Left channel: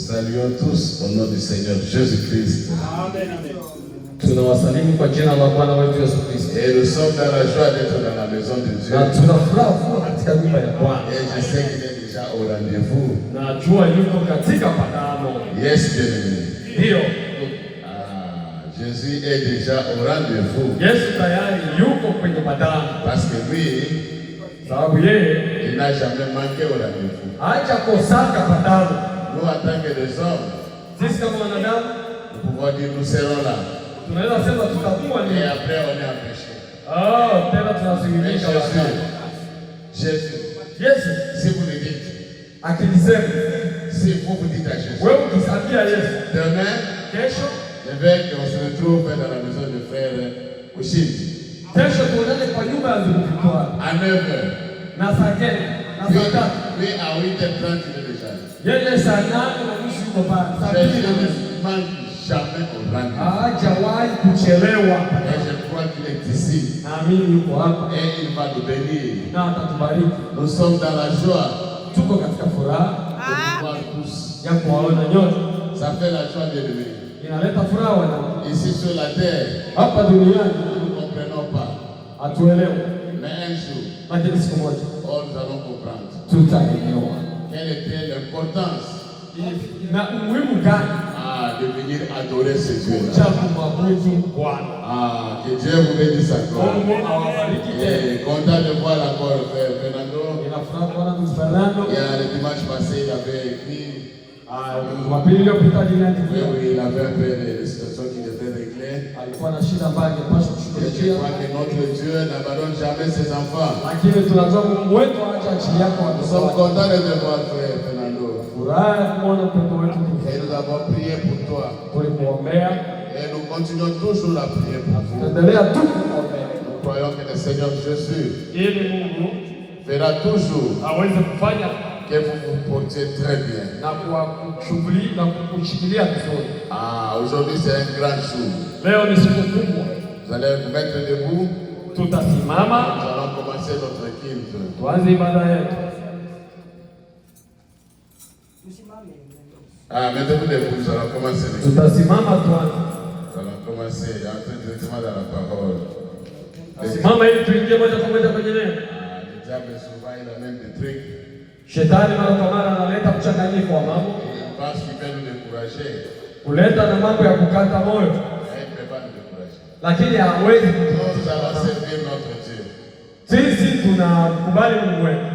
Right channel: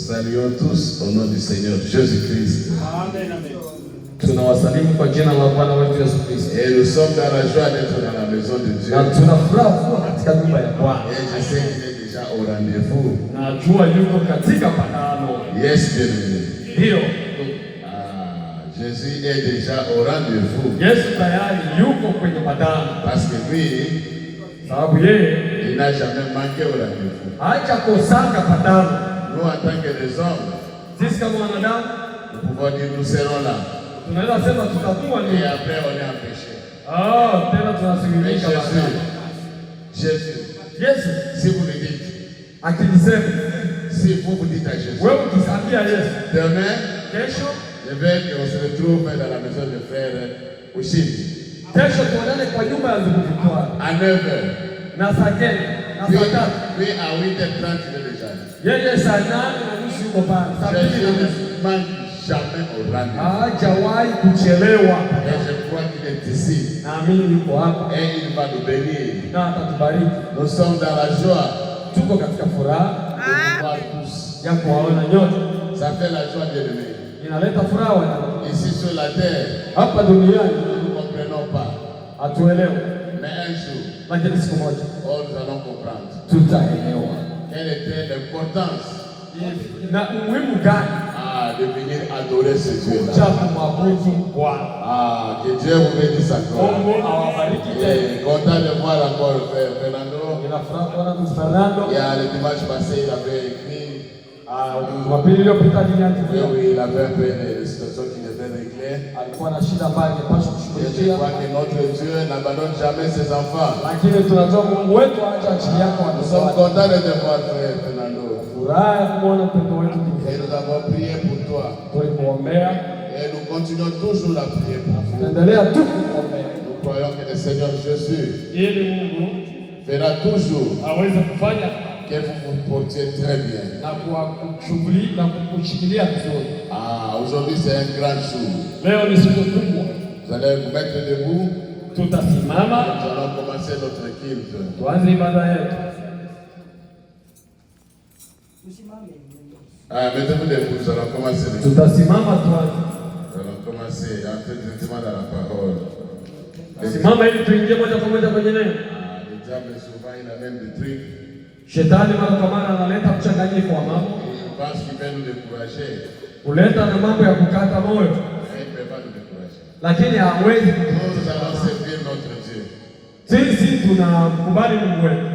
saluons tous au nom du Seigneur Jésus-Christ. Amen. Tunawasalimu kwa jina la Bwana wetu Yesu Kristo. Et nous sommes dans la joie d'être dans la maison de Dieu. Na tunafuraha kuwa katika nyumba ya Bwana. Et je sais qu'il est déjà au rendez-vous. Na jua yuko katika panano. Yes, bien-aimé. Ndio. Jésus est déjà au rendez-vous. Yesu tayari yuko kwenye panano. Parce que lui, sababu yeye il n'a jamais manqué au rendez-vous. Haja kosaka panano. Nous en tant que des hommes, sisi kama wanadamu, nous pouvons dire nous serons là. Tunaweza sema tutakuwa ni. Et après on est empêché. Tena tunasikilisha baadaye. Jésus. Yesu, si vous le dites. Akilisema. Si vous dites à Jésus. Wewe ukisambia Yesu. Demain, kesho, je veux qu'on se retrouve dans la maison de frère Ushindi. Kesho tuonane kwa nyumba ya Zulufikwa. À 9h. Na sageni, na sagata. Puis à 8h30 il est déjà. Yeye sana na nusu yuko pale. Jésus ne manque jamais au rendez-vous. Hajawahi kuchelewa. Et je crois qu'il est ici. Amini yuko hapa. Et il va nous bénir. Na atatubariki. Nous sommes dans la joie. Tuko katika furaha. De voir tous. Ya kuwaona nyote. Ça fait la joie de l'aimer. Inaleta furaha wana. Ici sur la terre. Hapa duniani. Nous ne comprenons pas. Hatuelewi. Mais un jour. Lakini siku moja. Oh, nous allons comprendre. Tutaelewa. Quelle était l'importance na umuhimu gani de venir adorer ce Dieu. Que Dieu vous bénisse encore. Et content de voir encore le frère Fernando. Et le dimanche passé, il avait écrit. Oui, il avait un peu des situations qui devaient régler. Et je crois que notre Dieu n'abandonne jamais ses enfants. Nous sommes contents de te voir, frère Fernando. Et nous avons prié pour toi. Et nous continuons toujours à prier pour toi. Nous croyons que le Seigneur Jésus fera toujours que vous vous portiez très bien. Aujourd'hui c'est un grand jour. Vous allez vous mettre debout. Nous allons commencer notre équipe. Mettez-vous debout, nous allons commencer. Nous allons commencer, entrer directement dans la parole. Le diable souvent il amène des trucs. Shetani mara kwa mara analeta mchanganyiko wa mambo. Il pense qu'il va nous décourager. Kuleta na mambo ya kukata moyo. Il ne peut pas nous décourager. Lakini hawezi. Nous allons servir notre Dieu. Sisi tunakubali Mungu wetu.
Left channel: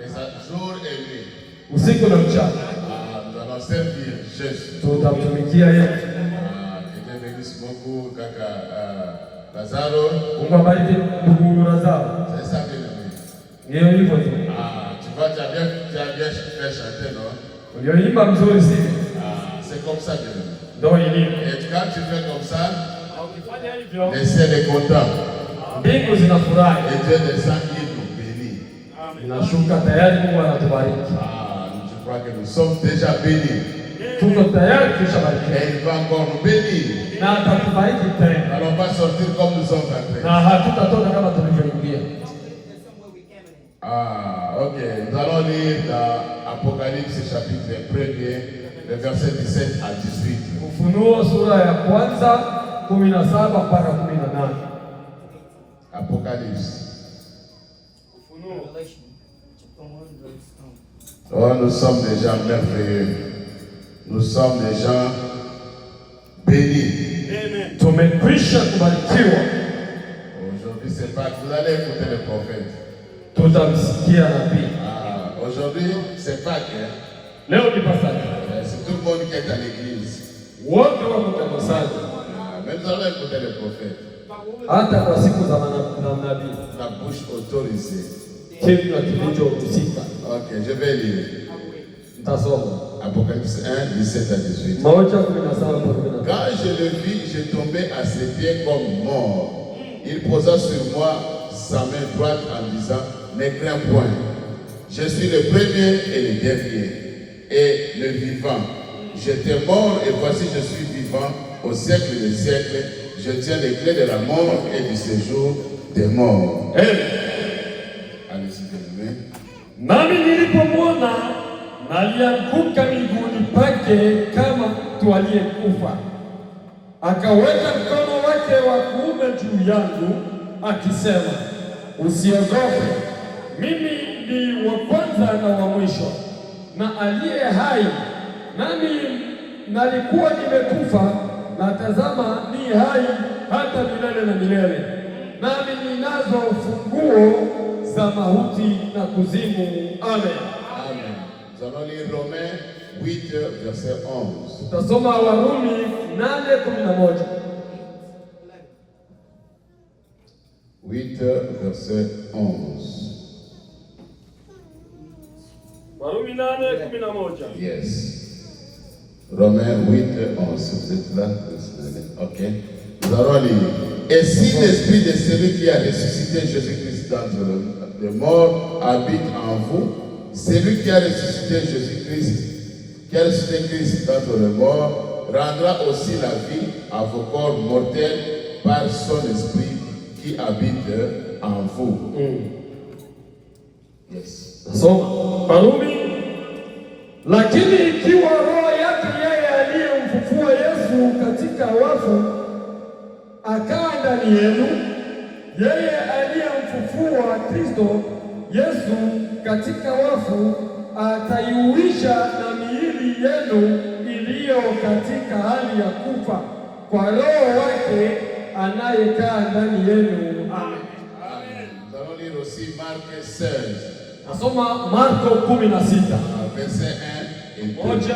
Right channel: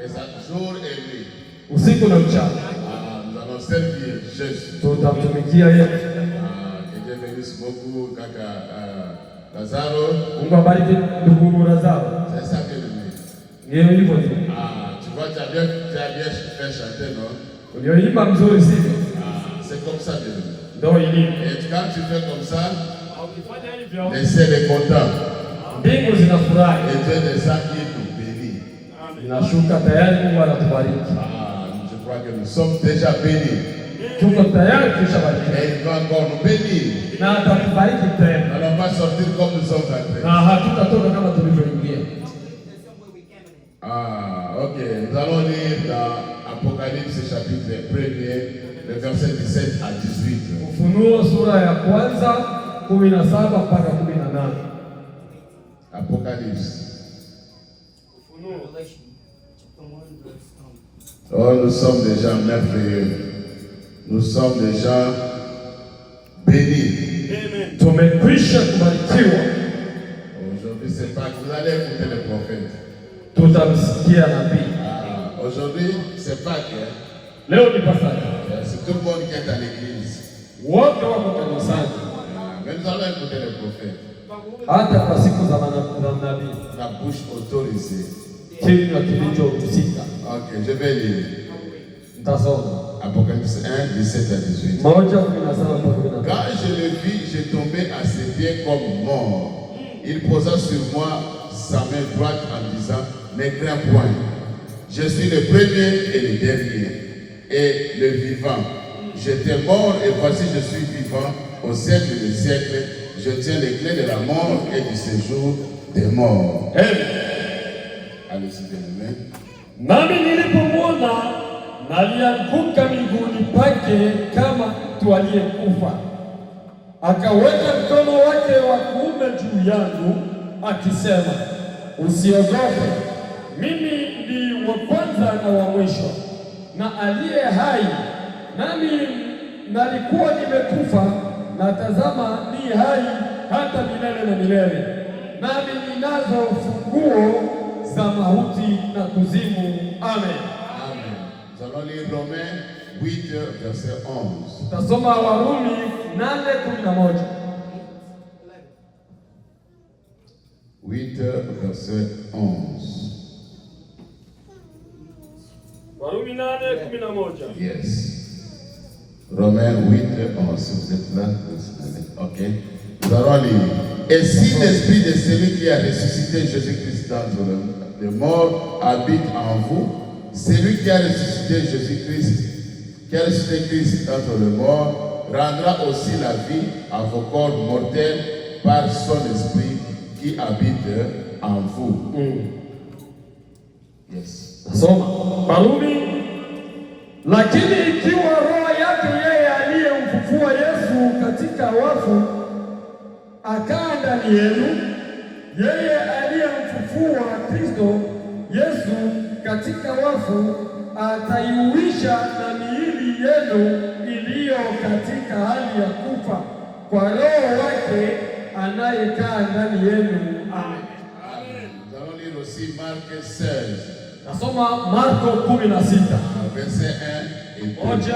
Que ça jour et nuit. Usiku na mchana. Nous allons servir Jésus. Tutamtumikia yeye. Que Dieu bénisse beaucoup kaka Lazaro. Mungu abariki ndugu Lazaro. C'est ça que je dis. Ndio hivyo tu. Tu vois, tu as bien fait chanter, non? Ulioimba mzuri sivyo? C'est comme ça, bien. Ndio ilivyo. Et quand tu fais comme ça, le ciel est content. Mbingu zinafurahi. Et Dieu descend, il nous bénit. Inashuka tayari, Mungu anatubariki. Je crois que nous sommes déjà bénis. Tuko tayari tushabarikiwa. Et il va encore nous bénir. Na atatubariki tena. Nous n'allons pas sortir comme nous sommes entrés. Na hatutatoka kama tulivyoingia. Ok. Nous allons lire dans Apocalypse chapitre 1er, le verset 17 à 18. Ufunuo sura ya kwanza 17 mpaka 18. Apocalypse. Oh, nous sommes des gens merveilleux. Nous sommes des gens bénis. Tumekwisha kubarikiwa. Aujourd'hui, c'est pas que vous allez écouter les prophètes. Tutamsikia nabii. Aujourd'hui, c'est pas que. Leo ni Pasaka. C'est tout le monde qui est à l'église. Wote wako kanisani. Mais nous allons écouter les prophètes. Hata kwa siku za nabii. La bouche autorisée. Kinywa kilichohusika. Ok, je vais lire. Nitasoma. Apocalypse 1, 17 à 18. Quand je le vis, je tombais à ses pieds comme mort. Il posa sur moi sa main droite en disant, ne crains point. Je suis le premier et le dernier, et le vivant. J'étais mort et voici je suis vivant au siècle des siècles. Je tiens les clés de la mort et du séjour des morts. Allez-y, bien-aimé. Nami nilipomwona na alianguka miguuni pake kama mtu aliyekufa. Akaweka mkono wake wa kuume juu yangu akisema, usiogope, mimi ni wa kwanza na wa mwisho na aliye hai, nami nalikuwa nimekufa, na tazama ni hai hata milele na milele, nami ninazo funguo za mauti na kuzimu. Amen. Amen. Nous allons lire Romains 8, verset 11. Tutasoma Warumi 8:11. 8, verset 11. Warumi 8:11. Yes. Romains 8, 11. Vous êtes là? Ok. Nous allons lire. Et si l'esprit de celui qui a ressuscité Jésus-Christ d'entre les morts habite en vous, celui qui a ressuscité Christ d'entre les morts, rendra aussi la vie à vos corps mortels par son esprit qui habite en vous. Yes. Nasoma Warumi, lakini ikiwa roho yake yeye aliyemfufua Yesu katika wafu akaa ndani yenu, yeye aliyemfufua Kristo Yesu katika wafu ataiuisha na miili yenu iliyo katika hali ya kufa kwa Roho wake anayekaa ndani yenu. Amen. Nous allons lire aussi Marc 16. Nasoma Marko 16. Verset 1 et 2.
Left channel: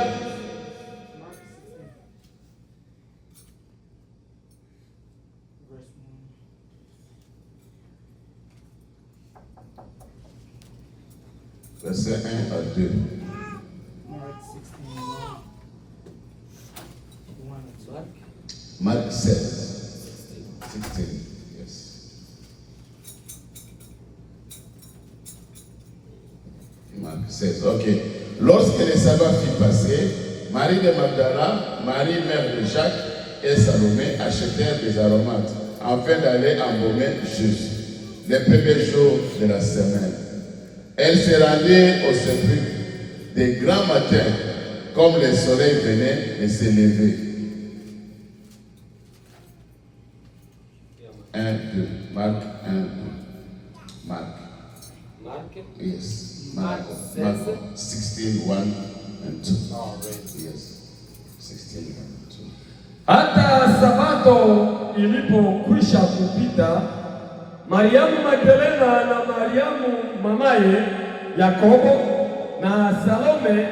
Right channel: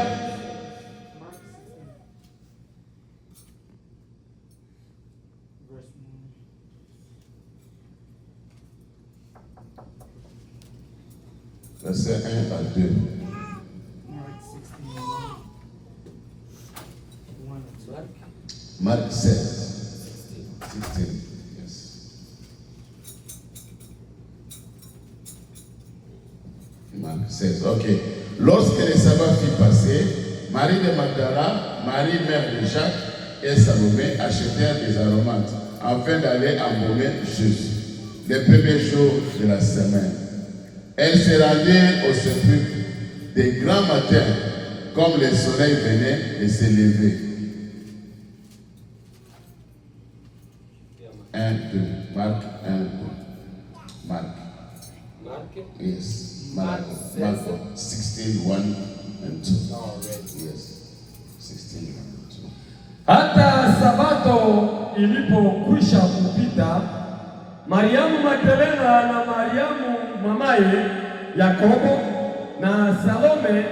Verset 1 à 2. Marc 16. 16. Yes. Marc 16. Ok. Lorsque le sabbat fut passé, Marie de Magdala, Marie mère de Jacques et Salomé achetèrent des aromates afin d'aller embaumer Jésus les premiers jours de la semaine. Elles se rendirent au sépulcre de grand matin, comme le soleil venait de se lever. 1, 2. Marc 1, 2. Marc. Yes. Mark 16, 1 and 2. Yes. 16, 1 and 2. Hata Sabato ilipokwisha kupita, Mariamu Magdalena na Mariamu mamaye Yakobo na Salome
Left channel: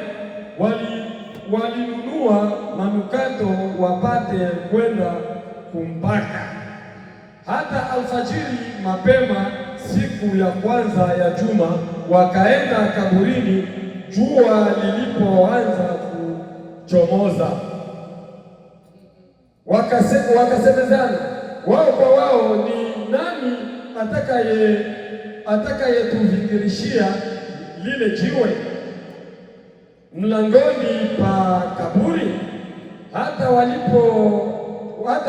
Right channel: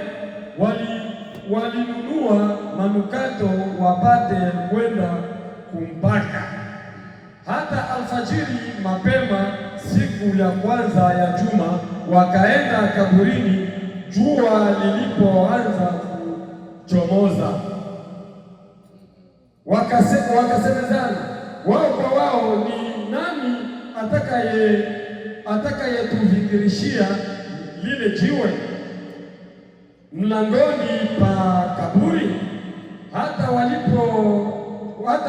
walinunua manukato wapate kwenda kumpaka. Hata alfajiri mapema siku ya kwanza ya juma wakaenda kaburini jua lilipoanza kuchomoza. Wakasemezana wao kwa wao, ni nani atakayetuvingirishia lile jiwe mlangoni pa kaburi? Hata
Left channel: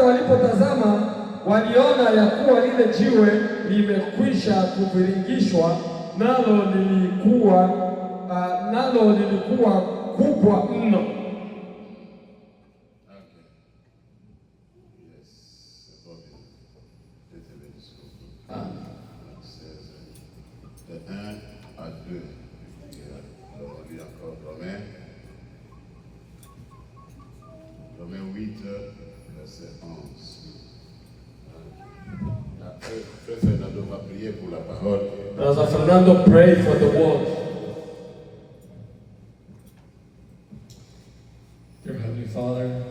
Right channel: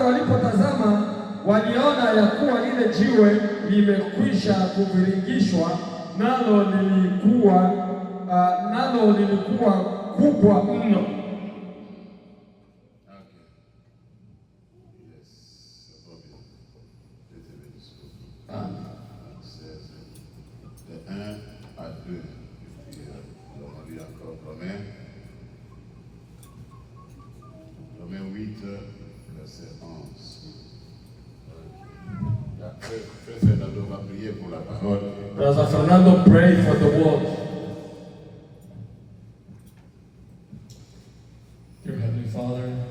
walipotazama waliona ya kuwa lile jiwe limekwisha kuviringishwa, nalo lilikuwa kubwa mno. Romains 8, verset 11. Frère Fernando va prier pour la parole. Brother Fernando, pray for the word. Dear Heavenly Father,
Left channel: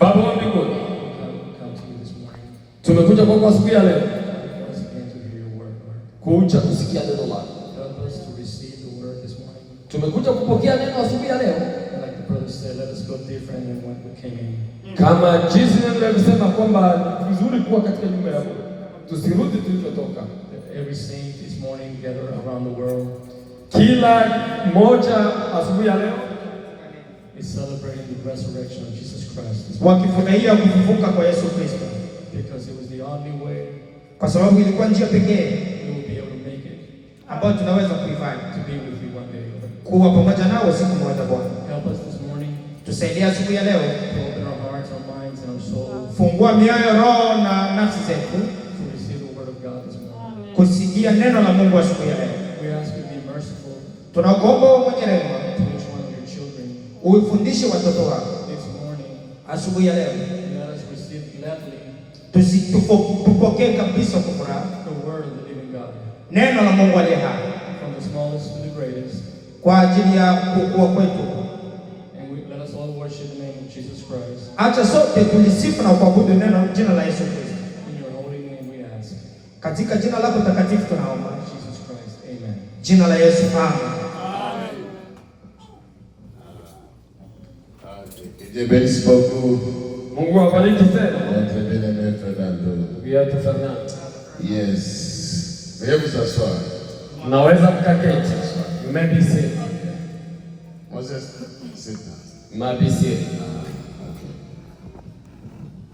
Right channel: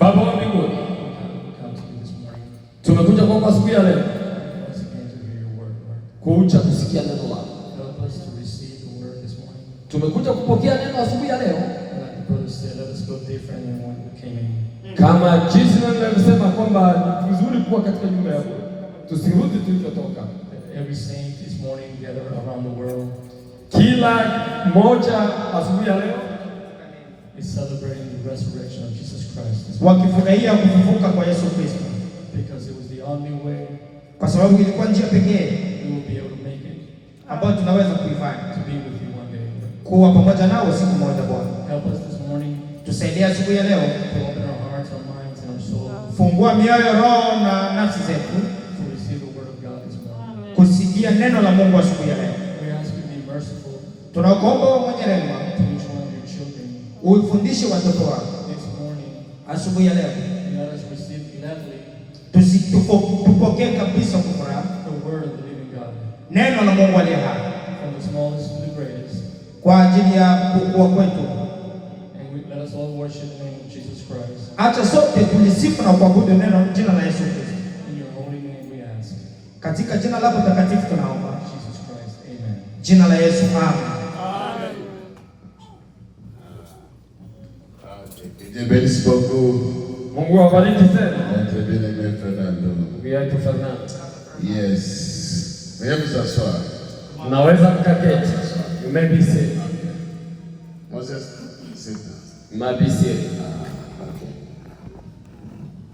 Baba wa mbinguni, we come to you this morning tumekuja kwako siku ya leo once again to hear your word, Lord. kuja kusikia neno lako. Help us to receive the word this morning. Tumekuja kupokea neno asubuhi ya leo. And like the brother said, let us go different than when we came in. Kama jinsi neno linasema kwamba ni vizuri kuwa katika nyumba yako, tusirudi tulivyotoka. Every saint this morning gathered around the world Kila mmoja asubuhi ya leo is celebrating the resurrection of Jesus Christ this morning, wakifurahia kufufuka kwa Yesu Kristo, because it was the only way kwa sababu ilikuwa njia pekee we will be able to make it ambayo tunaweza kuifanya to be with you one day, Lord. kuwa pamoja nao siku moja. Bwana, Help us this morning tusaidie asubuhi ya leo, to open our hearts, our minds, and our souls fungua mioyo, roho na nafsi zetu to receive the word of God this morning. kusikia neno la Mungu asubuhi ya leo. We ask you to be merciful Tunakuomba mwenye rehema to each one of your children ufundishe watoto wako this morning. asubuhi ya leo, Let us receive gladly tupokee kabisa kwa furaha the word of the living God, neno la Mungu aliye hai from the smallest to the greatest. kwa ajili ya kukua kwetu. Let us all worship the name of Jesus Christ. Acha sote tulisifu na kuabudu jina la Yesu Kristo. In your holy name we ask. Katika jina lako takatifu tunaomba. Jesus Christ, amen. Jina la Yesu, amen. Dieu bénisse beaucoup. Mungu awabariki tena. Notre bien-aimé Fernando. Ndugu yetu Fernando. Yes. Veuillez vous asseoir. Unaweza mkaketi. You may be seated. Moses, sit down. You may be seated.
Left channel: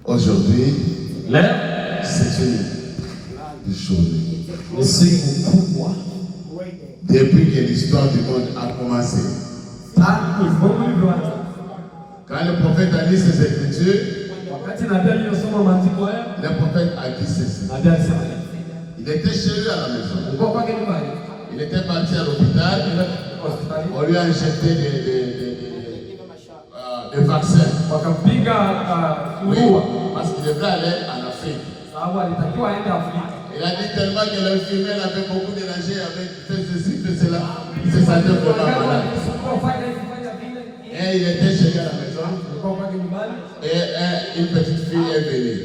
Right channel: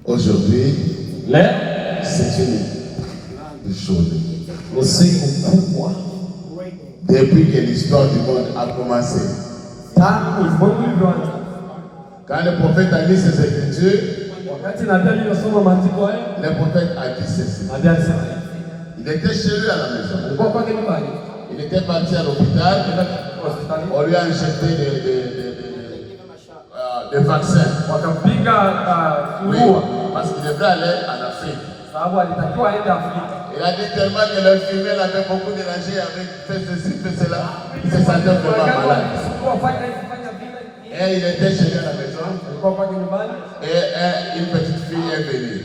Aujourd'hui, Leo c'est une grande journée. ni siku kubwa. Depuis que l'histoire du monde a commencé, Tangu ulimwengu ulivyoanza. quand le prophète a lu ses écritures, Wakati nabii aliyosoma maandiko haya, le prophète a dit ceci. nabii alisema Il était chez lui à la maison. alikuwa kwake nyumbani. Il était parti à l'hôpital. Hospitali. On lui a injecté des vaccins. Wakampiga Oui, surua parce qu'il devait aller en Afrique. sababu alitakiwa aende Afrika. Il a dit tellement que l'infirmière avait beaucoup dérangé avec fait ceci, fait cela. Il se sentait vraiment malade. Et il était chez lui à la maison. Alikuwa kwake nyumbani. Et une petite fille est venue.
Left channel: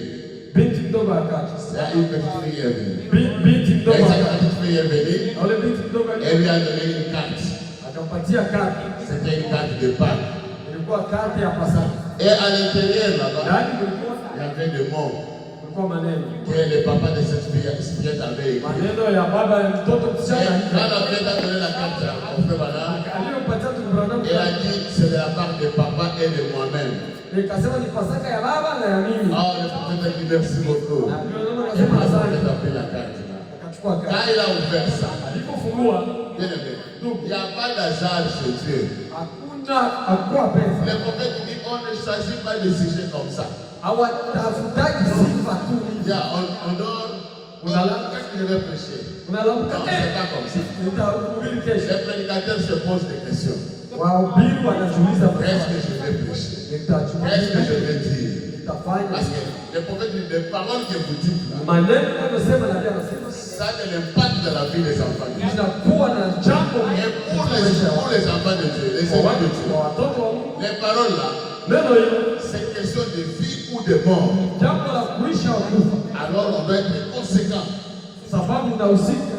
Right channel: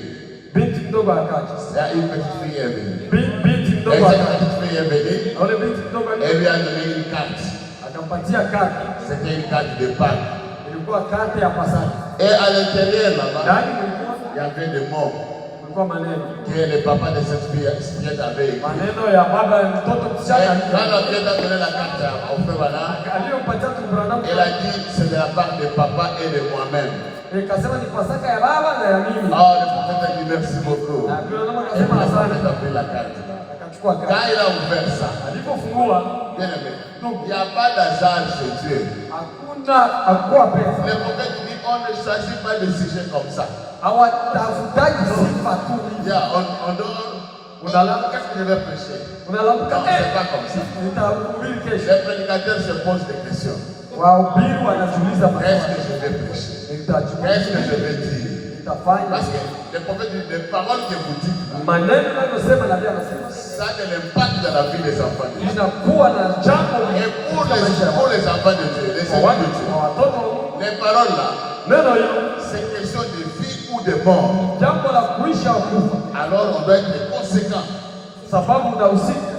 Binti mdogo akaja. Une petite fille est venue. Binti Et mdogo cette akaja. petite fille est venue. Na yule binti mdogo Elle lui a donné une carte. akampatia kadi. C'était une carte de Pâques. Ilikuwa kadi ya Pasaka. Et à l'intérieur là-bas, Ndani kulikuwa il y avait des mots kulikuwa maneno. que le papa de cette fille avait écrit. Maneno ya baba ya mtoto Et msichana. quand la fille a donné la carte à mon frère Bala, Aliyompatia tu Branham. elle a dit c'est de la part de papa et de moi-même. Ikasema ni Pasaka ya baba na ya mimi. Ah, le prophète a dit merci beaucoup. Na Branham Et akasema le prophète asante. a pris la carte. Akachukua Quand kadi. il a ouvert ça, Alipofungua bien aimé, donc il n'y a pas d'hasard chez Dieu. hakuwa pesa. Le prophète dit on ne choisit pas des sujets comme ça. Hawatafutaji sifa tu. On donne. Qu'est-ce que je vais prêcher? Unalamuka Non, c'est pas comme ça. nitahubiri kesho. Les prédicateurs se posent des questions. Wahubiri wanajiuliza Qu'est-ce que je vais prêcher? Qu'est-ce que je vais dire? nitafanya. Parce que le prophète dit les paroles que vous dites là, Maneno yanayosema nabii anasema ça a de l'impact dans la vie des enfants de Dieu. inakuwa na jambo Et pour les enfants de Dieu, les enfants de Dieu, watoto wa Mungu. les paroles là, Neno hilo c'est question de vie ou de mort. jambo la kuisha au kufa, Alors on doit être conséquent sababu unahusika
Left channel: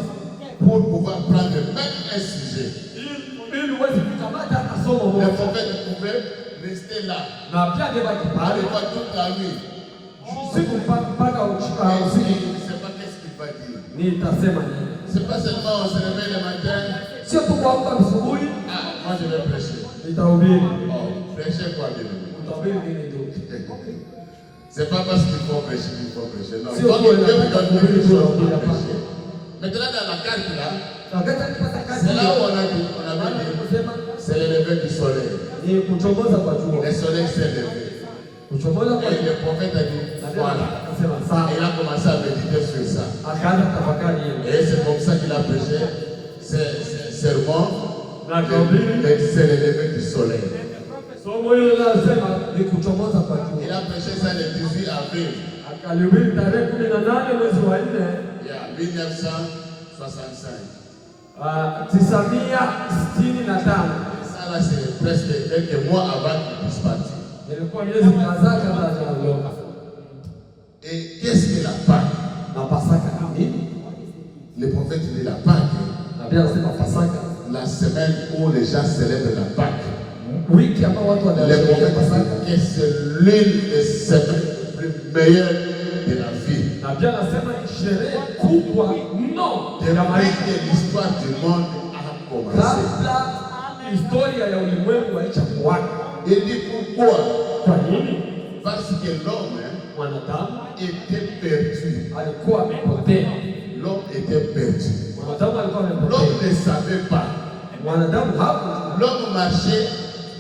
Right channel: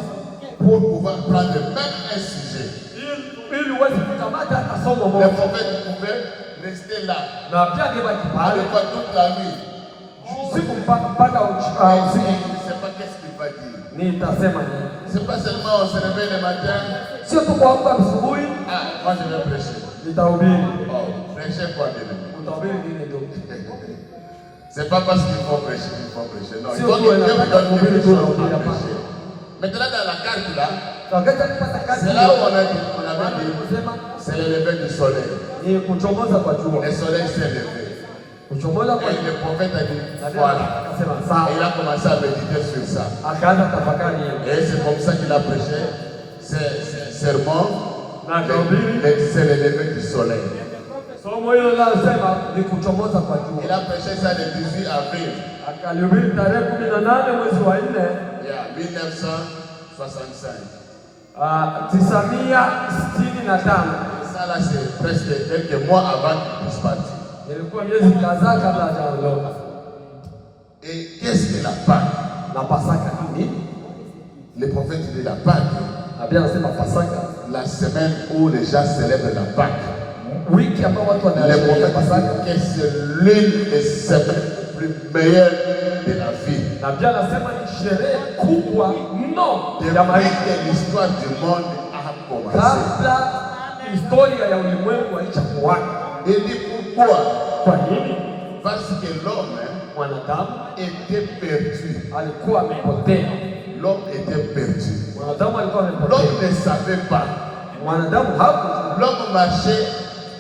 pour pouvoir prendre même un sujet. ili uweze kukamata hata somo Le moja. prophète pouvait rester là, Na pia angebaki à pale l'époque toute la nuit. usiku mpaka Et usiku. il ne sait pas qu'est-ce qu'il va dire. Nitasema C'est pas seulement on se réveille le matin, sio tu kuamka asubuhi ah, moi je vais prêcher. nitahubiri. Oh, prêcher quoi bien aimé? Utahubiri nini tu? C'est pas parce qu'il faut prêcher qu'il faut prêcher. Non, il Si faut on que doit Dieu vous la donne faire, quelque on chose peut pour la prêcher. Maintenant, dans la carte là, Wakati alipata kazi c'est là où on avait dit, c'est le lever du soleil. ni kuchomoza kwa jua. Le soleil s'est levé. Kuchomoza kwa Et jua. le prophète a dit, voilà. Akasema Et sawa. il a commencé à méditer sur ça. Akaanza tafakari hiyo. Et c'est comme ça qu'il a prêché ses sermons. Na akahubiri. C'est le lever du soleil. Somo hilo linasema ni kuchomoza kwa Il jua. a prêché ça le 18 avril. Akalihubiri tarehe 18 mwezi wa 4 Yeah, 1965. 1965. Et ça là, c'est presque quelques mois avant qu'il puisse partir. Ilikuwa miezi kadhaa kabla hajaondoka. Et qu'est-ce que la Pâque? Na Pasaka ni nini? Le prophète dit la Pâque, Nabii anasema Pasaka, la semaine où les gens célèbrent la Pâque. wiki ambao watu Le wanasherehekea prophète Pasaka. dit que c'est l'une des semaines les meilleures de la vie. Nabii anasema ni sherehe kubwa mno ya Depuis maisha. que l'histoire du monde a commencé. Kabla historia ya ulimwengu haijakuwako. Il dit pourquoi? Kwa nini? Parce que l'homme Mwanadamu était perdu. alikuwa amepotea. L'homme était perdu. Mwanadamu alikuwa L'homme amepotea. ne savait pas. Mwanadamu hakujua L'homme marchait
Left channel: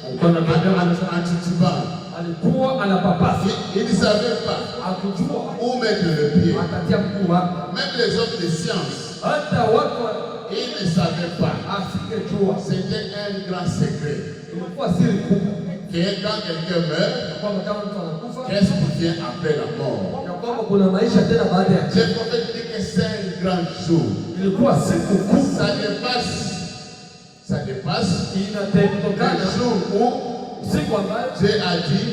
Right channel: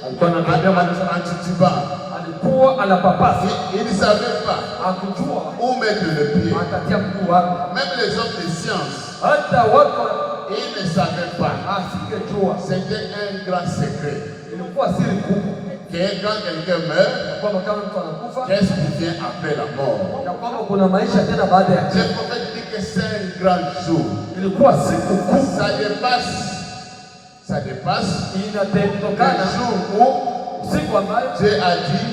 alikuwa anatembea maisha, en titubant. alikuwa anapapasa, Il ne savait pas akijua où mettre le pied. akatia mguu wake. Même les hommes de science, Hata watu ils ne savaient pas. asingejua, C'était un grand secret. ilikuwa siri kubwa Que quand quelqu'un meurt, kwamba kama mtu anakufa, qu'est-ce qui vient après la mort? ya kwamba kuna maisha tena baada ya Le kifo. prophète dit que c'est un grand jour. Ilikuwa siku kubwa Ça dépasse le inatokana jour où siku ambayo Dieu a dit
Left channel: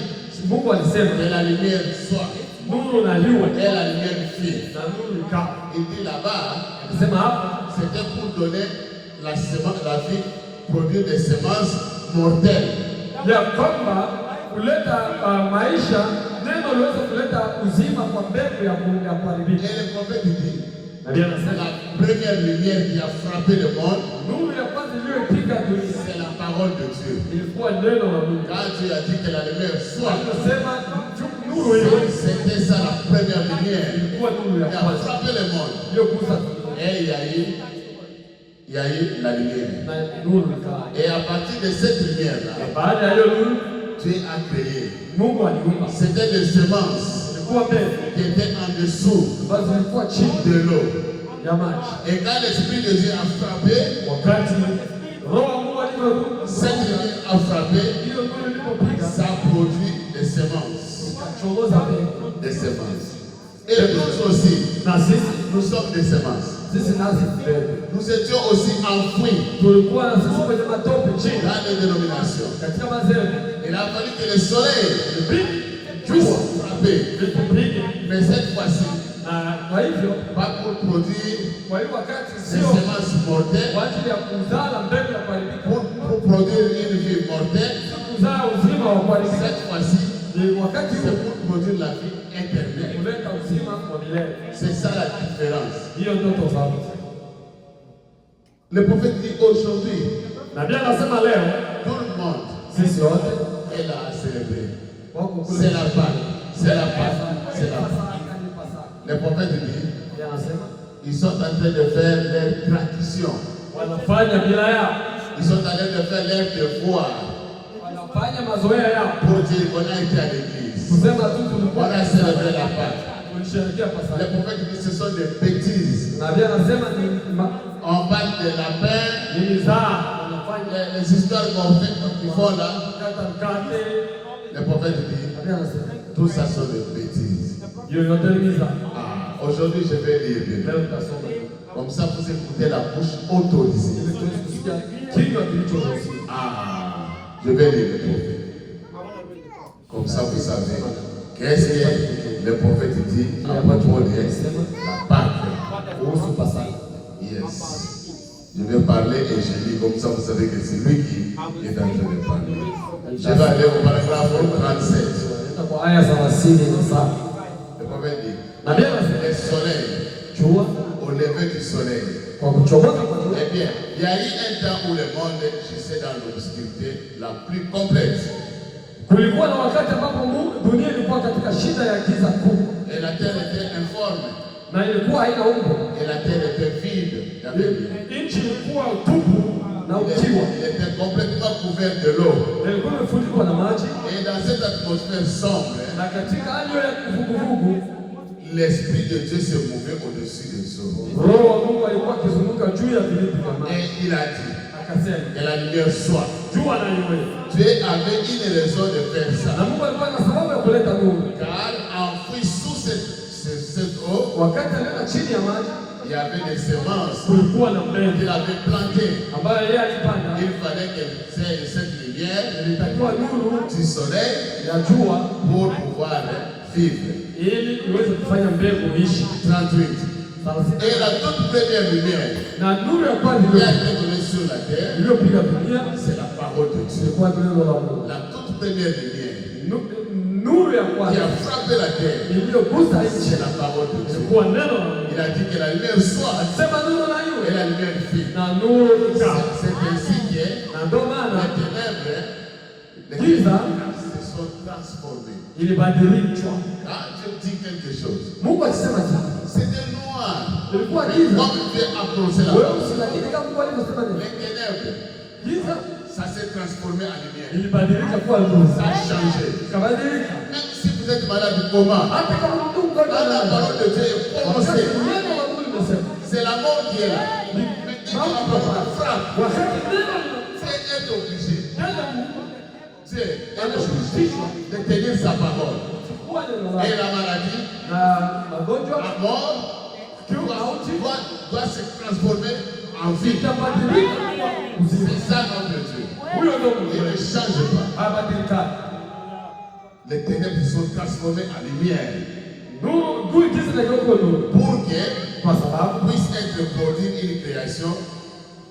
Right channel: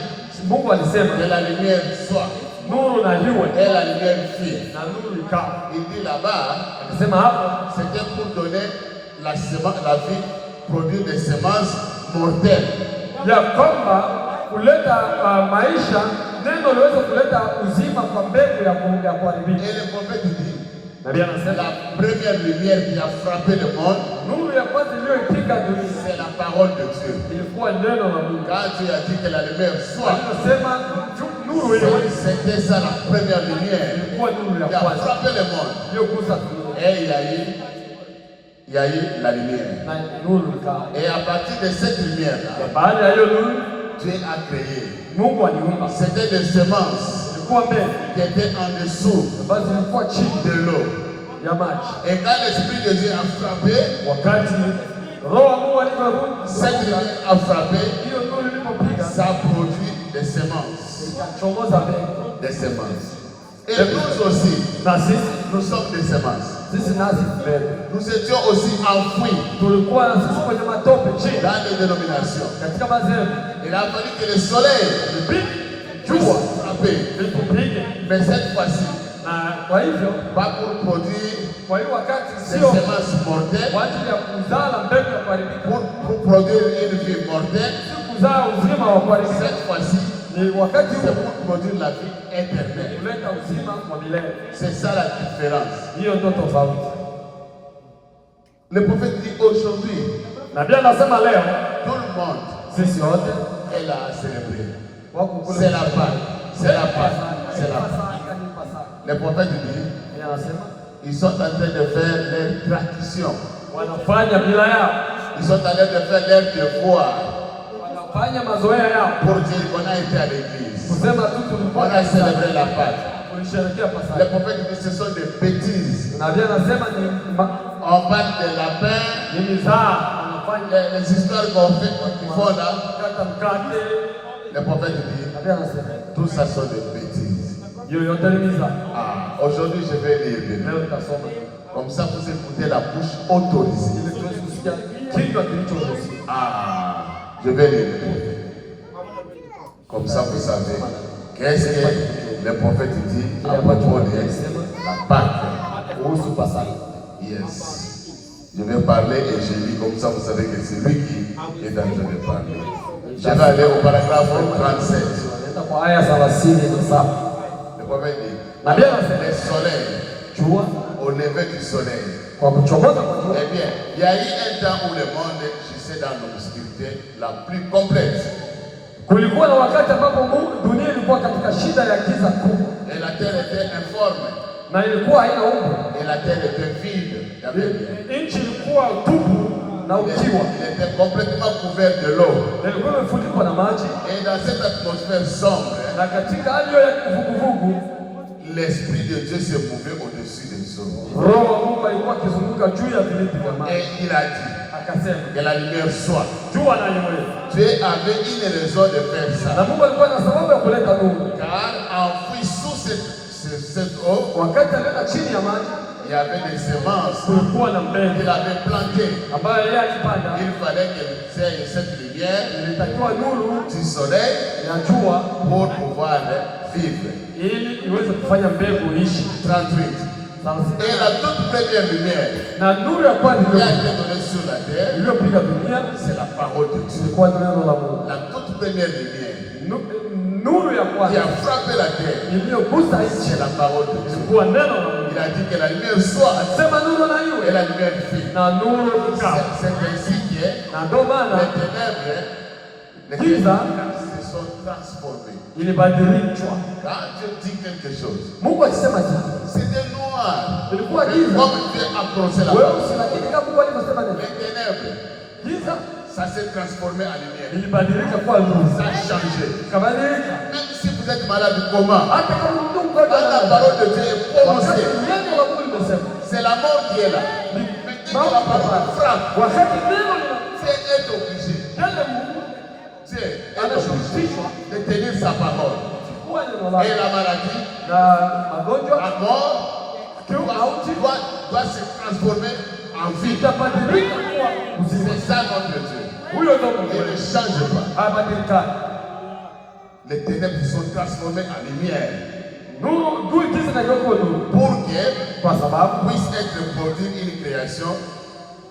Mungu alisema que la lumière soit nuru na liwe et la lumière fit. na nuru ikawa. Il dit là-bas, Akasema hapo c'était pour donner la semence, la vie, produire des semences mortelles. ya kwamba kuleta maisha, neno liweze kuleta uzima kwa mbegu ya kuharibika. Et le prophète dit, Na Biblia inasema la première lumière qui a frappé le monde, nuru ya kwanza iliyoipiga dunia c'est la parole de Dieu. ilikuwa neno la Mungu. Quand Dieu a dit que la lumière soit, Akasema nuru hiyo c'était ça la première lumière ilikuwa nuru ya qui a kwanza frappé le monde. iliyogusa dunia Et il y a eu la lumière. na nuru ikawa. Et à partir de cette lumière-là, Baada ya hiyo nuru Dieu a créé. Mungu aliumba, C'était des semences ilikuwa mbegu qui étaient en dessous ambazo zilikuwa chini de l'eau. ya maji. Et quand l'Esprit de Dieu a frappé, Wakati roho wa Mungu alivyorudi, cette lumière a frappé, hiyo nuru ilipopiga ça produit des semences. ikachomoza mbegu. Des semences. Et nous aussi, Na sisi nous sommes des semences. nasi mbegu Nous étions aussi enfouis tulikuwa na sisi kwenye matope chini dans les dénominations. katika madhehebu. Il a fallu que le soleil puisse frapper. Ilipopige Mais cette fois-ci, na kwa hivyo pas pour produire kwa hiyo wakati des sio semences mortelles, kwa ajili ya kuzaa mbegu ya kuharibika, pour produire une vie mortelle. kuzaa uzima wa kuharibika, Cette fois-ci, ni wakati c'est huo pour produire la vie éternelle. kuleta uzima wa milele. C'est ça la différence. Hiyo ndio tofauti. Le prophète dit aujourd'hui, Na Biblia inasema leo tout le monde sisi wote est là à célébrer. wako kule. C'est la Pâque. C'est la Pâque. C'est la Pâque. Le prophète dit, Biblia inasema ils sont en train de faire leur tradition. wanafanya mila yao, Ils sont en train de faire leur devoir wanafanya mazoea yao, pour dire qu'on a été à l'église. kusema tu On tulikuwa a célébré la Pâque. tulisherehekea Le Pasaka. prophète dit, ce sont des bêtises. Na Biblia inasema ni On parle de lapin, ni mizaa, wanafanya les histoires qu'on fait, qu'ils font là. kata mkate. Le prophète dit, Na Biblia inasema tout ça sont des bêtises. yoyote ni mizaa. Ah, aujourd'hui, je vais lire bien. Leo tutasoma Comme ça, vous écoutez la bouche autorisée. ili tuweze kusikia kinywa kilichoruhusiwa. Ah, je vais lire. Comme ça, vous savez. Qu'est-ce que le prophète dit à propos de la Pâque? Kuhusu Pasaka. Yes. Je vais parler et je lis comme ça, vous savez que c'est lui qui est en train de parler. Je vais aller au paragraphe 37. Nenda kwa aya 37. Le prophète dit, Na Biblia inasema le soleil, jua au lever du soleil. kwa kuchomoza kwa jua. Eh bien, il y a eu un temps où le monde gisait dans l'obscurité la plus complète. Kulikuwa na wakati ambapo dunia ilikuwa katika shida ya giza kubwa Et la terre était informe. na ilikuwa haina umbo. Et la terre était vide. Il y avait rien. Nchi ilikuwa utupu na ukiwa, Il était complètement couvert de l'eau. ilikuwa imefunikwa na maji, Et dans cette atmosphère sombre, na katika hali hiyo ya vuguvugu, l'Esprit de Dieu se mouvait au-dessus des eaux. Roho wa Mungu alikuwa akizunguka juu ya vilindi vya maji. Et il a dit Akasema que la lumière soit. jua na iwe. Dieu avait une raison de faire Na ça. Mungu alikuwa na sababu ya kuleta nuru. Car enfoui sous cette eau, Wakati alienda chini ya maji, il y avait des semences kulikuwa na mbegu qu'il avait plantées. ambayo yeye alipanda. Il fallait que cette lumière Ilitakiwa nuru du soleil ya jua pour pouvoir vivre. ili iweze kufanya mbegu iishi. 38. Et la toute première lumière Na nuru ya kwanza qui a été donnée sur la terre, iliyopiga dunia c'est la parole de Dieu. ilikuwa neno la Mungu. La toute première lumière Nuru ya qui kwanza a frappé la terre, iliyogusa nchi c'est la parole de Dieu. ilikuwa neno la Mungu. Il a dit que la lumière soit Sema nuru na et iwe, la lumière fit. na nuru ikawa. C'est ainsi que Na ndio maana les ténèbres giza se sont transformées. ilibadilishwa. Quand Dieu dit quelque chose, Mungu akisema kitu c'était noir. ilikuwa Mais giza, comme Dieu a prononcé la wewe parole, usilakini kama Mungu alivyosema neno. les ténèbres Giza ça s'est transformé en lumière. ilibadilika kuwa nuru. Ça a changé. Ikabadilika. Même si vous êtes malade, comment? Hata kama mtu uko Quand la parole de Dieu est prononcée, neno la Mungu linasema, c'est la mort qui est là. Mais dès que la parole frappe, wakati neno c'est être obligé. linasema, Dieu est obligé de tenir sa parole. kuwa neno Et lake la maladie, na magonjwa la mort, doit se transformer en vie. itabadilika kuwa uzima. C'est ça notre Dieu. Huyo ndio Il Mungu. ne change pas. Habadilika. Les ténèbres sont transformées en lumière Nuru jinsi na kuwa nuru. pour que Kwa sababu puisse être produite une création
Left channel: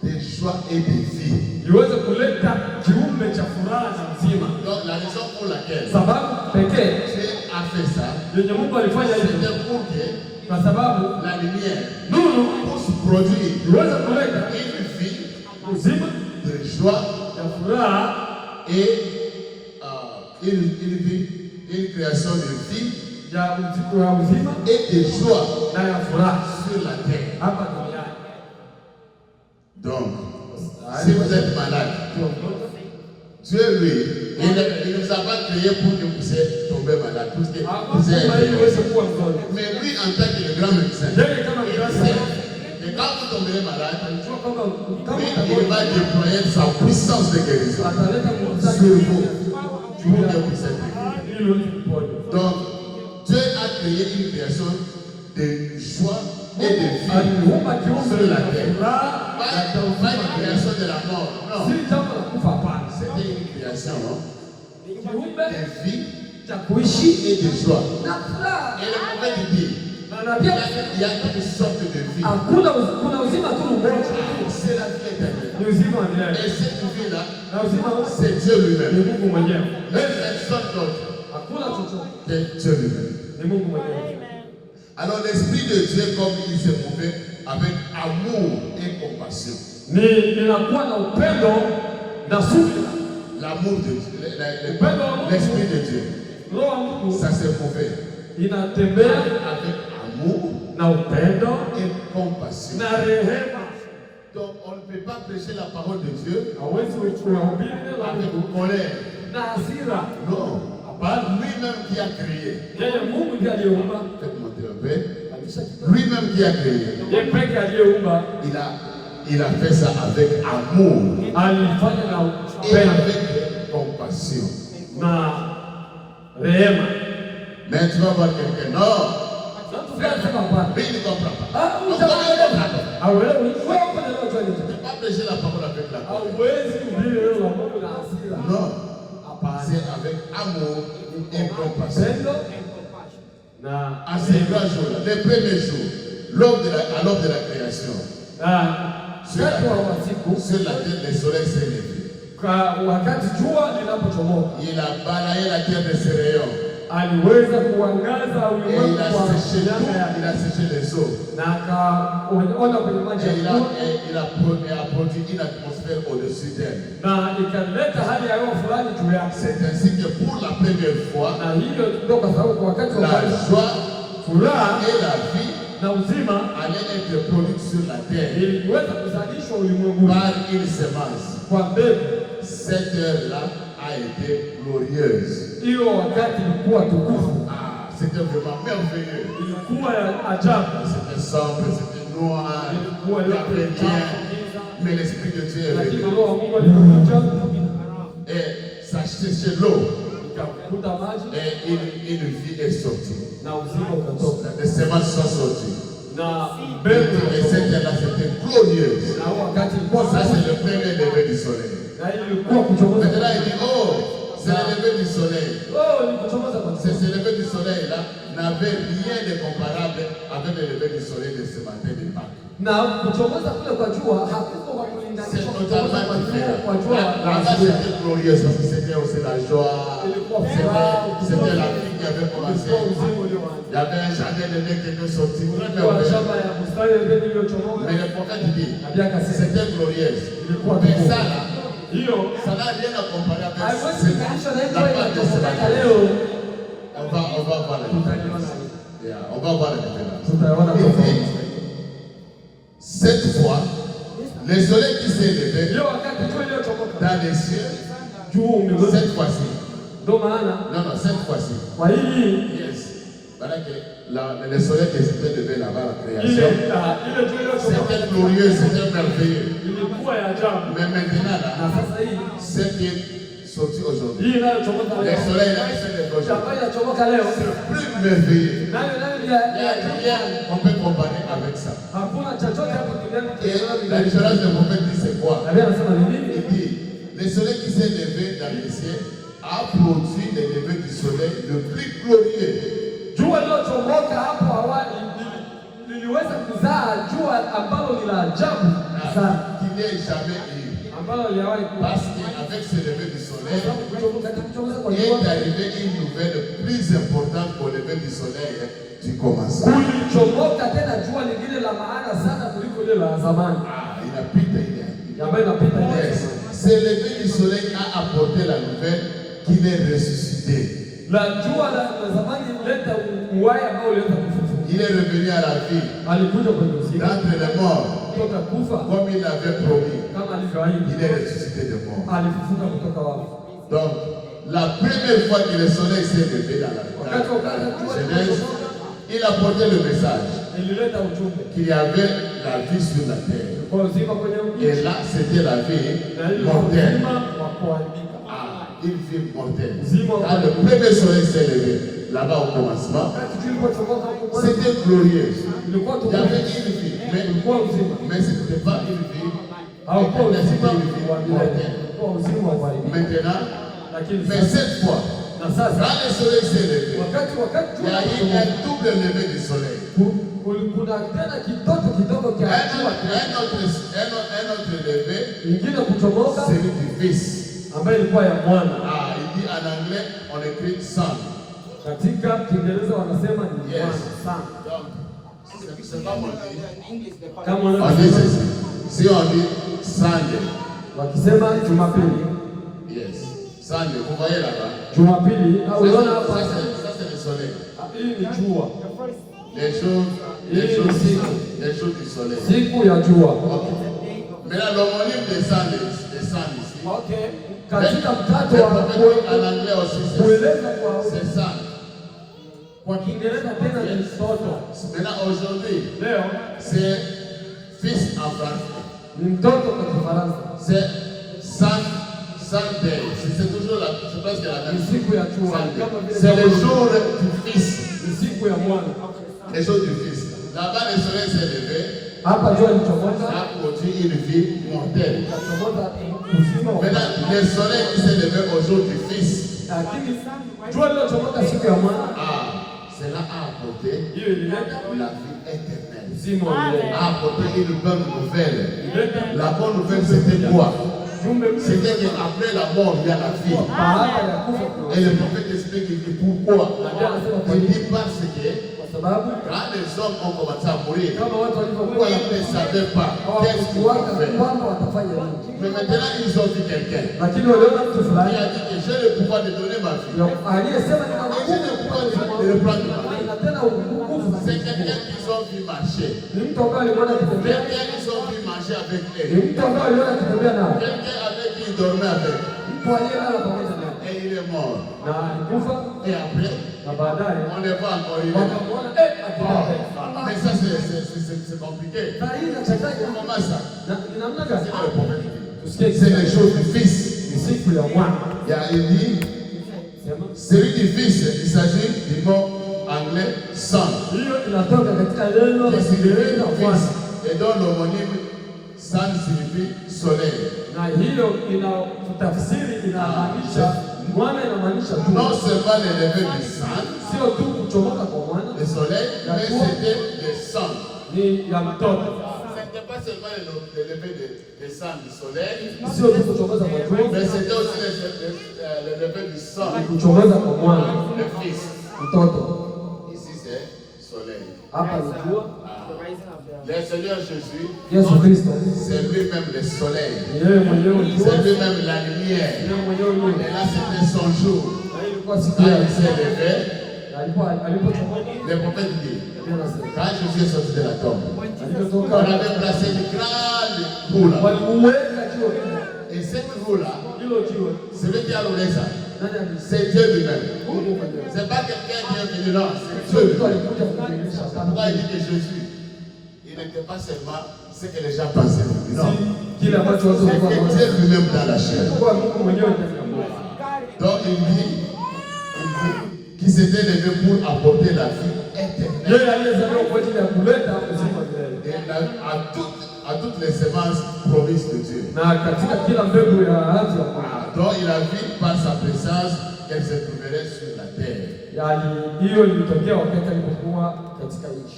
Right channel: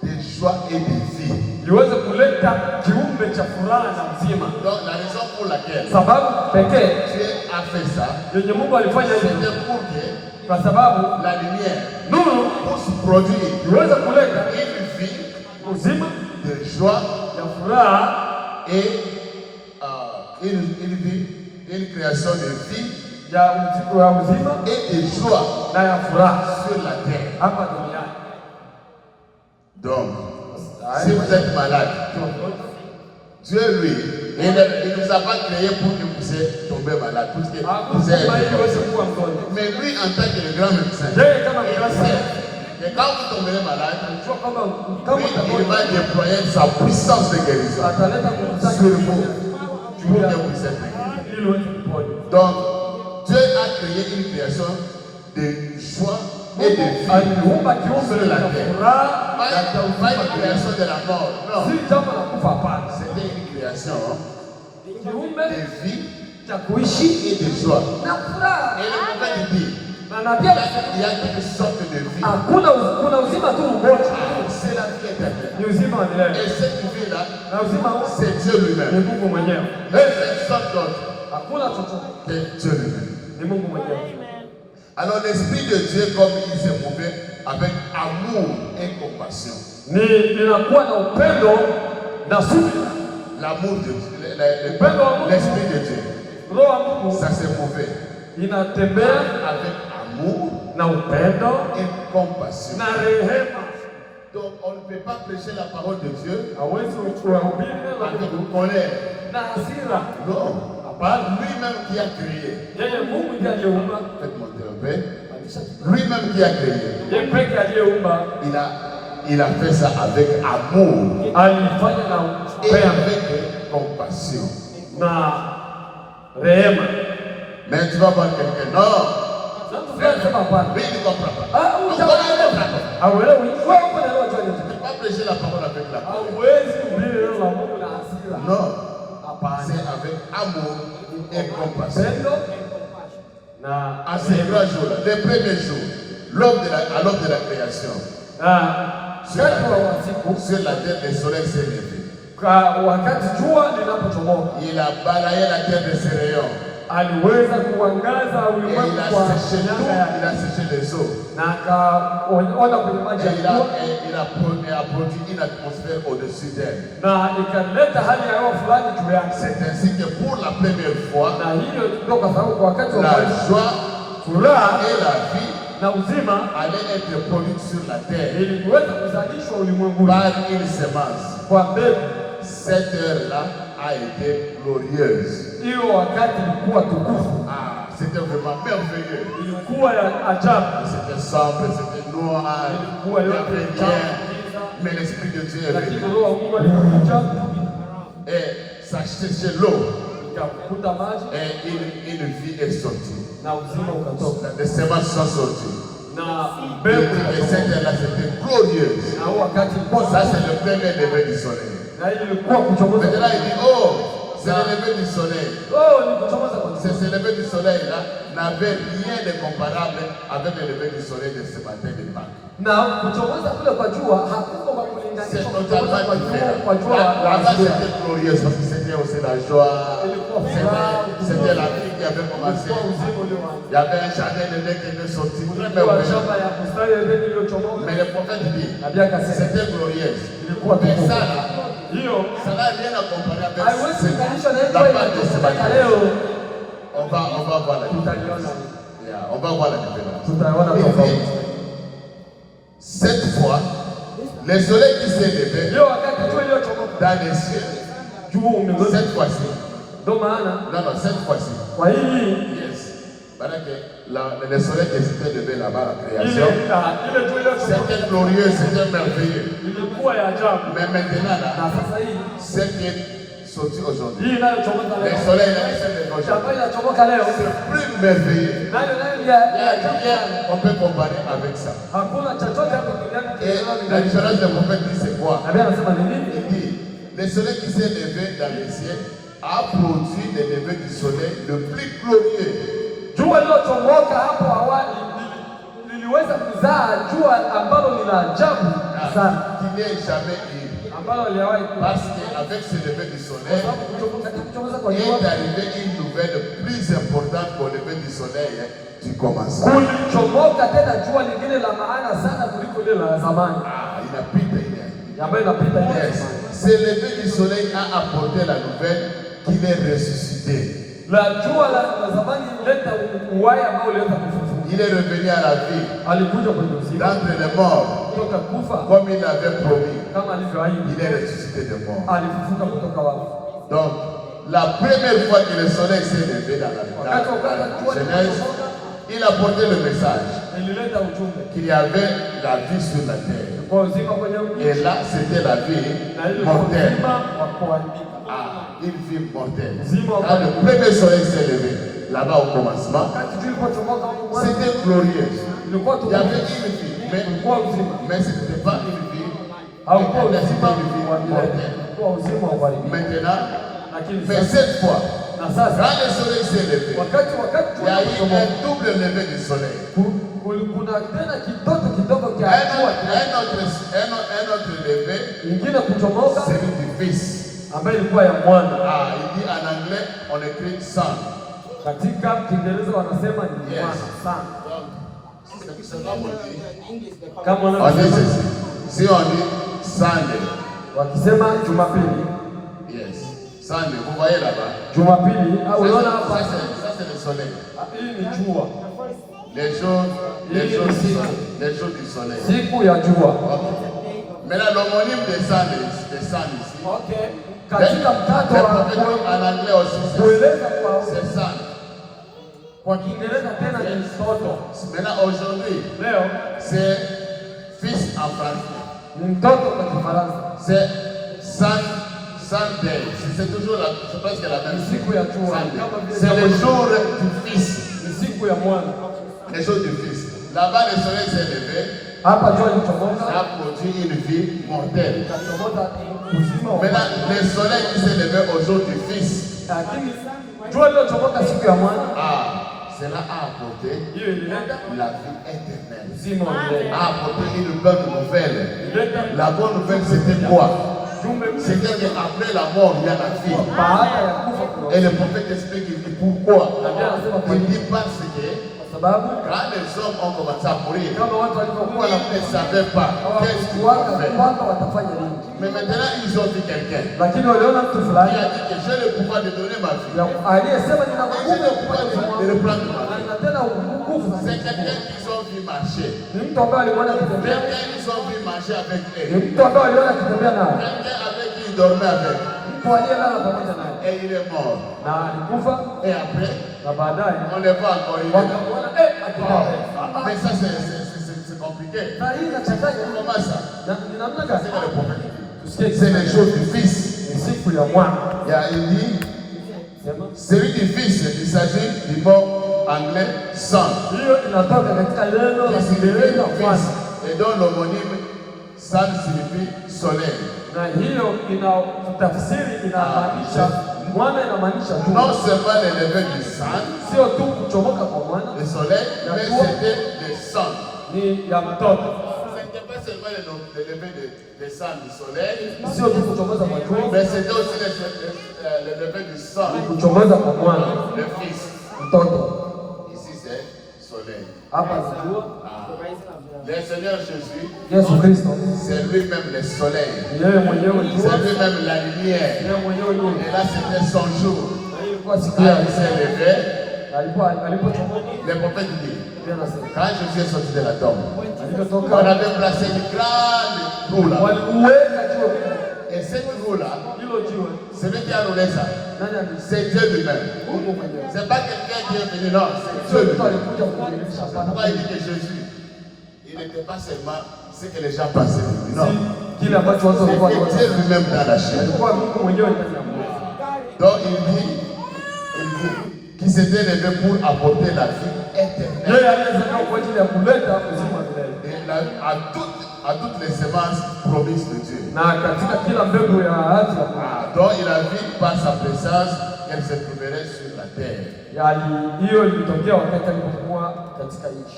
de joie et de vie. iweze kuleta kiumbe cha furaha na uzima. Donc la raison pour laquelle Sababu pekee Dieu a fait ça, yenye Mungu alifanya hivi c'était pour que kwa sababu la lumière nuru puisse produire iweze kuleta une vie uzima de joie ya furaha et une création de vie ya uzima et de joie na ya furaha sur la terre. hapa duniani. Donc, si vous êtes malade, Dieu, lui, il ne nous a pas créé pour que vous puissiez tomber malade. Pour que vous ayez... Mais lui, en tant que le grand médecin, il sait que quand vous tomberez malade, lui, il va déployer sa puissance de guérison sur vous pour que vous puissiez guérir. Donc, Dieu a créé une création de joie et de vie sur la terre. Pas une création de la mort, non. C'était une création de vie et de joie. Et le prophète dit, il y a toutes sortes de vie. C'est la vie éternelle. Et cette vie-là, c'est Dieu lui-même. Même personne d'autre que Dieu lui-même. Alors l'Esprit de Dieu, comme il s'est mouvé avec amour et compassion. L'amour de Dieu, l'Esprit de Dieu, ça s'est mouvé avec amour et compassion. Donc on ne peut pas prêcher la parole de Dieu avec colère. Non. Lui-même qui a créé. Faites monter un peu. Lui-même qui a créé. Il a fait ça avec amour et avec compassion. Mais tu vas voir quelqu'un. Non. Lui ne comprend pas. Tu ne peux pas prêcher la parole avec la colère. Non. C'est avec amour et compassion. À ces 3 jours-là, les premiers jours, à l'aube de la création, sur la terre, le soleil s'est levé. Il a balayé la terre de ses rayons. Aliweza kuangaza Et il a séché les eaux. Et il a produit une atmosphère au-dessus d'elle. C'est ainsi que pour la première fois, la joie et la vie allaient être produites sur la terre par une semence. Cette heure-là a été glorieuse. C'était vraiment merveilleux. C'était sombre, c'était noir, il n'y avait rien. Mais l'Esprit de Dieu est venu. Et ça séchait l'eau. Et une vie est sortie. Les semences sont sorties. Et cette heure-là, c'était glorieuse. Ça, c'est le premier lever du soleil. Maintenant, il dit, oh, c'est le lever du soleil. Ce lever du soleil là n'avait rien de comparable avec le lever du soleil de ce matin de Pâques. C'est totalement différent. Là-bas, c'était glorieux parce que c'était aussi la joie. C'était la vie qui avait commencé. Il y avait un jardin de lait qui était sorti. Très merveilleux. Mais le prophète dit, c'était glorieux. Mais ça là, ça n'a rien à comparer avec la part de ce matin. On va voir la différence. On va voir la différence. Cette fois, Le soleil qui s'est levé Leo wakati jua iliyochomoka dans les cieux, juu umeruka. cette fois-ci, Ndio maana non, cette fois-ci, kwa hii yes, voilà que le soleil qui s'était levé là-bas, la ile création, ile jua iliyochomoka c'était glorieux, c'était merveilleux. ilikuwa ya ajabu. Mais maintenant, Na là, sasa hii c'est qui est sorti aujourd'hui. hii inayochomoka Le leo. soleil là, qui s'est levé aujourd'hui, Ambayo inachomoka leo. c'est plus merveilleux. Nayo Il y a rien qu'on peut comparer avec ça. hakuna chochote hapo duniani Et la différence de prophète dit c'est quoi? Nabii anasema ni nini? Il dit, le soleil qui s'est levé dans les cieux a produit le lever du soleil le plus glorieux. Jua lilochomoka hapo awali liliweza kuzaa jua ambalo ni la ajabu sana, Qu'il n'y ait jamais eu. ambalo aliwahi Parce qu'avec ce lever du soleil, kuchomoza kwa est jua arrivée une nouvelle plus importante qu'au lever du soleil du commencement. kulichomoka tena jua lingine la maana sana kuliko lile la zamani Ah, il a pité, ambayo inapita ile. yes. Ce lever du soleil a apporté la nouvelle qu'il est ressuscité. La jua la zamani ilileta uhai ambao uliweza kufufuka. Il est revenu à la vie, Alikuja kwenye uzima d'entre les morts, kutoka kufa comme il l'avait promis. kama alivyoahidi, Il est ressuscité de mort. alifufuka kutoka wafu. Donc, la première fois que le soleil s'est levé dans la Genèse, il a porté le message Ilileta ujumbe qu'il y avait la vie sur la terre. kwa uzima kwenye mji, Et là, c'était la vie na ile mortelle. uzima wa kuharibika. Ah, une vie mortelle. Quand le premier soleil s'est levé, là-bas au commencement, Wakati jua lilipochomoza hapo mwanzo, c'était glorieux. ilikuwa Il y avait tumaini, une vie, ilikuwa uzima. mais ce n'était pas une vie. Haukuwa uzima C'était une vie wa milele, mortelle. ilikuwa uzima wa kuharibika. Maintenant, Lakini mais sasa cette fois, na sasa quand le soleil s'est levé, wakati il y a eu jua un double lever du soleil. kuna tena kitoto kidogo Un cha jua autre lever, ingine kuchomoka celui du Fils. ambayo ilikuwa ya mwana. Ah, il dit en anglais, on écrit son. Katika Kiingereza wanasema ni Yes. mwana sana. Donc, c'est pas mon dit. Kama On dit wanasema ceci. Si on dit Sunday, wakisema Jumapili, yes. Sunday, vous voyez là-bas. Jumapili au unaona Ça, hapa, ça, c'est le soleil. hii ni jua, Les jours du soleil. siku ya jua. Maintenant, l'homonyme des Sunday ici. Okay. Mais Katika mtato le wa prophète en anglais aussi, kueleza kwa c'est ça. kwa Kiingereza tena ni mtoto. Maintenant, aujourd'hui, Leo c'est fils en français. ni mtoto kwa Kifaransa, C'est Sunday. C'est toujours je pense que la même ni chose. siku ya jua, kama vile C'est le jour du fils. ni siku ya mwana. Le jour du fils. Là-bas, le soleil s'est levé. Hapa jua lichomoza, Ça a produit une vie mortelle. ikachomoza uzima wa Maintenant, le soleil qui s'est levé au jour du fils. lakini jua lilochomoka siku ya mwana, Ah, cela a apporté hiyo ilileta la vie éternelle. uzima wa milele. A apporté une bonne nouvelle. Ilileta La bonne nouvelle, c'était quoi? jumbe mpya C'était qu'après la mort, il y a la vie. baada ya kufa kuna Et le prophète explique, il dit pourquoi? Il dit parce que kwa sababu quand les hommes ont commencé à mourir, kama watu walivyokuwa ils ne savaient pas qu'est-ce qu'ils vont faire. kwamba watafanya nini, Mais maintenant, ils ont vu quelqu'un lakini waliona mtu qui fulani a dit que j'ai le pouvoir de donner ma vie. aliyesema nina Et j'ai le pouvoir de reprendre ma vie. na tena nguvu. C'est quelqu'un qu'ils ont vu marcher. Ni mtu ambaye aliona akitembea, Quelqu'un qu'ils ont vu marcher avec ni eux. mtu ambaye aliona akitembea nao, Quelqu'un avec qui ils dormaient avec. mtu aliyelala pamoja naye Et il est mort. na alikufa, Et après, na baadaye on ne va encore y aller. wakamwona akitembea. Mais ça, c'est compliqué. Na hii inachanganya Comment ça? na ni namna C'est gani? que le prophète dit. Tusikie C'est les jours du Fils. ni siku ya mwana. Il dit, Sema celui du Fils, il s'agit du mot anglais son, hiyo inatoka katika neno qui signifie Kiingereza fils, mwana, et dont l'homonyme son signifie soleil. na hiyo ina tafsiri inamaanisha mwana, inamaanisha tu Non seulement le lever du sun, sio tu kuchomoka kwa mwana, le soleil, mais c'était le son. ni ya mtoto, Ce n'était pas seulement le lever du sun du soleil, sio tu kuchomoza kwa jua, mais c'était aussi le lever du son, kuchomoza kwa mwana, le fils. mtoto. Ici c'est soleil. Hapa ni jua. Le Seigneur Jésus, Yesu Kristo c'est lui-même le soleil. ni yeye mwenyewe jua, C'est lui-même la lumière. yeye mwenyewe nuru. Et là, c'était son jour. Na hii ilikuwa siku Quand ya il s'est levé, na le prophète dit, quand Jésus est sorti de la tombe, on avait placé une grande roue là. Et cette roue-là, celui qui a roulé ça, c'est Dieu lui-même. C'est pas quelqu'un qui est venu, non, c'est Dieu lui-même. Pourquoi il dit que Jésus, il n'était pas seulement ce que les gens pensaient. Non. C'est Dieu lui-même dans la chair. Donc il dit qu'il s'était levé pour apporter la vie éternelle. Et à toutes les semences promises de Dieu. Donc il a vu par sa présence qu'elle se trouverait sur la terre.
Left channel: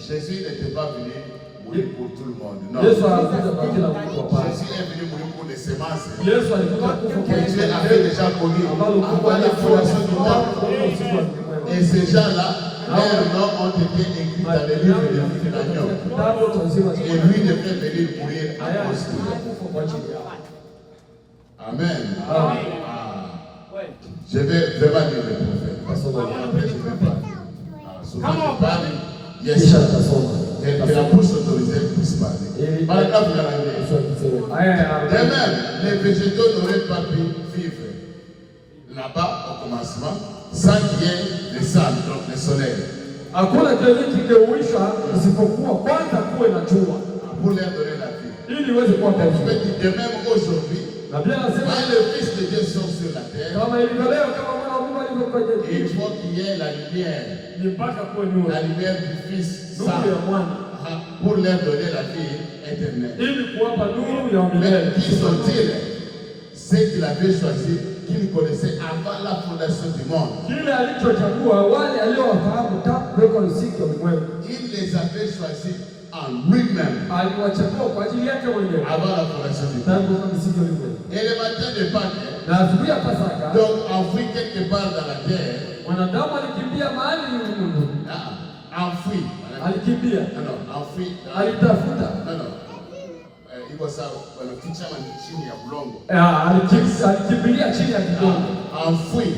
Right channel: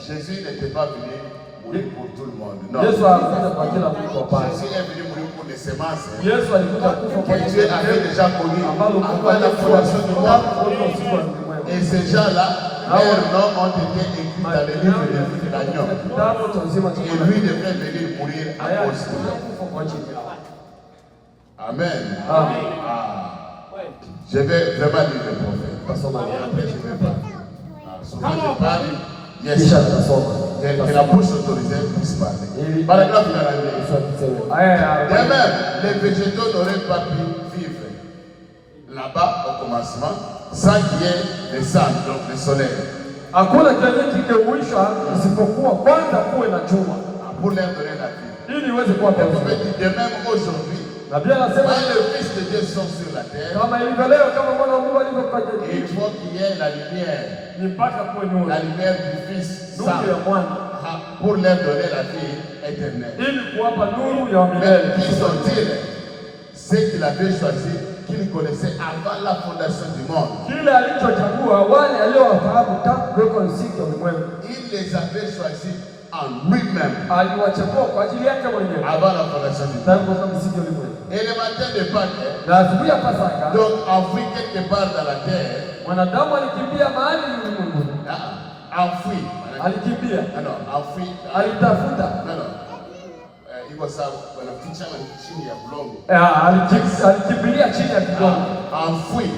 Jésus n'était pas venu mourir pour tout le monde. Non. Jésus est venu mourir pour les semences que Dieu avait déjà connues avant la fondation du monde. Et ces gens-là, leurs noms ont été écrits dans le livre de vie de l'agneau. Et lui devait venir mourir à cause de nous. Amen. Je vais vraiment lire le prophète. Après, je vais parler. Souvent, je parle. Yes. Que la bouche autorisée puisse parler. Par exemple, même les végétaux n'auraient pas pu vivre là-bas au commencement sans qu'il y ait le sang, donc le soleil. Pour leur donner la vie. Le prophète dit de même aujourd'hui, quand le Fils de Dieu sort sur la terre, il faut qu'il y ait la lumière du Fils Saint, pour leur donner la vie éternelle. Mais qui sont-ils? Ceux qu'il avait choisi, qu'il connaissait avant la fondation du monde. Il les avait choisis en lui-même avant la fondation du monde. Et le matin de Pâques, donc enfoui quelque part dans la terre, enfoui. Alors, enfoui. Iko sawa, wanaficha chini ya bulongo. Alikimbilia chini ya bulongo. Enfoui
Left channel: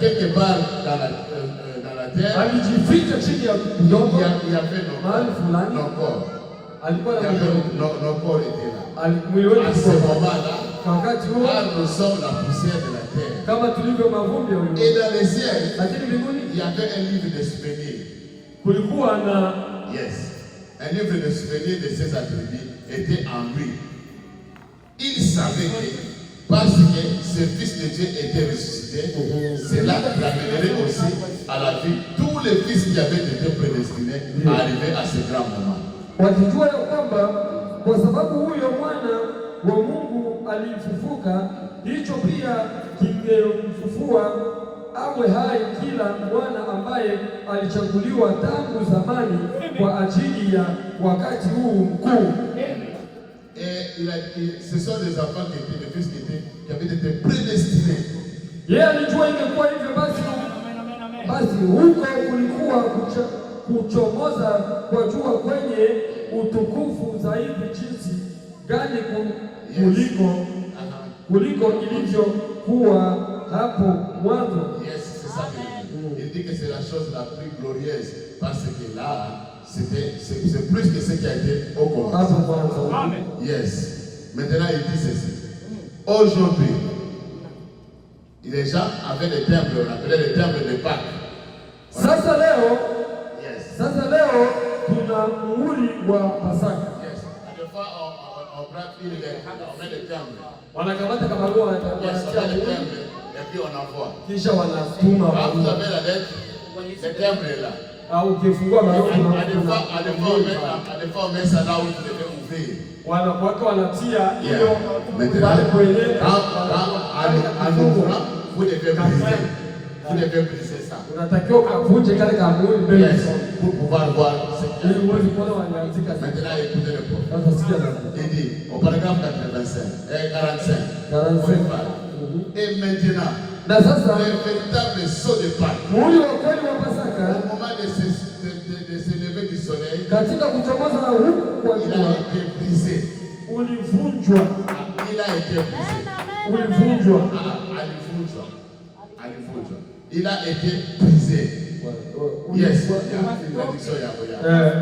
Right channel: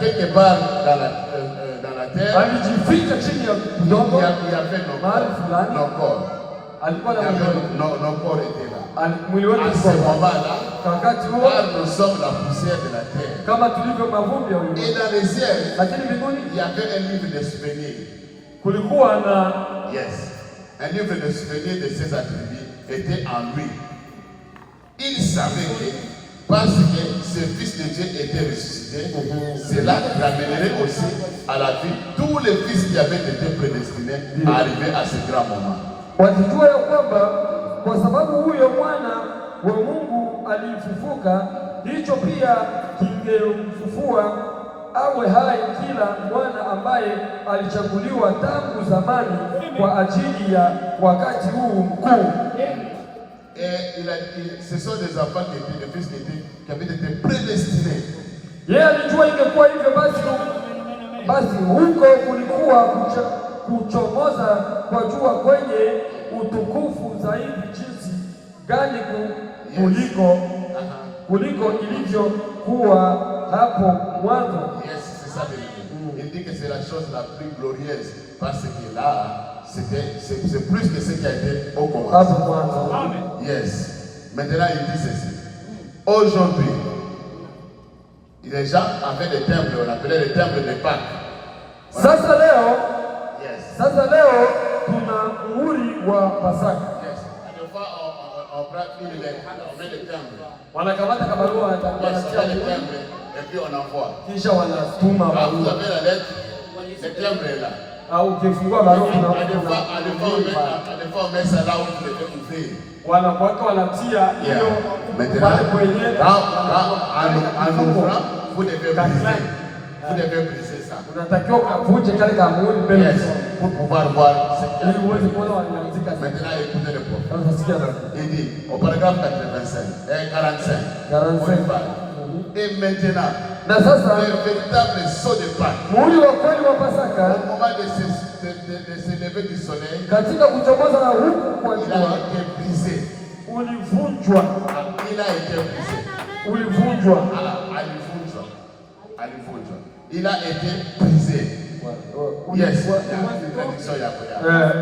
quelque part dans la terre. Alijificha chini ya bulongo. Il y avait nos corps. Nos corps étaient là. À ce moment-là, nous sommes la poussière de la terre. Et dans les ciels, il y avait un livre de souvenirs. Yes. Un livre de souvenirs de ses attributs était en lui. Il savait que parce que ce Fils de Dieu était ressuscité, cela ramènerait aussi à la vie tous les fils qui avaient été prédestinés à arriver à ce grand moment. Kwa sababu huyo mwana wa Mungu alifufuka, hicho pia kingemfufua awe hai kila mwana ambaye alichaguliwa tangu zamani kwa ajili ya wakati huu mkuu. Ce sont des enfants qui étaient des fils qui avaient été prédestinés. Yeye alijua ingekuwa hivyo, basi huko kulikuwa kuchomoza kwa jua kwenye utukufu zaidi jinsi gani kuliko ilivyokuwa hapo mwanzo. Yes, c'est ça. Il dit que c'est la chose la plus glorieuse parce que là, c'est plus que ce qui a été au commencement. Amen. Yes. Maintenant, il dit ceci. Aujourd'hui, les gens avaient des temples, on appelait les temples de Pâques. Sasa leo, yes. Sasa leo tuna muhuri wa Pasaka. Yes. À des fois, on met des temples. Wanakamata kama roho wanatia les temples et puis on envoie. Kisha wanatuma. Quand vous avez la lettre, le temple est là. Au ukifungua barua à des fois on met ça là où vous devez ouvrir. Wanatia hiyo pale kwenye en ouvrant, vous devez briser. Vous devez briser ça. Unatakiwa kuvunja kale kamuoni mbele pour pouvoir voir ce qu'il y a. Maintenant écoutez le prophète. Il dit au paragraphe 45. Et maintenant, le véritable saut de Pâques, au moment de se lever du soleil, il a été brisé. Il a été brisé. Il a été brisé. Yes.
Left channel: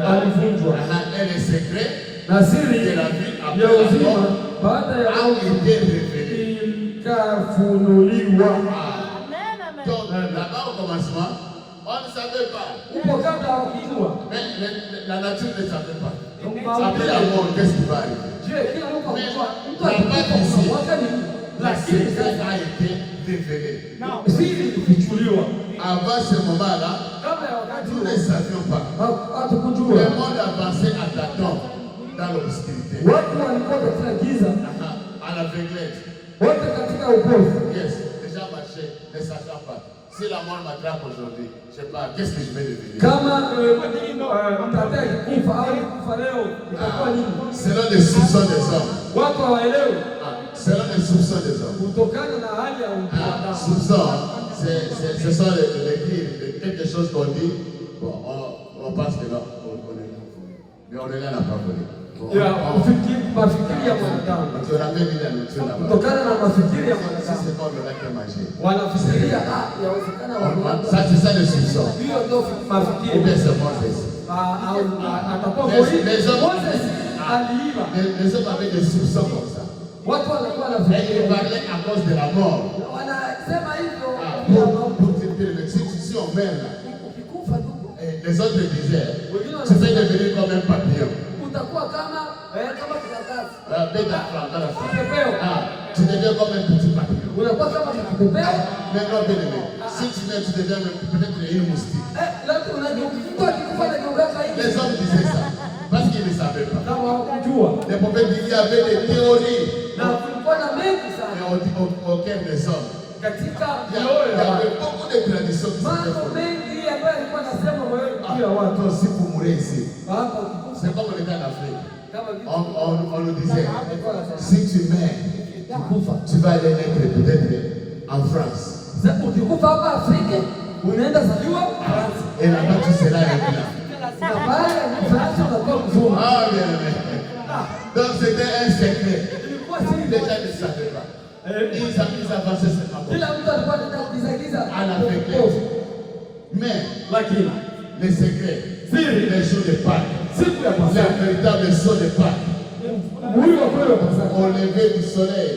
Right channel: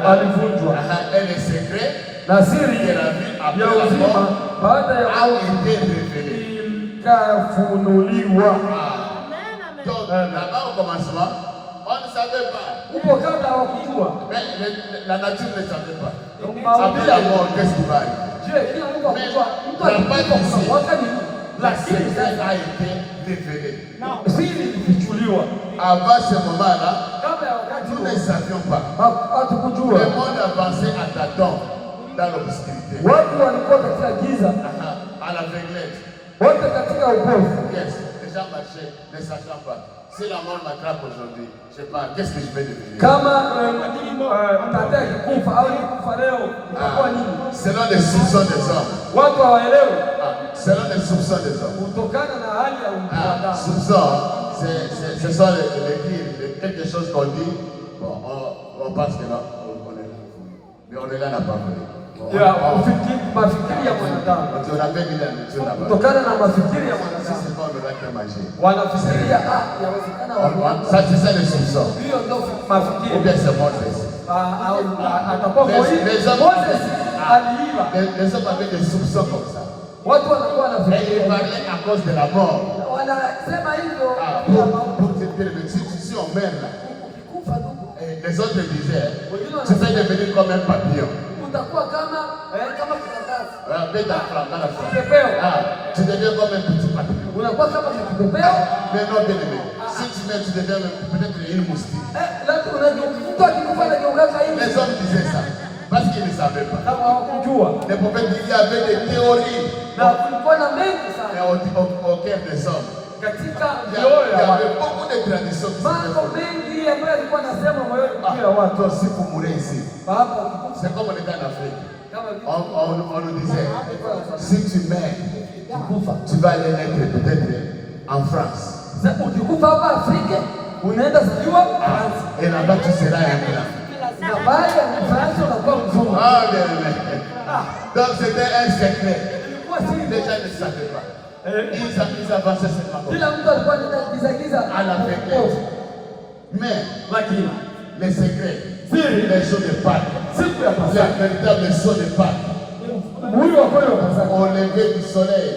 alivunjwa Et le secret na siri de la vie ya après la uzima mort baada ya a mauti été révélé. ikafunuliwa. Donc là-bas au commencement, on ne savait pas. Huko kabla hawakujua. Mais la nature ne savait pas. Après la mort, qu'est-ce qui va arriver? La secret a été révélé. Siri kufichuliwa. Avant ce moment-là, nous ne savions pas. Le monde avançait à tâtons dans l'obscurité. Watu walikuwa katika giza, À l'aveuglette. wote katika upofu. Yes, les gens marchaient ne sachant pas. Si la mort m'attrape aujourd'hui, je sais pas, qu'est-ce que je vais devenir? Kama mtataka kufa au kufa leo itakuwa nini? Selon les soupçons des hommes. Watu hawaelewi. Selon les soupçons des hommes. Kutokana na hali ya ubinadamu. Soupçons, ce sont les dires, quelque chose qu'on dit, bon, on pense que non, on est là. Mais on est là, n'a pas volé. Mafikiri ya mwanadamu. On avait mis la nourriture là-bas. Kutokana na mafikiri ya Si mwanadamu. c'est pas, on aura qu'à manger. Wanafikiria yawezekana watu. Ça, c'est ça les soupçons. Hiyo ndio Ou mafikiri. bien c'est Moses. Atakuwa Les hommes aliiba. les hommes avaient des soupçons comme ça. Watu wanakuwa na Mais ils parlaient à cause de la mort. wanasema hivyo Si on meurt là, les autres disaient, tu vas devenir comme un papillon. utakuwa kama karatasi. Tu deviens comme un petit papillon. Unakuwa kama kipepeo. Mais non, bien aimé, si tu meurs, tu deviens peut-être une moustique. Les hommes disaient ça parce qu'ils ne savaient pas. Les prophètes disaient qu'il y avait des théories au cœur des hommes. Il y avait beaucoup de traditions qui s'étaient si vous mourrez ici, c'est comme on était en Afrique. On nous disait, si tu meurs, tu vas aller naître peut-être en France. Et là-bas, tu seras un blanc. Ah, bien, bien. Donc, c'était un secret. Les gens ne savaient pas. Ils avançaient seulement à la fréquence. Mais les secrets, les jours de Pâques, les véritables jours de Pâques, au lever du soleil,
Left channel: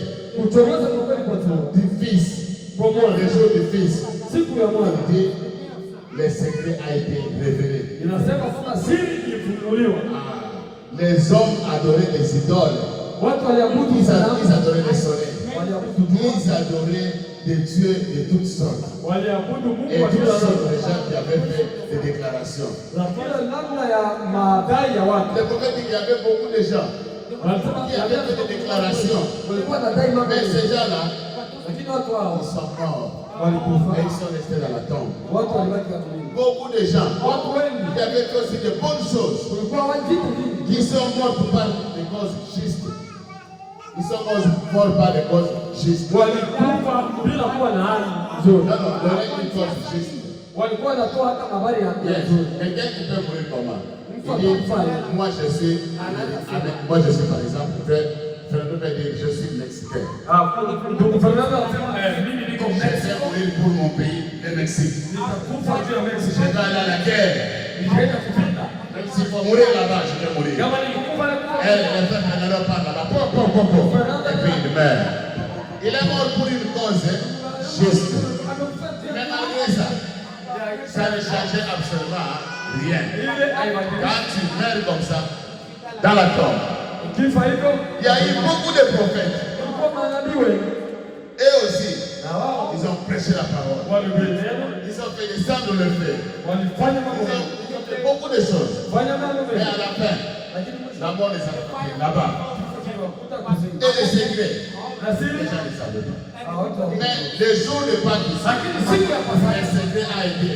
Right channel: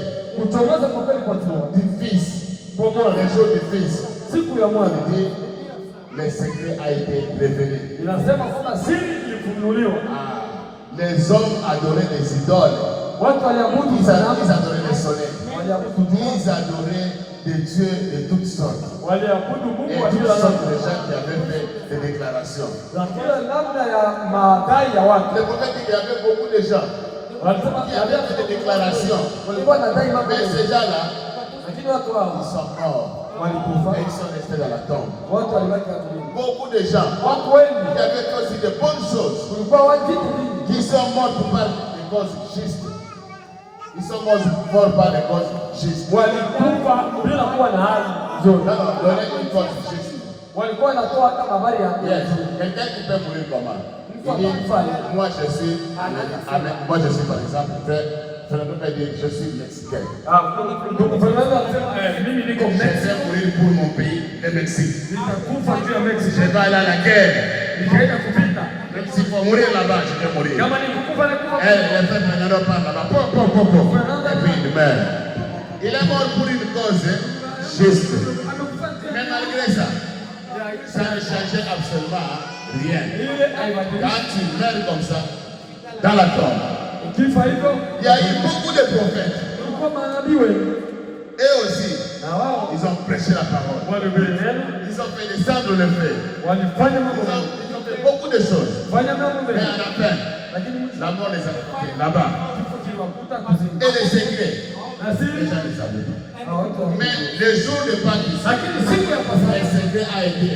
du Fils, les jours du Fils, le secret a été révélé. Les hommes adoraient les idoles. Ils adoraient le soleil. Ils adoraient des dieux de toutes sortes. Et toutes sortes de gens qui avaient fait des déclarations. Le prophète dit qu'il y avait beaucoup de gens qui avaient fait des déclarations. Mais ces gens-là, ils sont morts. Et ils sont restés dans la tombe. Beaucoup de gens qui avaient fait aussi de bonnes choses, qui sont morts par des causes justes. Ils sont morts par des causes justes. Non, donner une cause juste. Quelqu'un qui peut mourir comment? Il dit, moi je suis par exemple, je ne peux pas dire je suis mexicain. Je vais mourir pour mon pays, le Mexique. Je vais aller à la guerre. Même s'il faut mourir là-bas, je vais mourir. Et puis il meurt. Il est mort pour une cause juste. Mais malgré ça, ça ne changeait absolument rien. Quand tu meurs comme ça, dans la tombe, il y a eu beaucoup de prophètes. Et aussi, ils ont prêché la parole. Ils ont fait des signes de le faire. Ils ont fait beaucoup de choses. Mais à la fin, la mort les a portés là-bas. Et les secrets, les gens ne savaient pas. Mais le jour de Pâques, le secret a été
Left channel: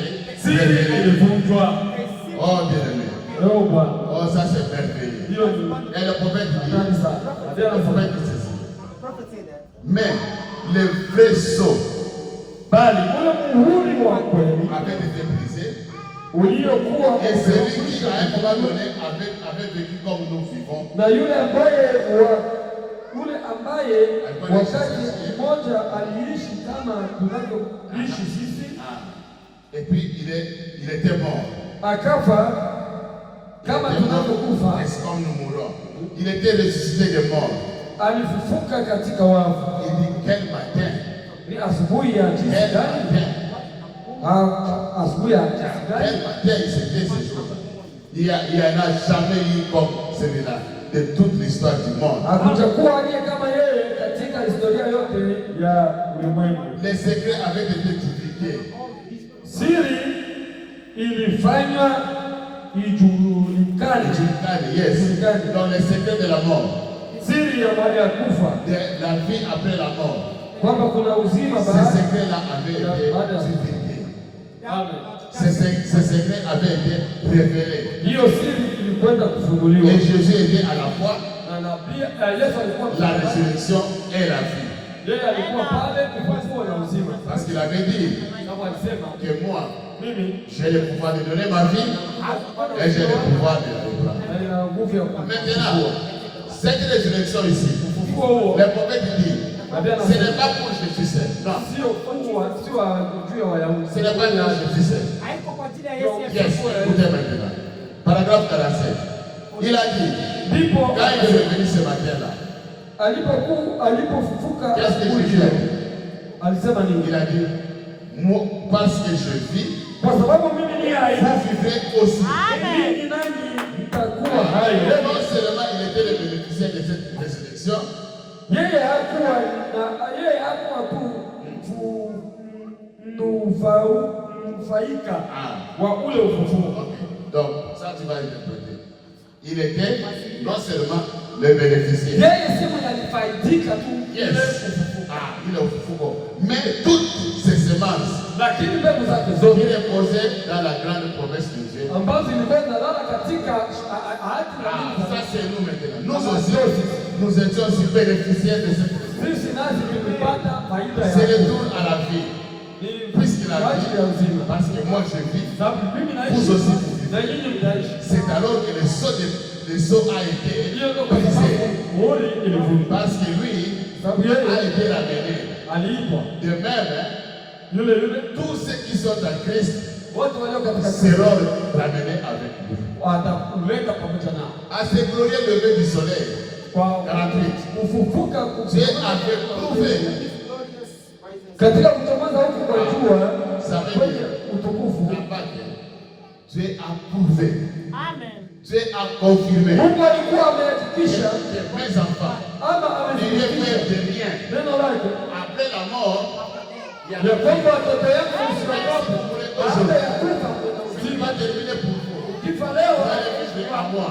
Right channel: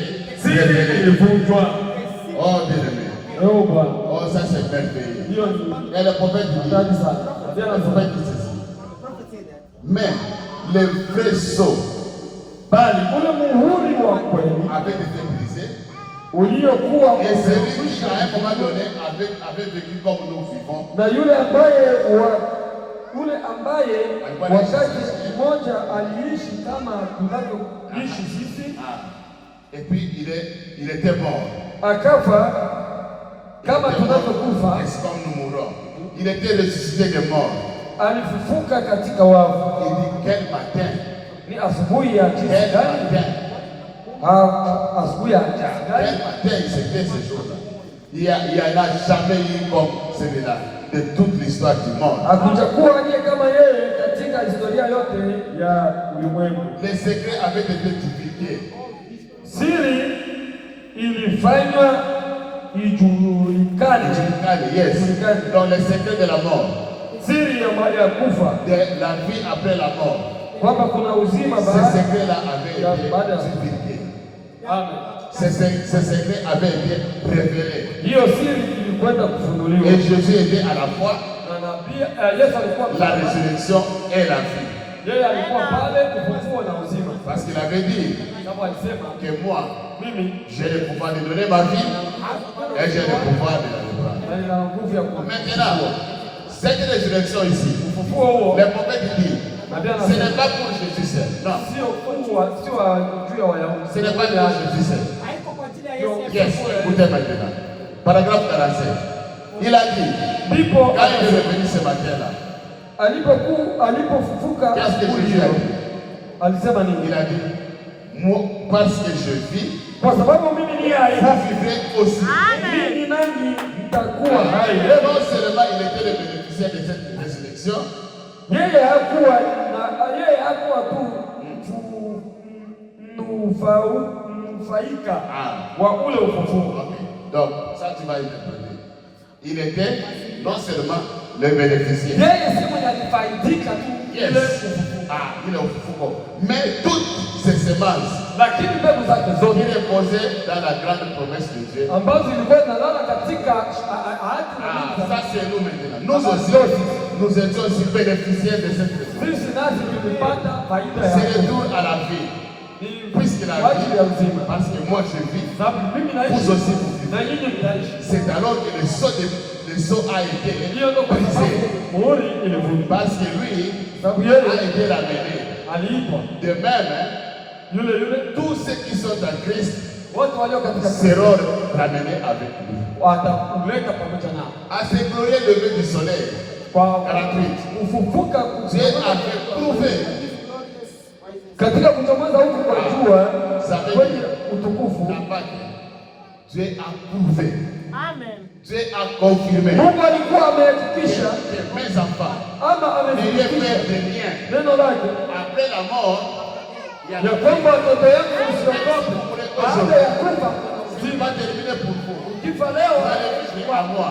révélé. Oh, bien aimé. Oh, ça c'est merveilleux. Et le prophète dit, mais le vrai sceau avait été brisé. Et celui qui, à un moment donné, avait vécu comme nous vivons. Et puis il était mort. akafa kama Il était mort, tunavyokufa, est comme nous mourons. Il était ressuscité des morts. alifufuka katika wafu. Il dit quel matin, Ni asubuhi ya jinsi quel gani? matin, Asubuhi ya jinsi quel gani? matin c'était ce jour-là. Il n'y en a jamais eu comme celui-là de toute l'histoire du monde. Hakujakuwa aliye kama yeye katika historia yote ya ulimwengu. Les secrets avaient été divulgués. Siri ilifanywa ijulikane. Yes. Dans les secrets de la mort, Siri ya mali ya kufa, de la vie après la mort. kwamba kuna uzima Ces baada. secrets-là avaient été divulgués. Amen. Ces secrets avaient été révélés. Hiyo siri ilikwenda kufunuliwa. Et Jésus était à la fois Na nabii Yesu alikuwa la résurrection et la vie. yeye alikuwa pale kufufuo na uzima. Parce qu'il avait dit Kama alisema que moi, mimi j'ai le pouvoir de donner ma vie et j'ai le pouvoir de la reprendre. nina nguvu ya kufa. Maintenant, cette résurrection ici, Ufufuo huo le prophète dit, ce n'est pas pour Jésus seul. Non, sio kuwa sio juu ya Wayahudi. ce n'est pas pour Jésus seul. Yes, écoutez maintenant. Paragraphe 47. Il a dit, Ndipo quand il est revenu ce matin-là, alipofufuka qu'est-ce que asubuhi Jésus a hiyo, dit? alisema Il nini? a dit, moi, parce que je vis, Kwa sababu mimi ni hai, vous vivrez aussi. mimi nanyi mtakuwa hai. Non seulement il était le bénéficiaire de cette résurrection, Yeye hakuwa tu mnufaika wa ule ufufuo. ok. Donc, ça tu vas interpréter. Il était non seulement le bénéficiaire. Yeye si mwenye alifaidika tu ile Yes. ufufuo, Il est au Foucault. Mais toutes ces semences lakini mbegu zake qui zote reposaient dans la grande promesse de Dieu. ambazo zilikuwa zinalala katika ahadi na Mungu. Ça c'est nous maintenant. Nous aussi, nous étions aussi bénéficiaires de cette résurrection. Sisi nasi tumepata faida C'est ya le tour à la vie. Puisqu'il a kwa ajili ya dit, uzima. parce que moi je vis, Sababu mimi vous naishi aussi vous na vivez. nyinyi mnaishi. C'est alors que le sceau a été Hiyo ndio kwa brisé. sababu muhuri ilivunjwa. Parce que lui Sababu a yeye été ramené. aliitwa De même, yule tous ceux qui sont en Christ watu walio katika seront ramenés avec lui. watakuleta pamoja nao À ce glorieux lever du soleil, kwa 48, kufufuka Dieu avait prouvé katika kuchomoza huku kwa jua Ça veut kwenye dire, utukufu. n'a pas dit. Dieu a prouvé. Amen. Dieu a confirmé Mungu alikuwa amehakikisha que mes enfants ama n'ayaient amethibitisha peur de rien. neno lake Après la mort, il y a ya kwamba watoto yangu usiogope baada ya kufa kuna Il uzima. va terminer pour vous. Kifa leo Vous allez vivre à moi.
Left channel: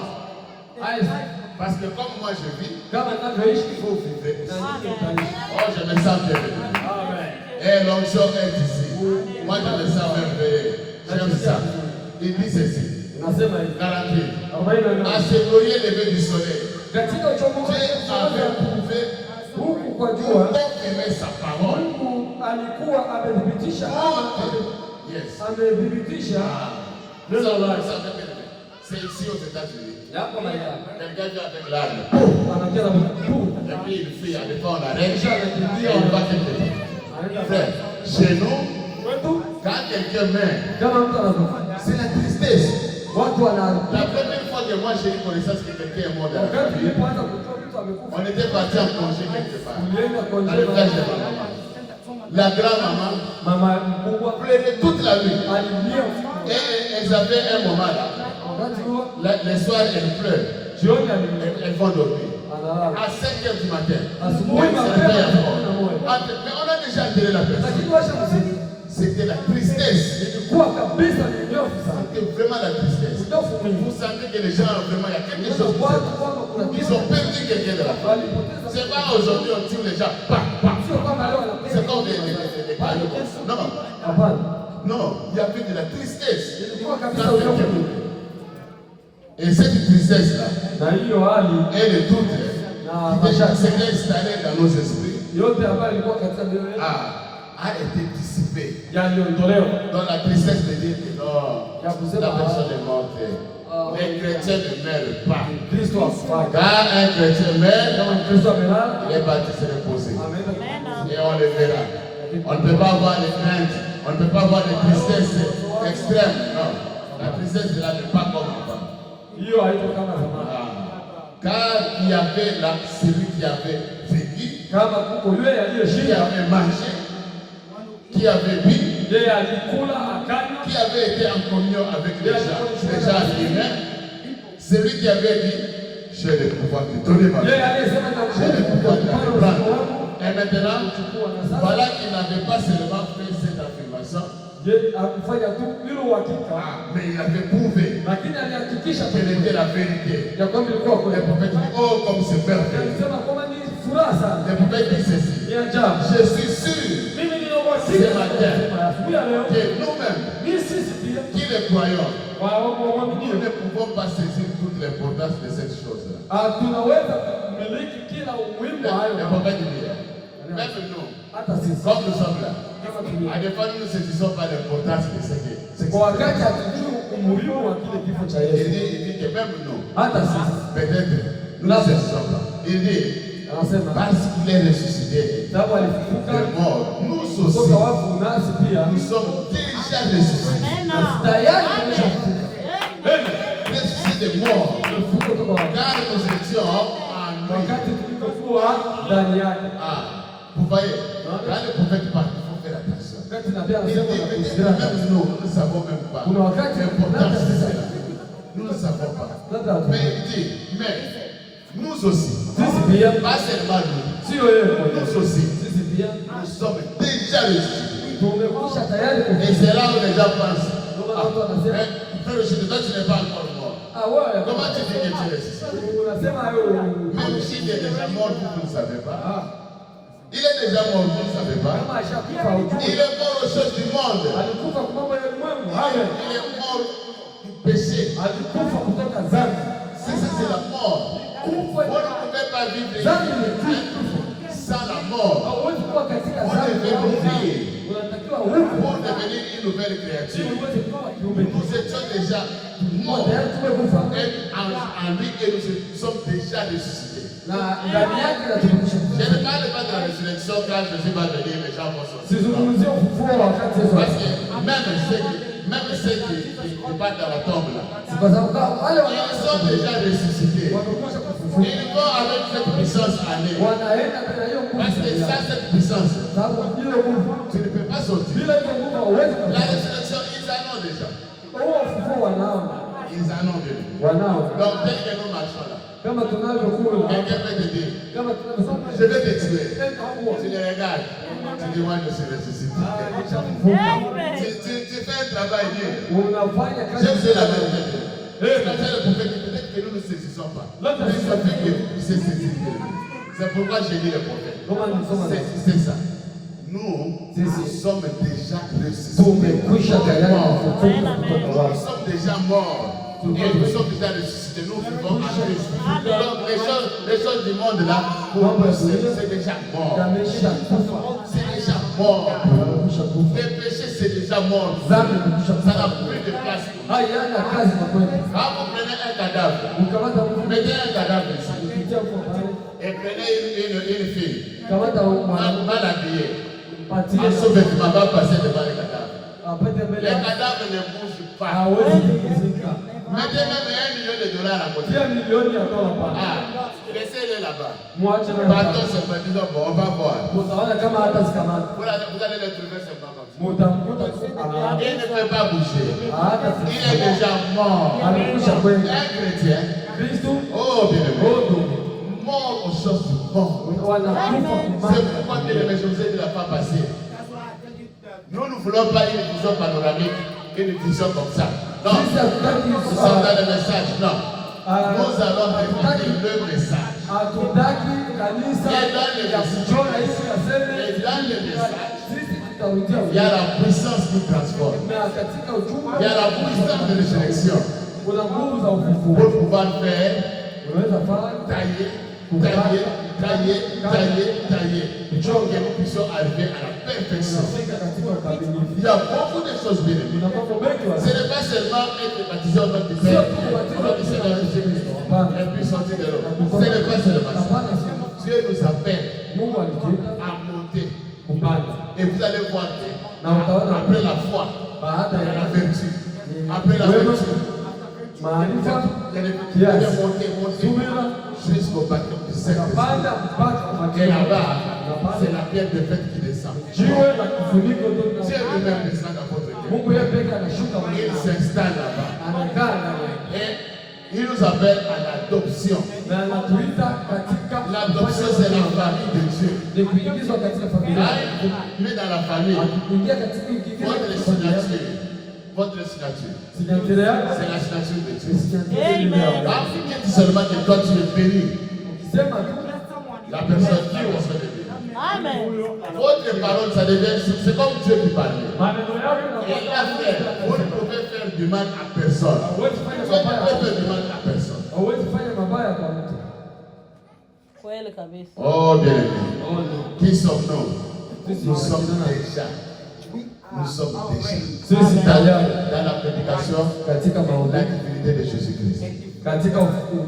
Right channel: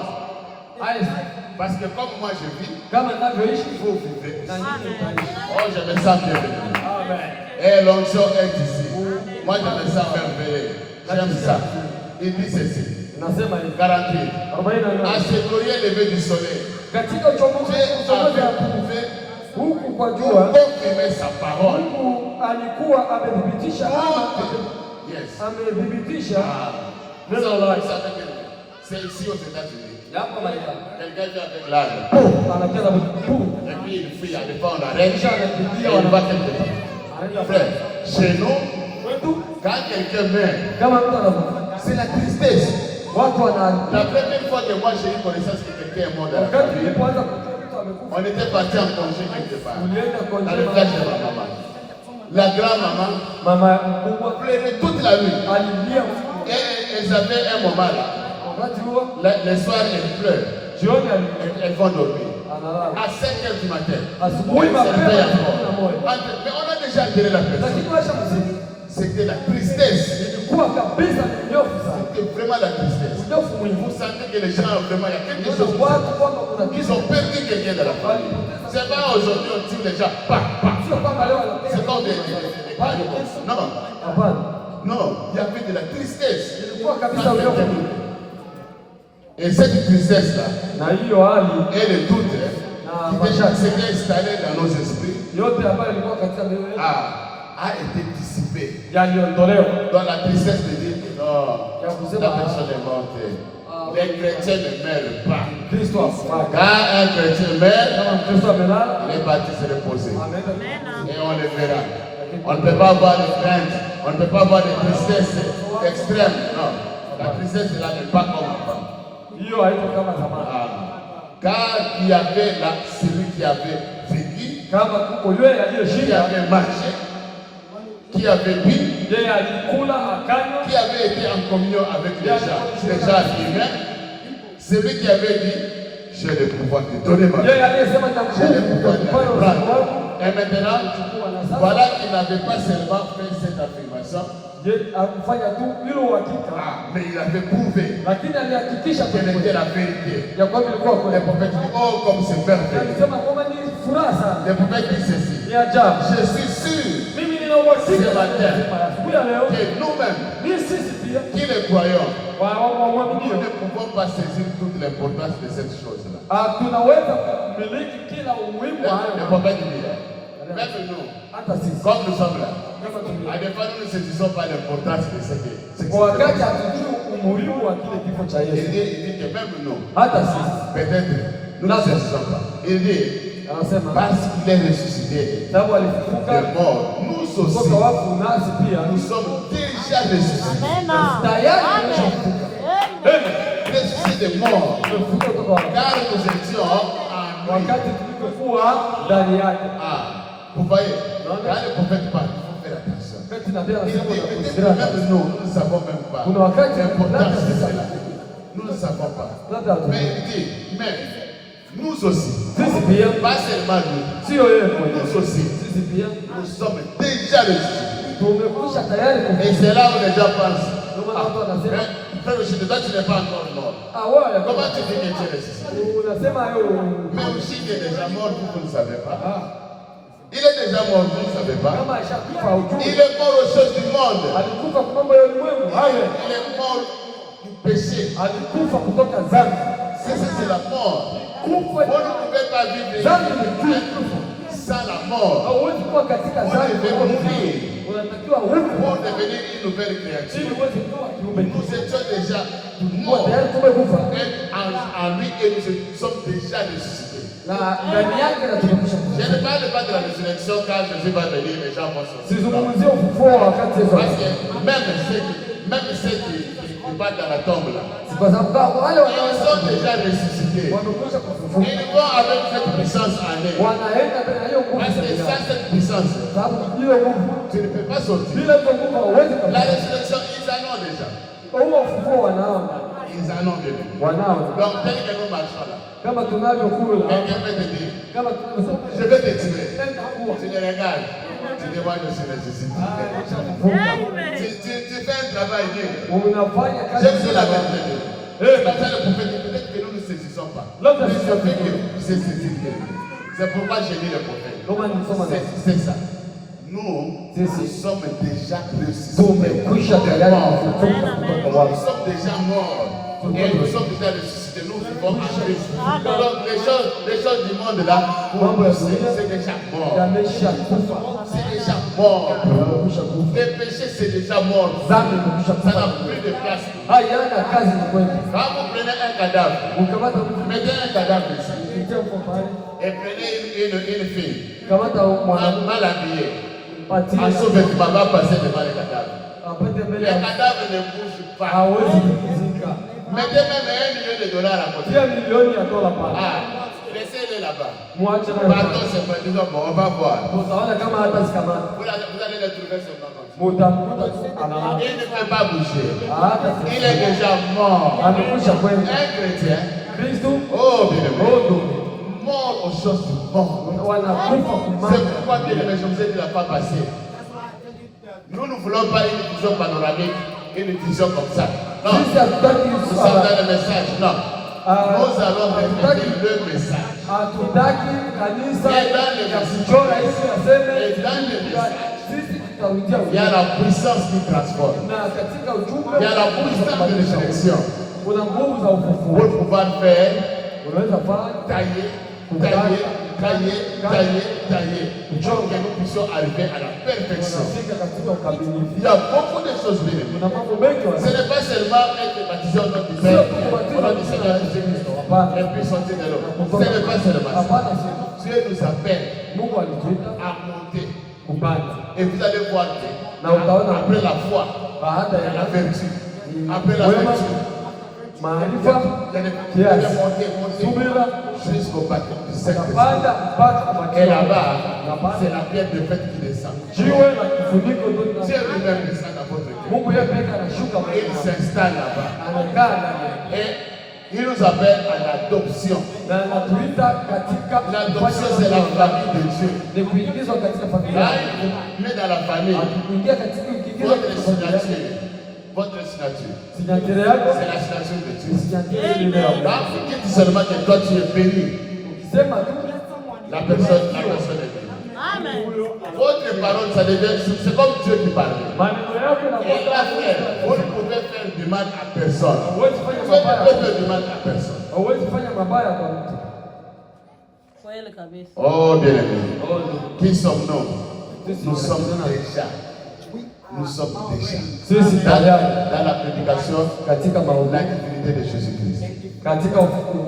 Parce que comme moi je vis, kama ninavyoishi vous vivez. na nyinyi mtaishi. Oh, je me sens bien. Amen. Et l'onction est ici. Moi, je me sens merveilleux. J'aime ça. Il dit ceci. Nasema hivi 48. À 48 ce glorieux lever du soleil, katika uchomozi Dieu avait prouvé huku kwa pour jua confirmer sa parole. Mungu alikuwa amethibitisha ama Yes. amethibitisha Vous neno lake. savez que c'est ici aux États-Unis. Yako Marekani Quelqu'un vient avec l'arme. anacheza mkuu Et puis il fuit, il pas on arrête. Et il va quelque part. Frère, chez nous, kwetu, quand quelqu'un meurt, kama mtu anakufa c'est la tristesse. watu wana La première fois que moi j'ai eu connaissance que quelqu'un est mort dans la wakati famille, nilipoanza kujua mtu amekufa on était parti en congé quelque part. ulienda kwa Dans le village de ma maman. La grand-maman mama mkubwa pleurait toute la nuit. alilia Et elles avaient un moment là. wakati huo Le soir, elles pleurent. jioni alilia Elles vont dormir. analala À 5 h du matin. asubuhi elles se mapema réveillent saa encore. kumi na moja. Mais on a déjà enterré la personne. Lakini washa mziki C'était la tristesse. ilikuwa kabisa ni nyofu sana, C'était vraiment la tristesse. nyofu mwingi. Vous sentez que les gens, vraiment, il y a quelque chose. Watu kwamba kuna Ils kitu ont perdu quelqu'un de la famille. walipoteza, C'est pas aujourd'hui on tue les gens. Bah, bah. sio kwamba leo wanapenda. C'est comme des cailloux comme ça. Non, Hapana, non, il y avait de la tristesse. ilikuwa kabisa Quand quelqu'un unyofu. meurt. Et cette tristesse-là, Na hiyo hali elle est toute, qui déjà s'était installée dans nos esprits, yote ambayo ilikuwa katika mioyo yetu a été dissipée. yaliondolewa Dans la tristesse de dire que non, ya la kusema personne est morte. Les chrétiens ne meurent pas. Kristo afaka. Quand un chrétien meurt, Kama Kristo amelala il est parti se reposer. ameenda Amen. Et on le verra. On ne peut pas avoir les craintes On ne peut pas avoir de tristesse extrême. Non. La tristesse là n'est pas comme avant. hiyo haiko kama zamani. Car il y avait là celui qui avait vécu, Kama kuko yule qui aliyeshinda, avait marché, qui avait bu, yeye alikula akanywa, qui avait été en communion avec les gens humains, celui qui avait dit, j'ai le pouvoir de donner ma vie. yeye aliyesema J'ai le pouvoir de na prendre. Et maintenant, voilà qu'il n'avait pas seulement fait cette affirmation, je akufanya tu hilo uhakika, mais il avait prouvé lakini alihakikisha quelle était la vérité. ya kwamba ilikuwa Le kweli. prophète dit, oh, comme c'est parfait. Alisema kwamba ni furaha sana, Le prophète dit ceci, ni ajabu. je suis sûr Mimi nina uhakika asubuhi ya leo que nous-mêmes, ni sisi pia qui les croyons, waaminio nous ne pouvons pas saisir toute l'importance de cette chose-là. tunaweza kumiliki kila umuhimu wa Le hayo, prophète dit, même nous, hata sisi comme nous sommes là, kama tulivyo. à des fois nous ne saisissons pas l'importance de ce qui est. Kwa wakati hatujui umuhimu wa kile kifo cha Il Yesu, dit que même nous, hata sisi peut-être, nous ne saisissons pas. Il dit, anasema parce qu'il est ressuscité sababu alifufuka de mort, nous kutoka aussi, wafu, nasi pia nous sommes déjà ressuscités. tayari tumeshafufuka. Ressuscités de mort. Tumefufuka kutoka wafu, Car nous étions en lui. wakati tulikokuwa ndani yake. Vous voyez, quand le prophète parle, il faut faire attention. Wakati nabii Il dit anasema na peut-être kusikia, même nous ne savons même pas kuna wakati l'importance de cela. Nous ne savons pas. labda Mais il dit, mais nous aussi, sisi pia, pas seulement nous, sio yeye mwenyewe, nous aussi, sisi pia nous sommes déjà ressuscités. tumekwisha tayari Et kufufuka. c'est là où les gens pensent, Ndio maana watu wanasema frère Rochette, toi tu n'es pas encore mort. wewe Comment tu dis que tu es ressuscité? unasema wewe Même s'il est déjà mort, vous ne savez pas. Il est déjà mort, vous ne savez pas. kama ashakufa ujue Il est mort aux choses du monde. alikufa kwa mambo ya ulimwengu hayo, Il est mort du péché. alikufa kutoka dhambi. C'est la mort. Vous Kufa ne pouvez pas vivre dhambi ni kitu, sans la mort. hauwezi kuwa katika Vous dhambi devez au mourir dhambi. Unatakiwa ufe pour devenir une nouvelle ili créature. uweze kuwa kiumbe Nous kipya. étions déjà Kwa morts. tayari tumekufa Et en lui, et nous sommes déjà ressuscités. na ndani yake na tumekwisha Je kufa. ne parle pas de la résurrection quand Jésus va venir, les gens vont sortir. Sizungumzie ufufuo wakati Yesu Parce anakuja. que même ceux qui partent dans la tombe là, Kwa sababu wale ils sont déjà ressuscités. wamekwisha kufufuka Ils vont avec cette puissance en eux. wanaenda tena hiyo nguvu Parce que zaidi. sans cette puissance, Sababu hiyo nguvu tu ne peux pas sortir. bila hiyo nguvu hauwezi La kabisa. résurrection, ils en ont déjà. Huo ufufuo wanaona Ils en ont déjà. wanao Donc, tel que nous marchons là, kama tunavyokula quelqu'un peut te dire, kama tunavyosema je vais te tuer. enda kuwa Tu les regardes, tu dis, moi je suis ressuscité. Tu fais un travail dur. unafanya J'aime kazi bien la vérité. Comme ça, le prophète dit, peut-être que nous ne saisissons pas. Mais je veux que vous puissiez saisir. C'est pourquoi j'ai dit le prophète. kama nisoma na C'est ça. Nous sommes déjà ressuscités. tumekwisha tayari kufufuka kutoka Nous wafu. sommes déjà morts. Et nous sommes déjà ressuscités. Nous vivons en Christ. Donc les choses du monde là, pour nous, c'est déjà mort. Yamesha kufa. C'est déjà mort. Yamekwisha kufa. Les péchés, c'est déjà mort. Dhambi imekwisha Ça n'a kufa. plus de place. Hayana kazi ni kwetu. Quand vous prenez un cadavre, Ukamata mtu mettez un cadavre ici kupitia kwa pale. et prenez une fille Kamata mwana mal habillée. patie En sous-vêtement, va passer devant le cadavre. apate mbele Les ya cadavres ne bougent pas. hawezi kuzika. Mettez même $1 million à côté. Tia milioni ya dola pale. Laissez-le là-bas. Mwache na Partons seulement, disons, bon, on va voir. utaona kama hata sikamata. Vous allez le trouver seulement comme ça. Mutamkuta tu analala. Il ne peut pas bouger. Hata Il est déjà mort. amekwisha kwenda. Un chrétien, Kristo oh bien-aimé, odo mort aux choses du monde. wanakufa C'est kumama. pourquoi, bien-aimé, je vous ai dit la fois passée. Nous ne voulons pas une vision panoramique, une vision comme ça. Non. Sisi hatutaki Nous sommes dans le message. Non. Nous allons répéter le message. hatutaki kanisa Et dans le message, chora hizi aseme et dans le message, sisi tutarudia il y a la puissance qui transforme. na katika ujumbe Il y a la puissance de résurrection kuna nguvu za ufufuo. pour pouvoir faire Unaweza fanya tailler, tailler, tailler, tailler, tailler. Pour que nous puissions arriver à la perfection. unafika katika ukamilifu. Il y a beaucoup de choses bien aimées. Kuna mambo mengi Ce n'est pas seulement être baptisé au nom du Père, au nom du Seigneur Jésus-Christ, et puis sortir de l'eau. Ce n'est pas seulement ça. hapana, sio Dieu nous appelle Mungu alituita à monter kupanda et Et vous allez voir que na utaona après la foi, baada la ya vertu, après la vertu, maarifa vous allez monter jusqu'au baptême du Saint-Esprit. kapanda mpaka Et ubatizo. là-bas, Na pale c'est la pierre de fête qui descend. jiwe la kifuniko ndio Dieu lina- lui-même descend dans votre cœur. Mungu yeye pekee anashuka Il mahali s'installe là-bas. anakaa ndani Et il nous appelle à l'adoption. na anatuita katika L'adoption, c'est la famille de Dieu. ni kuingizwa katika familia. Là, il vous met dans la famille. Kuingia katika kingine Votre cha familia. signature. Votre signature. Signature yako C'est la signature de Dieu. ni signature ile yako. Quand vous dites seulement que toi tu es béni, Ukisema tu la personne est bénie. Votre parole, ça devient, c'est comme Dieu qui parle. maneno yako Et là, frère, vous ne pouvez faire du mal à personne. hauwezi Vous fanya ne pouvez mabaya. pas faire du mal à personne. Hauwezi fanya mabaya kwa mtu. Kweli kabisa. Oh, bien-aimé. Oh, no. Qui sommes-nous? Sisi Nous sommes tunasema, déjà. Nous sommes déjà. sisi tayari Dans la prédication, katika la mahubiri, divinité de Jésus-Christ. katika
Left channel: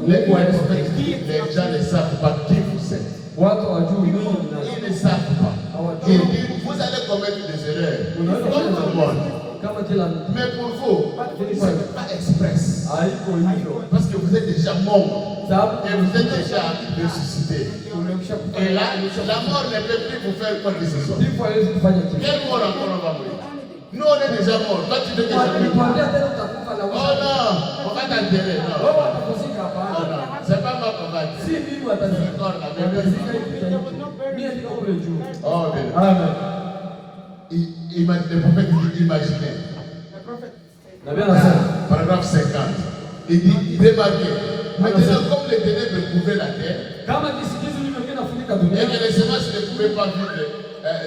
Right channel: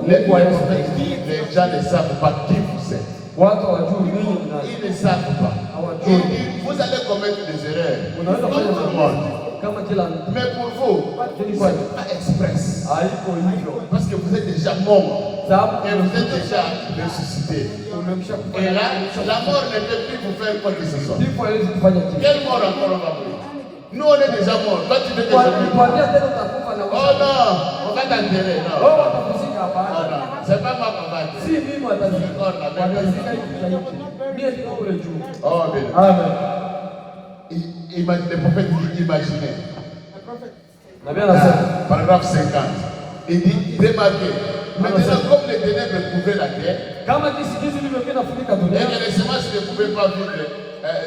Les ukuu wa Yesu prophètes, Kristo. les gens ne savent pas qui vous êtes. Watu hawajui nini mna Ils ne savent pas. hawajui. Ils disent, vous allez commettre des erreurs. Unaweza Comme tout le kufanya monde. kama kila mtu. Mais pour vous, ce n'est pas express. Haiko hivyo. Parce que vous êtes déjà mort. Sababu Et vous êtes déjà ressuscité. umemsha Et là, la mort ne peut plus vous faire quoi que ce soit. kifo hawezi kufanya kitu. Quelle mort encore on va mourir? Nous, on est déjà morts. Toi, tu veux déjà mourir. Kwambia tena utakufa na Oh non, on va t'enterrer. Non. wewe utakuzika Oh hapana. non, c'est pas moi qu'on va Si dire. mimi watazika. Watazika hivi. Mimi ndio kule juu. Oh, bien. Amen. Le prophète dit imaginez. Nabii anasema Paragraphe 50. Il dit remarquez. Maintenant, comme les ténèbres couvraient la terre, kama kisikizi ilivyokuwa inafunika et dunia que les semences ne pouvaient pas vivre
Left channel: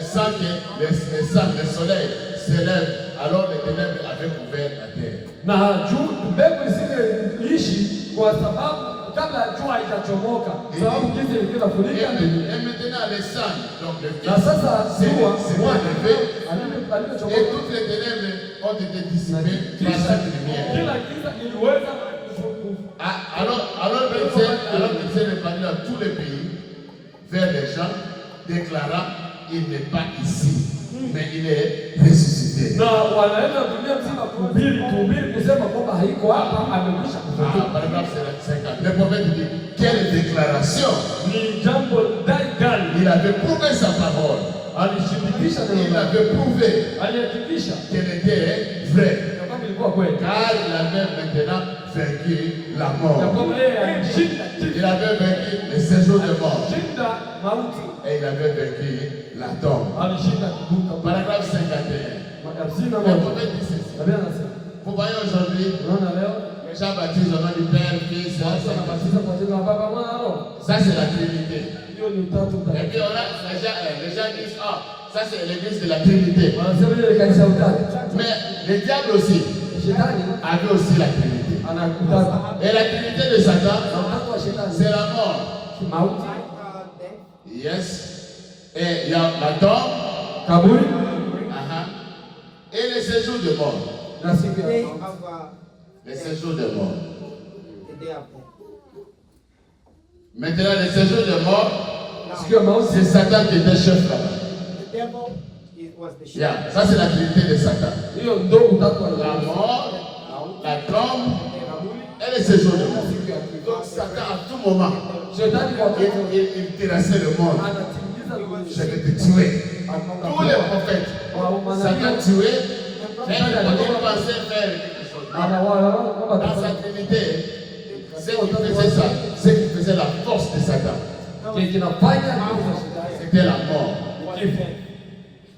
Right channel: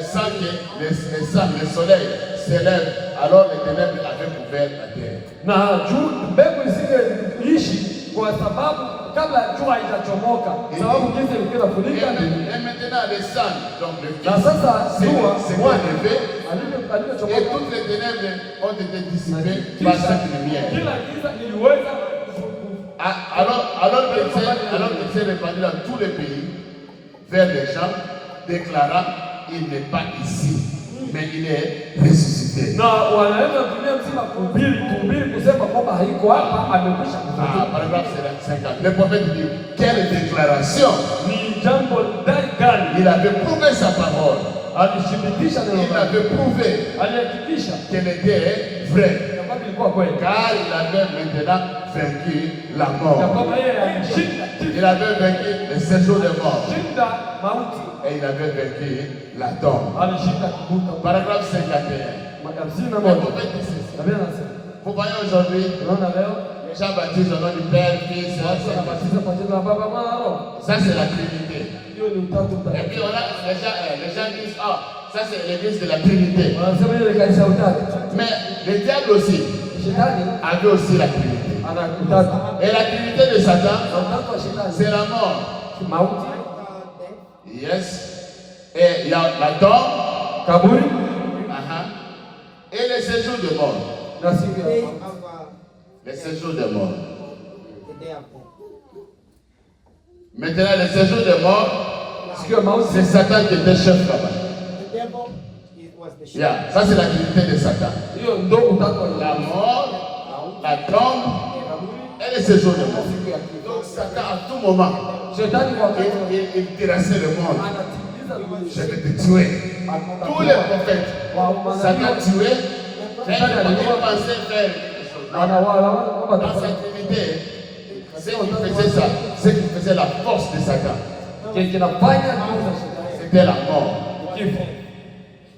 sans que le soleil s'élève, alors les ténèbres avaient couvert la terre. na juu mbegu isingeishi kwa sababu kabla jua haijachomoka, sababu jinsi ilikuwa inafunika dunia. Et maintenant, les sangs, donc le Na sasa s'est jua élevé, et alivyochomoka, toutes les ténèbres ont été dissipées par cette lumière. kila giza iliweza Alors que Dieu répandit dans tous les pays, vers les gens, déclarant, il n'est pas ici, mais il est ressuscité. na wanaenda dunia mzima kuhubiri kusema kwamba haiko hapa, amekwisha kufufuka. Paragraphe 50. Le prophète dit, quelle déclaration! Ni jambo dai gani? Il avait prouvé sa parole. Alishibitisha neno Il lake, avait prouvé alihakikisha qu'elle était vraie. ya kwamba ilikuwa kweli, Car il avait maintenant vaincu la ya mort. kwamba yeye alishinda Il kifo, avait vaincu le séjour des morts. alishinda mauti, Et il avait vaincu la tombe. alishinda kuvuka. Paragraphe 51. Hamsini na Le moja. prophète dit ceci. Nabii anasema, Vous voyez aujourd'hui, unaona leo les gens baptisent au nom du Père, Fils et watu Saint-Esprit. wanabatiza kwa jina la Baba, Mwana na Roho. Ça, c'est la Trinité. Hiyo ni utatu Et mtakatifu. puis, les gens disent, ah, ça, c'est l'église de la Trinité. Wanasema hiyo ni kanisa ya utatu. Mais le diable aussi Shetani avait aussi la Trinité. ana utatu. Et la Trinité de Satan, Na utatu wa shetani c'est la mort. mauti, Yes. Et il y a la tombe, kaburi et le séjour de mort. na siku ya mauti. Le séjour de mort. Maintenant, le séjour de mort, Siku ya mauti c'est Satan qui était chef là-bas. Yeah. Ça, c'est la Trinité de Satan. hiyo ndo utatu wa La Yesu. mort, la tombe et le séjour de mort. Siku ya kifo. Donc, Satan, à tout moment, Shetani kwa wakati il terrassait le monde. anatimiza Je vais te tuer. Tous les prophètes, Satan tuait. Et il pensait faire quelque chose. Non. Dans sa Trinité, ce qui faisait ça, ce qui faisait la force de Satan, kinafanya nguvu za shetani c'était la mort. kifo.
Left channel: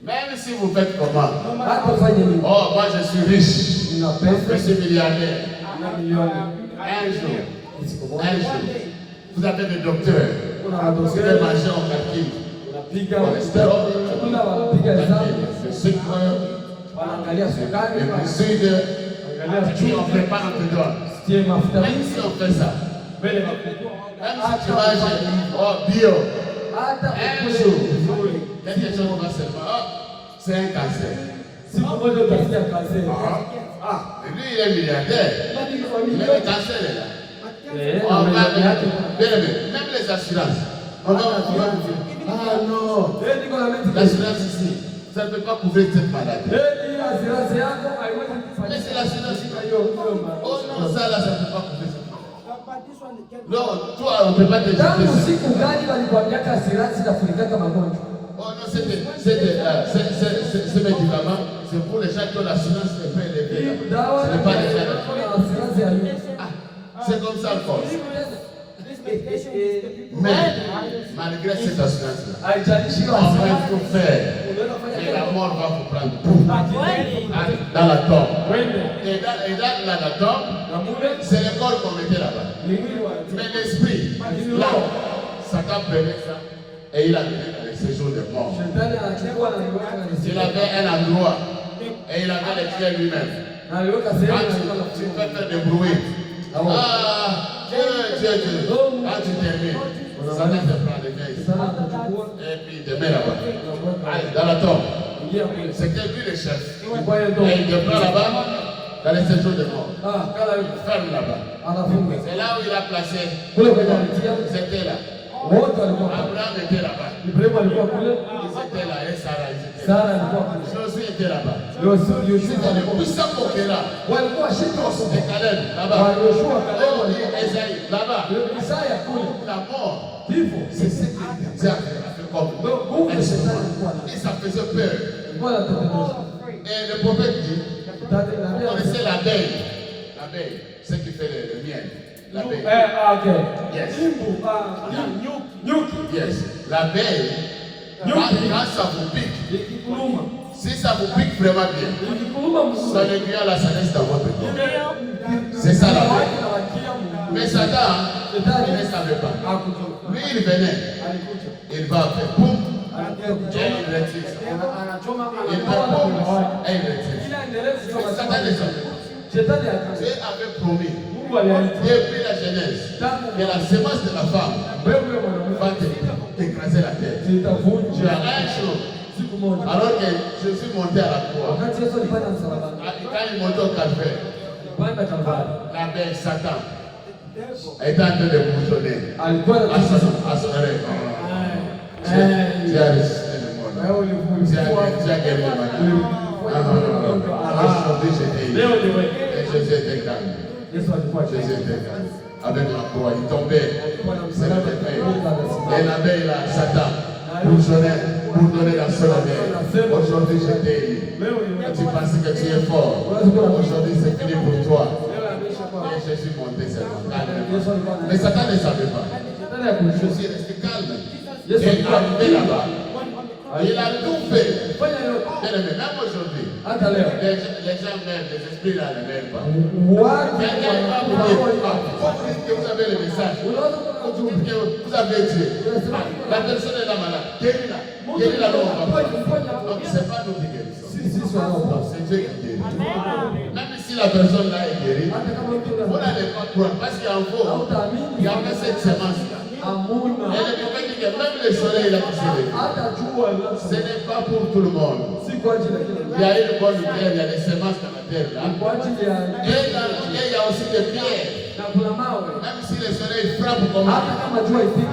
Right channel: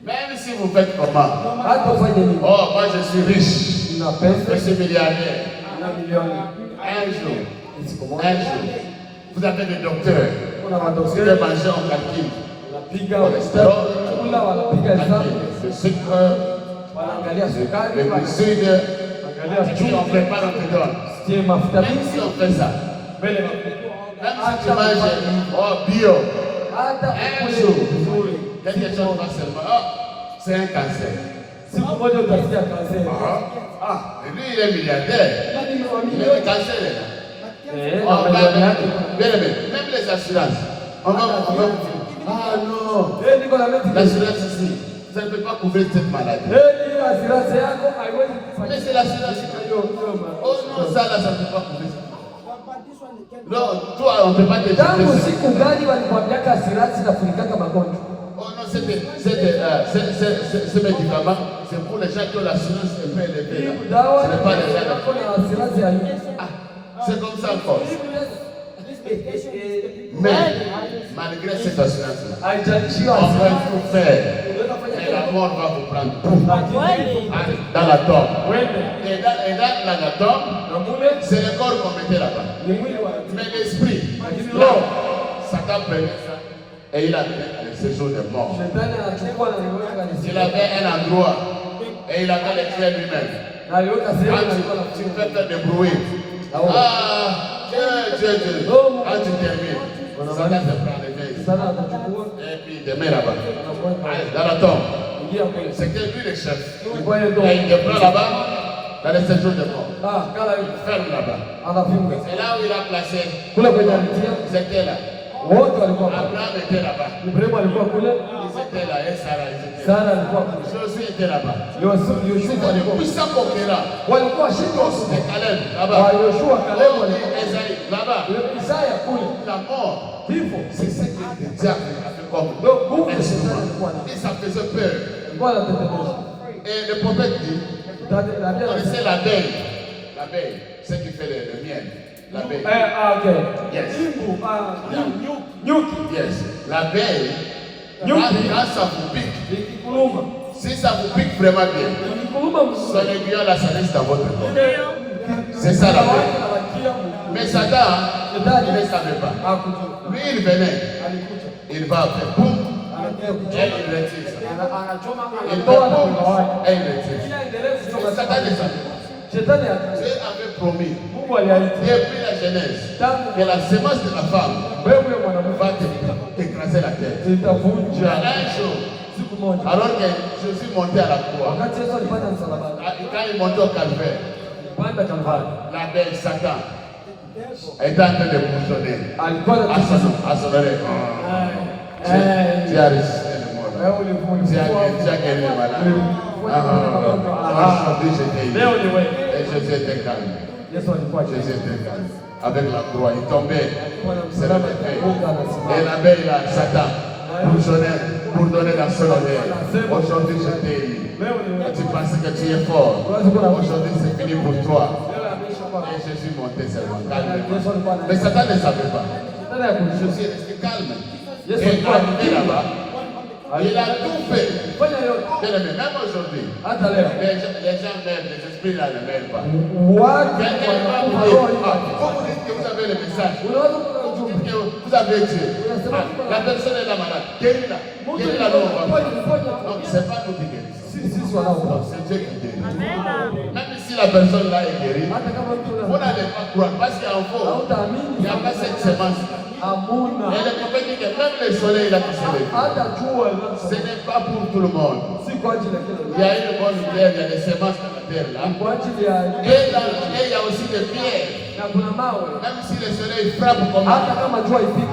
Même si vous faites comment? Hata ufanye nini, Oh, moi je suis riche. una Je pesa suis milliardaire. na milioni Un jour, siku un moja, jour, vous avez des docteurs. kuna Vous wadosi devez manger en calcul. unapiga chakula, wanapiga hesabu, Le sucre, wanaangalia sukari, le sucre. wanaangalia Et puis on chumvi, prépare dedans. sie mafuta Même mingi si on fait ça, mbele même si tu manges bio, hata un ukule jour, vizuri, quelque chose va seulement. Oh, c'est un cancer. siku moja utasikia kanseri. Ah, et lui il est milliardaire. Bali kwa Mais le milioni cancer est là. eh, On na va, milioni yake. même les assurances. On va vous dire, ah non, Eh, niko na meti l'assurance ici, ça ne peut pas couvrir cette maladie. Hiyo assurance yako haiwezi kufanya. Mais c'est l'assurance. Oh non, ça là, ça ne peut pas couvrir cette maladie. Non, toi, on ne peut pas te Tangu jeter. siku gani walikwambiaka assurance inafunikaka magonjwa? Oh non, ce médicament, c'est pour les gens qui ont l'assurance un peu élevée. Dawa Ce n'est pas les gens. yako na assurance ya nini? C'est comme ça encore. Mais malgré cette assurance-là, Haijalishi on va assurance. tout faire. Et la mort va vous prendre tout. Dans la tombe. Et dans la tombe, c'est le corps qu'on mettait là-bas. Mais l'esprit, l'homme, Satan prenait ça et il a mis dans le séjour des morts. Il avait un endroit et il avait les clés lui-même. Quand tu peux faire des bruits. Dieu. Quand tu termines, Satan te prend les mains. Et puis il te met là-bas. Dans la tombe. C'était lui le chef. Et il te prend là-bas, dans le séjour des morts. Ferme là-bas. C'est là où il a placé. Ils étaient là. Abraham était là-bas. Ils étaient là et Sarah, ils étaient là. Josué était là-bas. C'était le puissant conquérant. Et Caleb, là-bas. Esaïe, là-bas. La mort, c'est ce que Dieu a fait comme. Et ça faisait peur. Et le prophète dit, vous connaissez l'abeille. L'abeille, c'est qui fait le miel. L'abeille. Yes. Yes. L'abeille, quand ça vous pique, si ça vous pique vraiment bien, son aiguillon là, ça reste dans votre corps. C'est ça l'abeille. Mais Satan, il ne savait pas. Lui, il venait. Il va faire boum. Et il retire ça. Il fait boum. Et il retire ça. Satan ne savait pas. Dieu avait promis, depuis la Genèse, que la semence de la femme va t'écraser la tête. Il y a un jour, alors que Jésus montait à la croix, quand il montait au calvaire, l'abeille Satan était en train de bourgeonner à son oreille. Tu as résisté le monde. Tu as gagné le malade. Aujourd'hui, j'étais ici. Et Jésus était calme. Jésus était calme. Avec la croix, il tombait. C'est le fait. Et l'abeille, là, Satan, pour donner la seule oreille. Aujourd'hui, j'étais ici. Tu penses que tu es fort. Aujourd'hui, c'est fini pour toi. Et Jésus montait seulement calme. Mais Satan ne savait pas. Jésus est resté calme. Et arrivé là-bas, il a tout fait. Même aujourd'hui, les gens même, les esprits là ne m'aiment pas. Quelqu'un va vous dire que vous avez le message. Vous dites que vous avez Dieu. La personne est là malade. Guéris-la. Guéris-la donc on va. Donc ce n'est pas nous qui guérissons. C'est Dieu qui guérit. Même si la personne là est guérie, vous n'allez pas croire. Parce qu'il y a un faux. Il n'y a pas cette semence-là. Et le prophète dit que même le soleil là qui se lève, ce n'est pas pour tout le monde. Il y a une bonne terre, il y a des semences dans la terre là. Et dans le terre, il y a aussi des pierres. Même si le soleil frappe comme ça,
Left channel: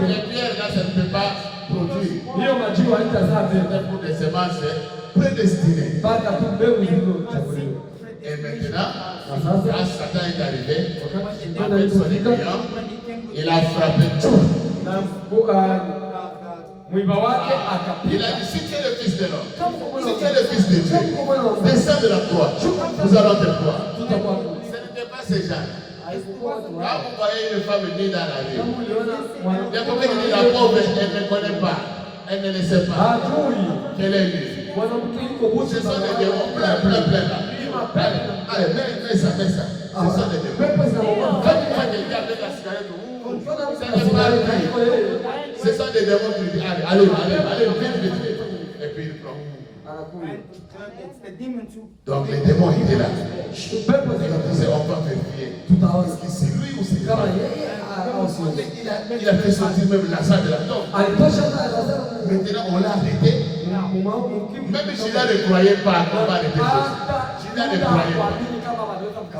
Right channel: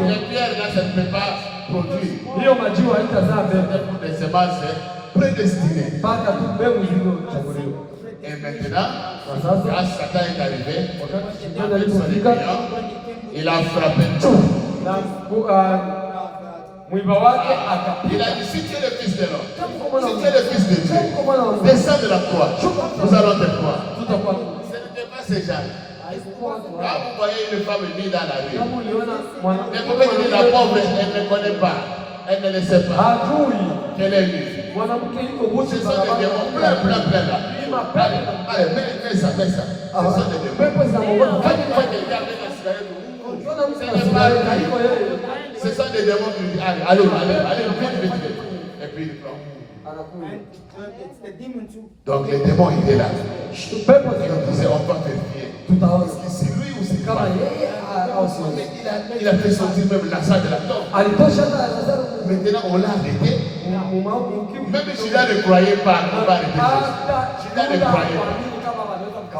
les pierres là, ça ne peut pas produire. C'est pour des semences prédestinées. Et maintenant, quand Satan est arrivé, avec son aiguillon, il a frappé tout. Il a dit, si tu es le fils de l'homme, si tu es le fils de Dieu, descends de la croix, nous allons te croire. Ce n'était pas ces gens. Quand vous voyez une femme venir dans la rue, les prophètes disent, la pauvre, elle ne connaît pas, elle ne le sait pas qu'elle est nue. Ce sont des démons plein là. Allez, mets ça. Ce sont des démons. Quand tu vois quelqu'un avec la cigarette, ce n'est pas lui. Ce sont des démons qui disent, allez, vite. Et puis il prend. Donc les démons étaient là. Ils disaient, on va vérifier. Est-ce que c'est lui ou c'est pas? Il a fait sortir même la salle de la tombe. Maintenant, on l'a arrêté. Même Judas ne croyait pas qu'on va arrêter Jésus. Judas ne croyait pas.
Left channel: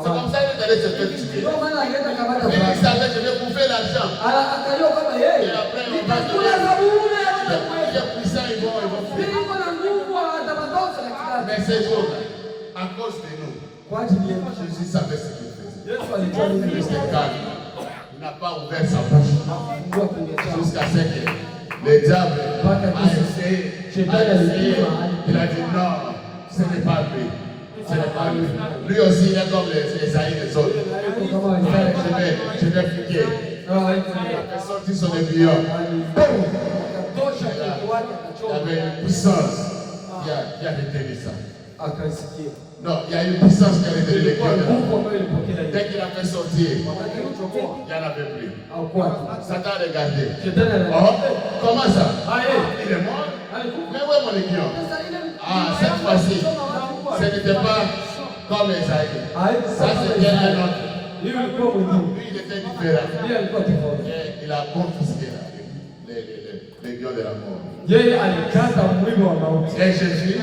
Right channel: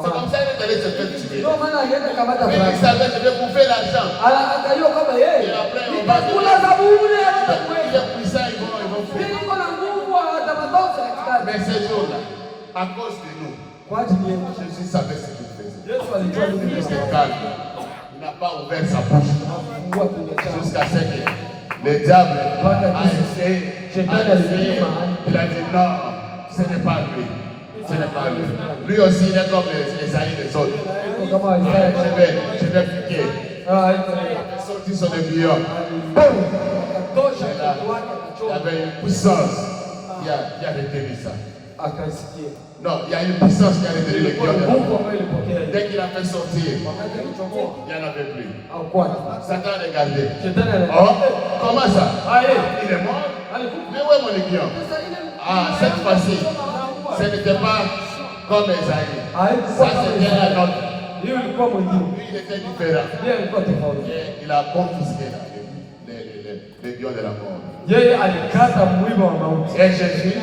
C'est comme ça qu'il allait se faire tuer. Mais il savait que je vais bouffer l'argent. Et après, on va donner. Il est puissant, ils vont fuir. Mais ces jours-là, à cause de nous, kwa ajili yetu. Jésus savait ce qu'il faisait. Yesu alijua nini Il anafanya. était calme. Il n'a pas ouvert sa bouche. Hakufungua kinywa chake. Jusqu'à ce que le diable a essayé. Il a dit non, ce n'est pas lui. Ce n'est pas lui. Lui aussi, il est comme les Esaïe des autres. Kama Isaya. Je vais piquer. Ah, Il a sorti son aiguillon. akatosha kitu wake Il y akachoma. avait une puissance qui a retenu ça. Akaisikia. Non, il y a une puissance qui a retenu les Ilikuwa cœurs. nguvu ambayo ilipokea hiyo. Dès qu'il a fait sortir, Wakati alichokoa il n'y en avait plus. au kwake. Satan a regardé. Shetani ana. Oh, comment ça? Aye. Il est mort. Alikufa. Mais où est mon aiguillon? Ah, cette fois-ci, ce n'était pas comme Esaïe. Ça, c'était un autre. Hiyo ilikuwa mwingine. Lui, il était différent. Yeye alikuwa tofauti. Et il a confisqué l'aiguillon de la mort. Yeye alikata mwiba wa mauti. Et Jésus,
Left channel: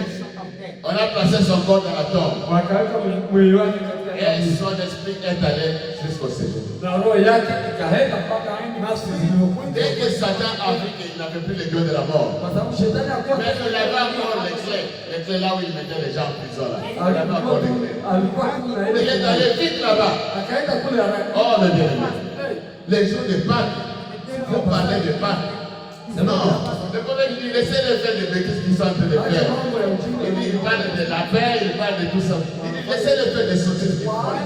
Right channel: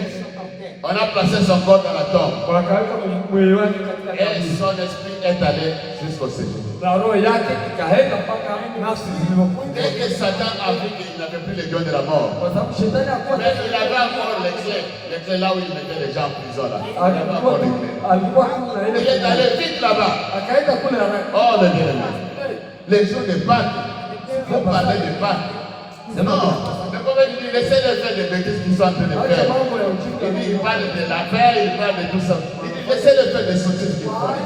on a placé son corps dans la tombe. Wakaweka mwili wake katika Et kaburi. son esprit est allé jusqu'au séjour. Na roho yake ikaenda mpaka nafsi zilizokufa. Dès que Satan a vu qu'il n'avait plus l'aiguillon de la mort, Kwa sababu shetani hakuwa mais il avait encore les clés là où il mettait les gens en prison là. Il avait encore les clés. alikuwa kuna Il est ile allé vite là-bas. akaenda kule haraka. Oh, mes bien-aimés. Les jours de Pâques, vous parlez de Pâques. Non, le prophète dit laissez-les faire des bêtises qu'ils sont en train de Acha faire. mambo ya ujinga. Il dit il parle de la paix, il parle de tout ça. Il dit laissez-les faire des sottises qu'ils font.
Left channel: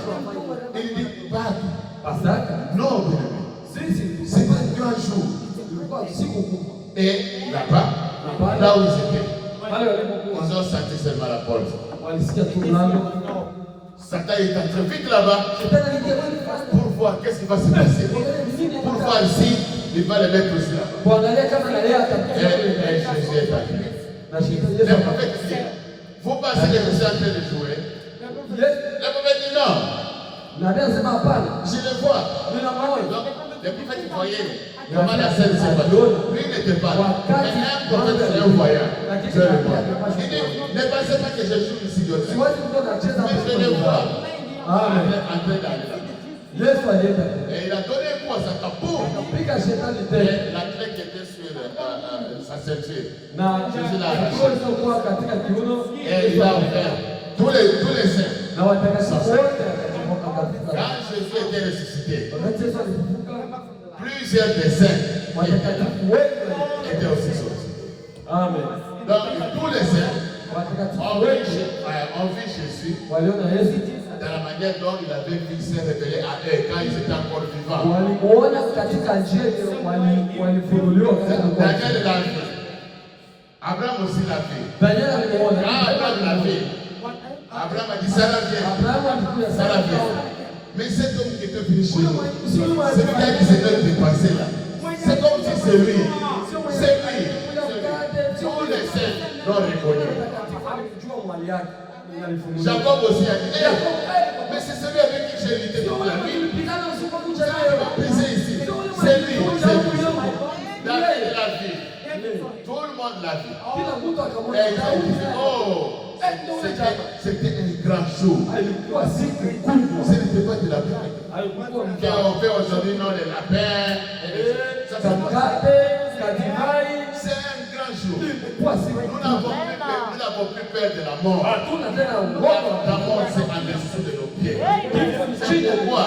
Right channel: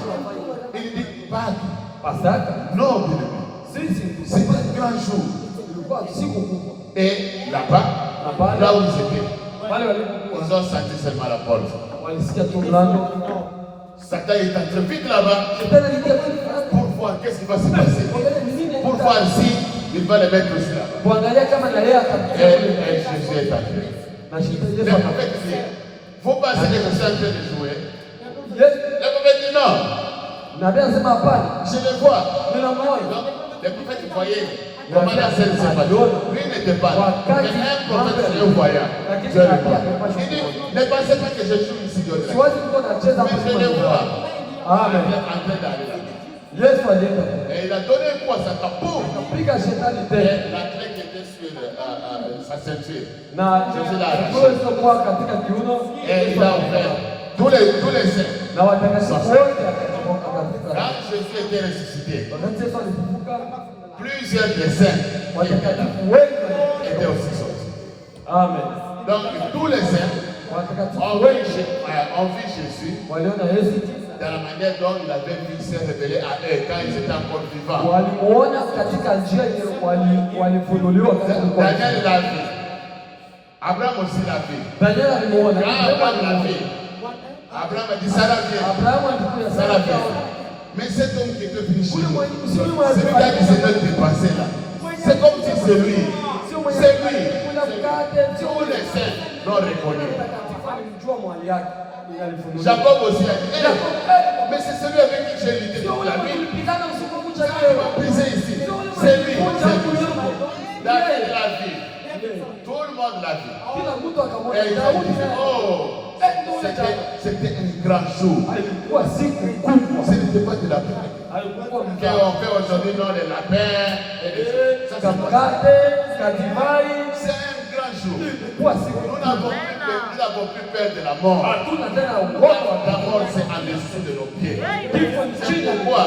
Il dit Pâques. Pasaka. Non, bien-aimés. Sisi C'est pas un grand jour. ilikuwa siku kubwa. Et là-bas, là où ils étaient, Wale walipokuwa ils ont senti seulement la porte. walisikia tu mlango. Satan est entré vite là-bas Shetani aliingia kule fast. pour voir qu'est-ce qui va se passer. Pour voir si il va les mettre aussi là-bas. Kuangalia kama na yeye Et atakuja kule. Jésus est entré. Na shetani Le Yesu prophète dit, vous pensez que je suis en train de jouer? Yesu Le prophète dit non, nabii anasema hapana. je le vois. Nina maana. Donc, le prophète voyait comment la scène s'est passée. Lui il n'était pas là. Mais un prophète, c'est un voyant. Dieu le voit. Il dit, ne pensez pas que je joue ici de là. Siwezi mtu anacheza Mais je le vois. Amen. Il est en train d'aller là. Yesu alienda. Et il a donné un coup à sa capoue. Piga shetani Et tena. la clé qui était sur sa ceinture. Na Yesu kwa katika kiuno. Et il a ouvert tous les saints. Na watakatifu wote akatoka katika. Quand Jésus était ressuscité, Wakati Yesu alifufuka, plusieurs des saints qui étaient là watakatifu wengi étaient aussi sortis. Amen. Donc tous les saints Watakatifu ont wengi vu Jésus waliona Yesu dans la manière dont il avait vu se révéler à eux quand ils étaient encore vivants. walimuona katika njia ile walifunuliwa katika kwa. Daniel l'a vu. Abraham aussi l'a vu. Daniel alimuona. Quand Abraham l'a vu, Abraham a dit Sarah vient. Abrahamu alikuja Sarah sana. vient. Mais cet homme qui était venu chez nous, celui qui a dit c'est notre dépassé là, c'est comme si c'est lui. C'est lui. Tous les saints l'ont reconnu. Alijua mwali yake. Alifunuliwa. Jacob aussi a dit, hey, mais c'est celui avec qui j'ai lutté toute la nuit. Ulipigana usiku kucha leo. Prisé ici. C'est lui. David l'a vu. Tout le monde l'a vu. Kila mtu akamwona. Et ils ont dit, oh, c'était un grand jour. Alikuwa siku kubwa. Ce n'était pas de la paix. Alikuwa Qu'on fait aujourd'hui, non, les lapins. Ça, c'est pas ça. mkate, kadivai. C'est un grand jour. Ilikuwa siku. Nous n'avons plus peur de la mort. Hatuna tena La uoga. mort, c'est en dessous de nos pieds. Kifo ni C'est chini. pourquoi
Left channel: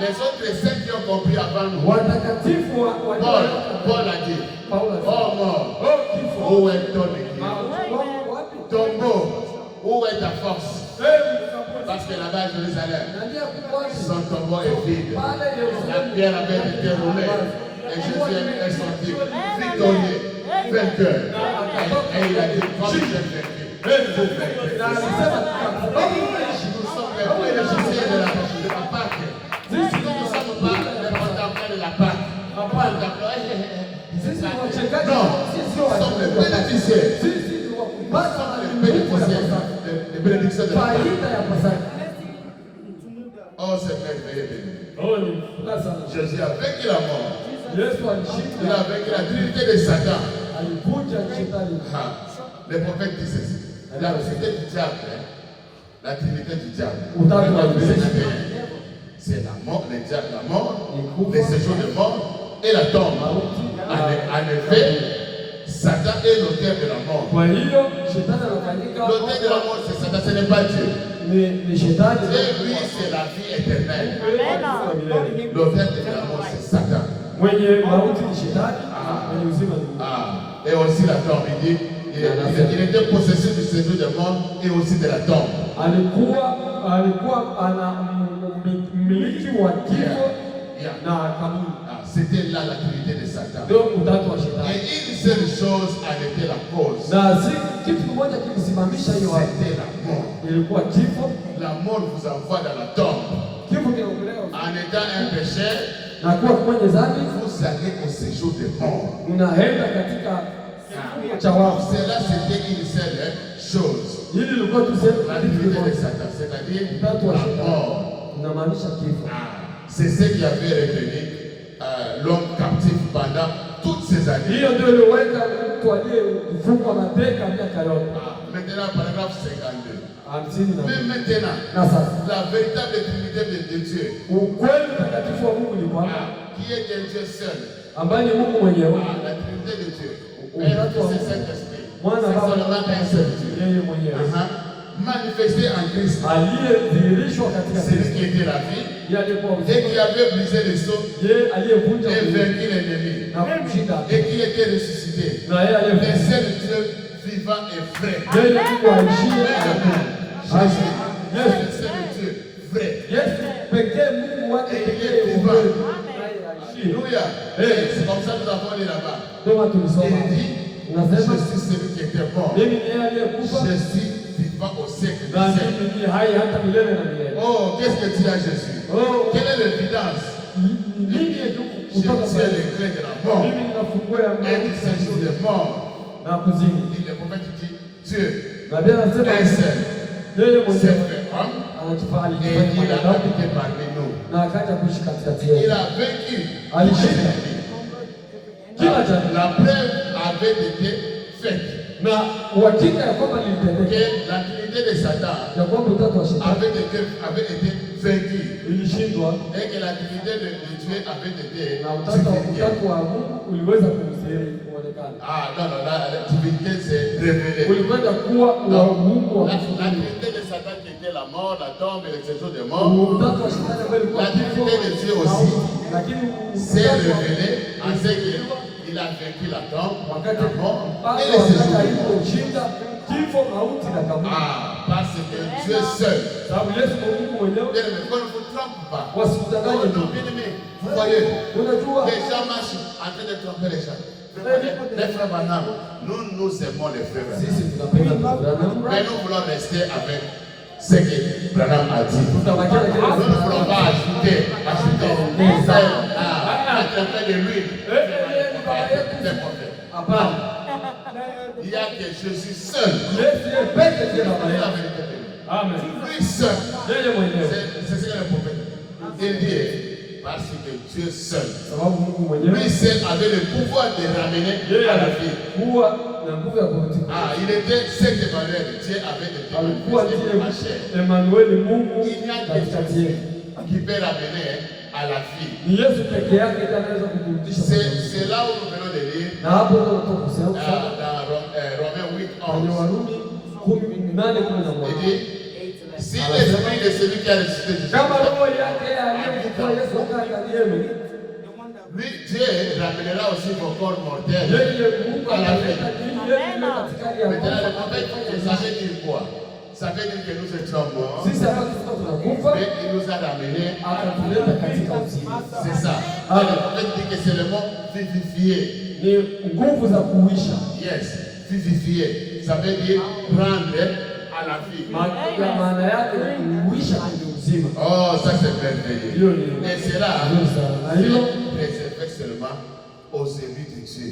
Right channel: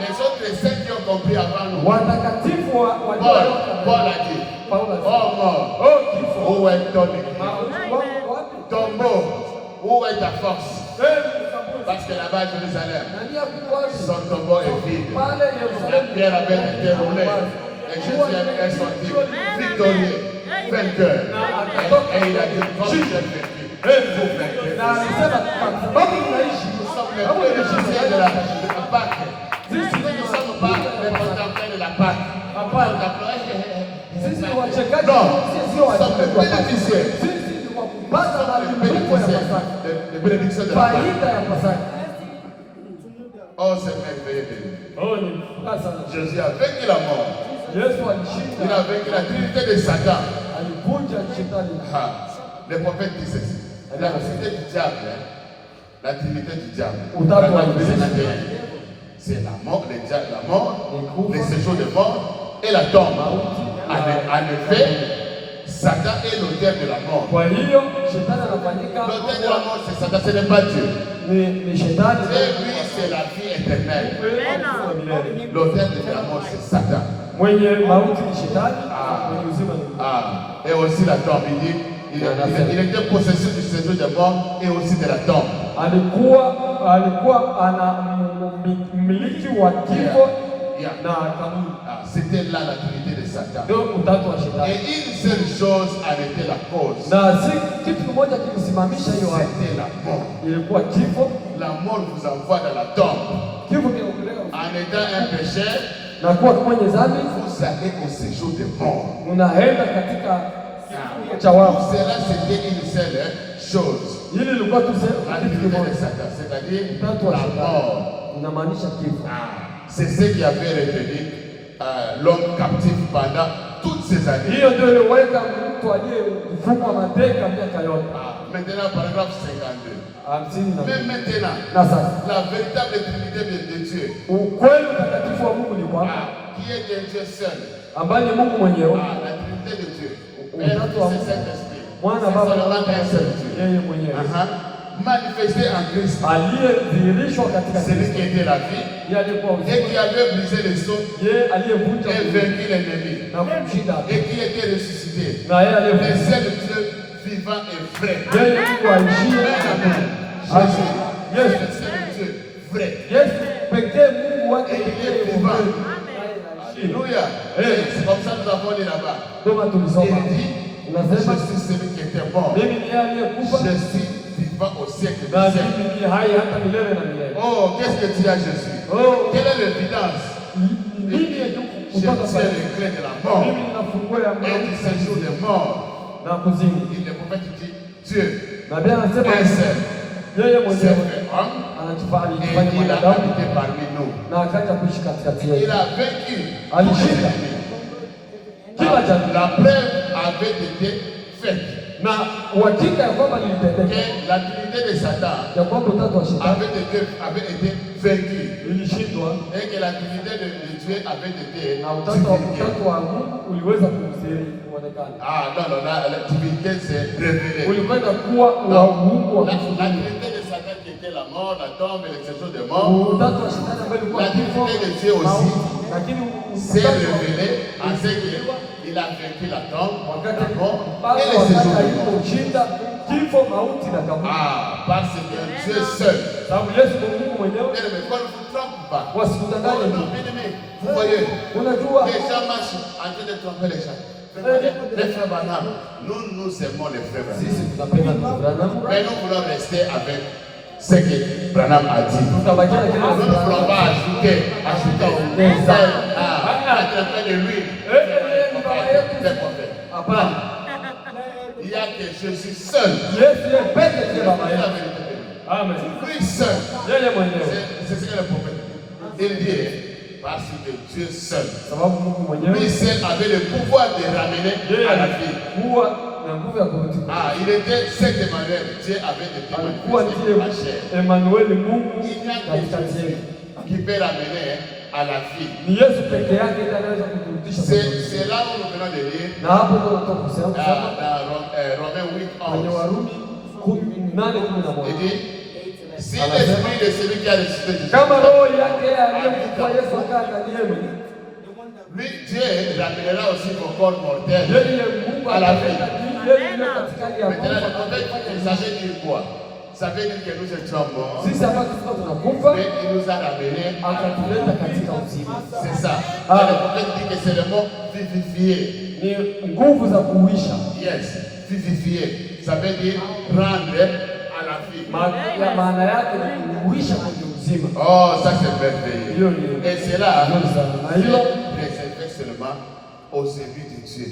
les autres saints qui ont compris avant nous, Watakatifu Paul a dit, Paulo oh mort, oh kifo. où est ton église? Wapi? Tombeau, où est ta force? Parce que là-bas, Jérusalem, Nania kukwani. son tombeau est vide. Pale La Yerusalemu. pierre avait été roulée. Et Jésus est sorti victorieux, vainqueur. Et il a dit, comme j'ai vaincu, vous vainquez. Na alisema sababu tunaishi. Nous sommes les bénéficiaires de la Pâque. Nous ne sommes pas les contemporains de la Pâque. Sisi ni wachekaji. Non, Sisi nous sommes les bénéficiaires. Sisi ni wakupata Les bénéficiaires, les bénédictions de la Pâque. faida ya Pasaka. Oh, c'est merveilleux. Oh, ni furaha sana. Jésus a vaincu la mort. Yesu Il alishinda. a vaincu la trinité de Satan. Alivunja shetani. Ah, le prophète dit ceci. La trinité du diable, hein, la trinité du diable. C'est la mort, le diable, la mort, le séjour de mort et la tombe. En effet, Satan est l'auteur de la mort. Kwa hiyo shetani anafanyika L'auteur de la mort, c'est Satan, ce n'est pas Dieu. ni shetani. Et lui, c'est la vie éternelle. Amen. L'auteur de la mort, c'est Satan. Mwenye mauti ni shetani, mwenye uzima ni Mungu. Et aussi la tombe, il dit, il était possesseur du séjour des morts et aussi de la tombe. Alikuwa ana mmiliki wa kifo na kaburi. C'était là la trinité de Satan. Ndio utatu wa shetani. Et une seule chose en était la cause. Na si kitu kimoja kilisimamisha hiyo hapo. C'était la mort. Ilikuwa kifo. La mort vous envoie dans la tombe. Kifo kinakupeleka En étant un pécheur, na kuwa mwenye dhambi, vous allez au séjour des morts. unaenda katika cha wafu. Cela c'était une seule chose. Hili lilikuwa tu La trinité de Satan, c'est-à-dire utatu wa la shetani. mort. Inamaanisha kifo. C'est ce qui avait retenu l'homme captif pendant toutes ces années. Hiyo ndio iliweka mtu aliyefungwa mateka miaka yote. Maintenant, paragraphe 52. Mais maintenant, Na sasa la véritable trinité de Dieu, ukweli mtakatifu wa Mungu ni kwamba qui est un Dieu seul, ambaye ni Mungu mwenyewe, la trinité de Dieu, Père, Fils et Saint-Esprit, Mwana, c'est Baba seulement un seul Dieu. yeye mwenyewe Manifesté en Christ, aliyedhihirishwa katika celui Kristo, qui était la vie yeye aliyekuwa et uzima, qui avait brisé les sceaux yeye aliyevunja et kuzimu vaincu l'ennemi na kumshinda, et qui était ressuscité, na yeye le aliyefufuka, seul Dieu vivant et vrai. yeye Mungu aishie Jésus, Yes. le seul Dieu vrai. Yesu pekee, Mungu wake pekee ukweli. Alléluia. C'est comme ça que nous avons dit là-bas. Ndio maana tulisoma Il dit, unasema, je suis celui qui était mort. mimi ni yeye aliyekufa Je suis vivant au siècle na des siècles. mimi ni hai hata milele na milele. Oh, qu'est-ce que tu as, Jésus? Oh, Quelle est l'évidence? nini Je tiens les clés de la mort mimi ninafungua ya et du séjour des morts. na kuzimu. Il le prophète dit, Dieu, Na Biblia inasema un seul, yeye s'est mwenyewe fait homme anajifanya et il a mwanadamu habité parmi nous. na akaja kuishi katikati Il yetu. a vaincu tous Alishinda les ennemis. kila jambo La preuve avait été faite na uhakika ya kwamba lilitendeka, que la trinité de Satan ya kwamba utatu wa shetani avait été vaincue ilishindwa et que la trinité de Dieu avait été na divinifiée. utatu wa Mungu uliweza kumstiri kuonekana, Ah non, non, la divinité s'est révélée. ulikwenda kuwa wa Mungu wa La kufufuka. trinité de Satan qui était la mort, la tombe et le séjour des morts, Utatu wa shetani ambaye ulikuwa la kifo, trinité de Dieu aussi lakini s'est utatu wa révélée en ce qu'il a vaincu la tombe, wakati la mort pale et le séjour wakati des morts. aliposhinda kifo, mauti na kaburi. Ah, parce que Dieu seul. Sababu Yesu ni Mungu mwenyewe, Bien aimé, qu'on ne vous trompe pas. wasikudanganye Non, tu. bien aimé, vous voyez, Unajua les gens marchent en train de tromper les gens. Les frères Branham, nous aimons les frères Branham. sisi tunapenda Branham, Mais nous voulons rester avec ce que Branham a dit. tutabakia na kile Nous ne voulons pas ajouter. Être près de lui. Des prophètes. hapana. Il y a que Jésus seul. Yesu yeye pekee ndiye baba C'est la yetu. vérité de lui. Amen. Lui seul. Yeye mwenyewe, C'est ce que le prophète dit. Il dit, parce que Dieu seul. sababu Mungu mwenyewe Lui seul avait le pouvoir de ramener yeye à la vie. alikuwa na nguvu ya kurudi. Ah, il était cet Emmanuel. Dieu avait été Alikuwa manifesté en chair. ndiye Emmanuel, Mungu Il n'y a que katikati Jésus yetu. qui peut ramener à la vie. Ni Yesu peke yake ndiye anaweza kuturudisha. C'est là où nous venons de lire Na hapo ndio tunatoka kusema dans Romains 8, kwenye 11. Warumi 8:11. Il dit, si l'esprit de celui qui a ressuscité Jésus, Kama roho yake aliyekufa Yesu akaa ndani yenu, lui, Dieu ramènera aussi vos corps mortels. yeye Mungu À la ataleta dini yenu katika hali ya Maintenant, le kufa. prophète, ça veut dire quoi? Ça veut dire que nous étions morts, Sisi hapa tulikuwa tunakufa, mais il nous a ramenés. akatuleta katika uzima. C'est ça. Et le prophète dit que c'est le mot vivifié. Ni nguvu za kuisha. Yes, vivifié. Ça veut dire rendre à la vie. Maana yake ni kuisha kwenye uzima. Oh, ça c'est merveilleux. Hiyo ni Et c'est là, nzuri sana. Na hilo réservé seulement aux élus de Dieu.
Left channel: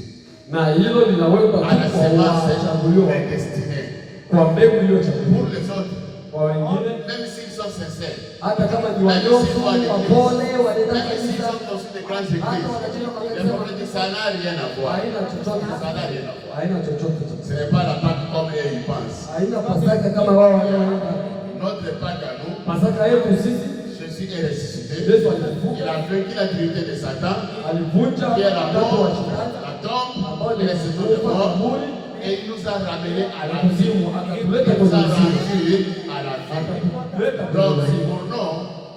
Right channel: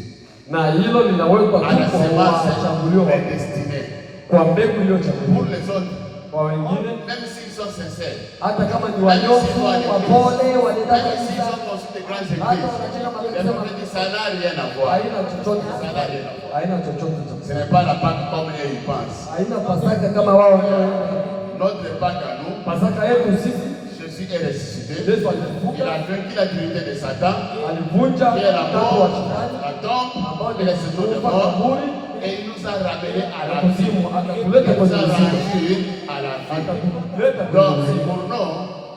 na hilo linawekwa À la tu kwa semence wachaguliwa, prédestinée. kwa mbegu iliyochaguliwa. Pour les autres, Kwa wengine même s'ils sont sincères, hata kama ni même wanyofu, s'ils vont à wapole, l'église, wanaenda même s'ils kanisa, ont construit de grandes hata églises, wanajenga le kanisa, prophète dit ça n'a rien à voir. haina chochote, Ça n'a rien à voir. haina chochote cha Ce kusema. n'est pas la Pâque comme eux ils pensent. Haina Pasaka kama wao wanaoenda. Notre Pâque à nous, Pasaka yetu sisi, Jésus est ressuscité. Yesu Il alifufuka, a vaincu la divinité de Satan, alivunja qui est la utatu wa mort, shetani la tombe ambao ni il est sorti de mort et il nous a ramenés à la vie. kuzimu, Il akatuleta nous a kwenye uzima, ramenés à la vie. akatuleta kwenye Donc, uzima. pour nous,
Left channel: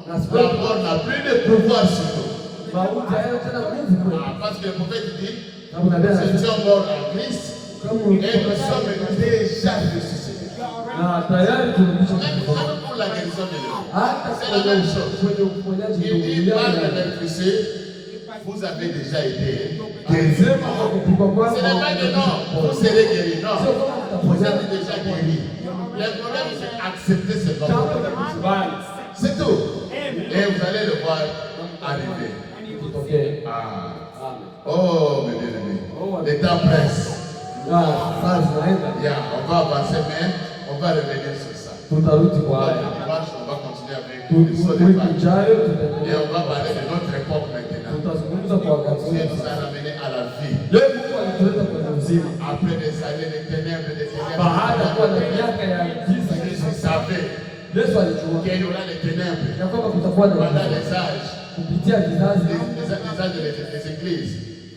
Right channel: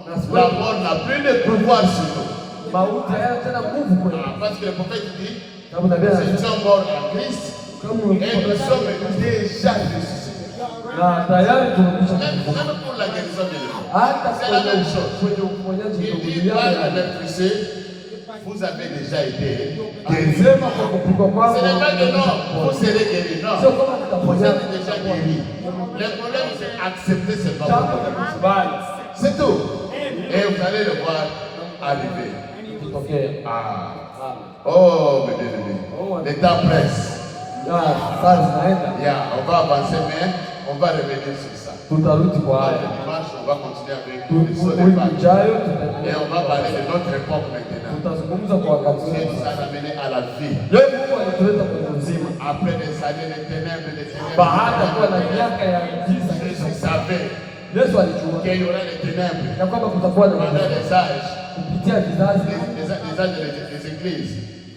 Na la sababu mort n'a plus de pouvoir sur nous. mauti hayo tena nguvu kwetu. Ah, parce que le prophète dit, Sababu nabii nous anasema étions morts en Christ kama et nous sommes déjà ressuscités. na tayari tumekwisha Même kufufuka. pour la guérison de l'homme. Hata C'est la même chose. kwenye uponyaji Il dit, ndugu par yangu, l'électricité, vous avez déjà été guéris. alisema kwa kupigwa kwako Ce n'est pas que non, vous serez guéris. sio Non, kama vous tutapona. êtes déjà guéris. Le problème, c'est accepter ce nom. Jambo la kukubali C'est tout. Et vous allez le voir arriver. kitokee. Ah. Oh, mes bien-aimés. Le temps presse. Saa zinaenda, Yeah, on va avancer, mais on va revenir sur ça. tutarudi kwa Notre haya. dimanche, on va continuer avec Wiki l'histoire des Pâques. ijayo Et tutaendelea, on va parler de notre époque maintenant. tutazungumza kwa wakati Dieu wetu. nous a ramenés à la vie. Leo Mungu alituleta kwenye uzima Après des années de ténèbres, baada ya kuwa na miaka ya giza. Jésus savait Yesu alijua qu'il y aura des ténèbres ya kwamba kutakuwa na pendant giza les âges, kupitia vizazi les âges des églises.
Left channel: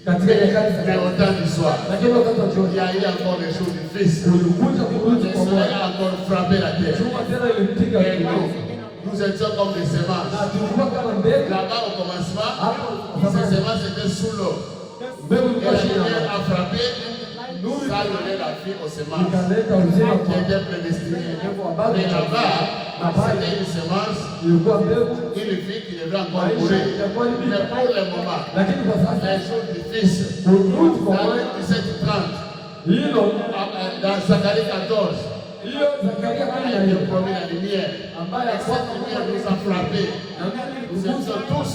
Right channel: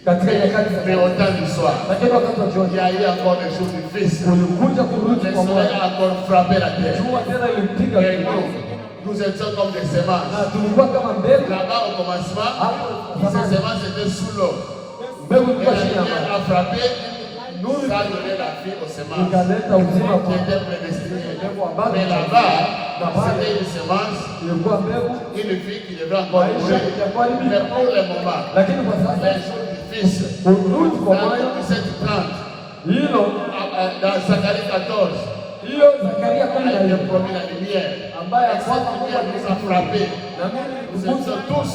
katika nyakati za Mais au temps du soir, lakini wakati wa il y jioni a eu encore le jour du Fils. ulikuja kurudi Le kwa soleil Bwana. a encore frappé la terre. Jua tena ilipiga Et dunia. nous étions comme des semences. Na tulikuwa kama mbegu Là-bas, au commencement, hapo ces zamani, semences étaient sous l'eau. mbegu Et ilikuwa la chini ya lumière maji. a frappé, ça a donné la vie aux semences Ikaleta uzima qui kwa étaient prédestinées. mbegu ambazo Mais là-bas, na pale c'était une semence, ilikuwa mbegu, une vie qui devait encore mourir. Mais pour le moment, lakini kwa sasa les jours du Fils, kurudi kwa dans Bwana, 17h30, hilo dans Zacharie 14, hiyo Zakaria a été 14 promis la lumière. ambaye Et cette lumière nous a frappés. na mimi Nous nilikuza étions tous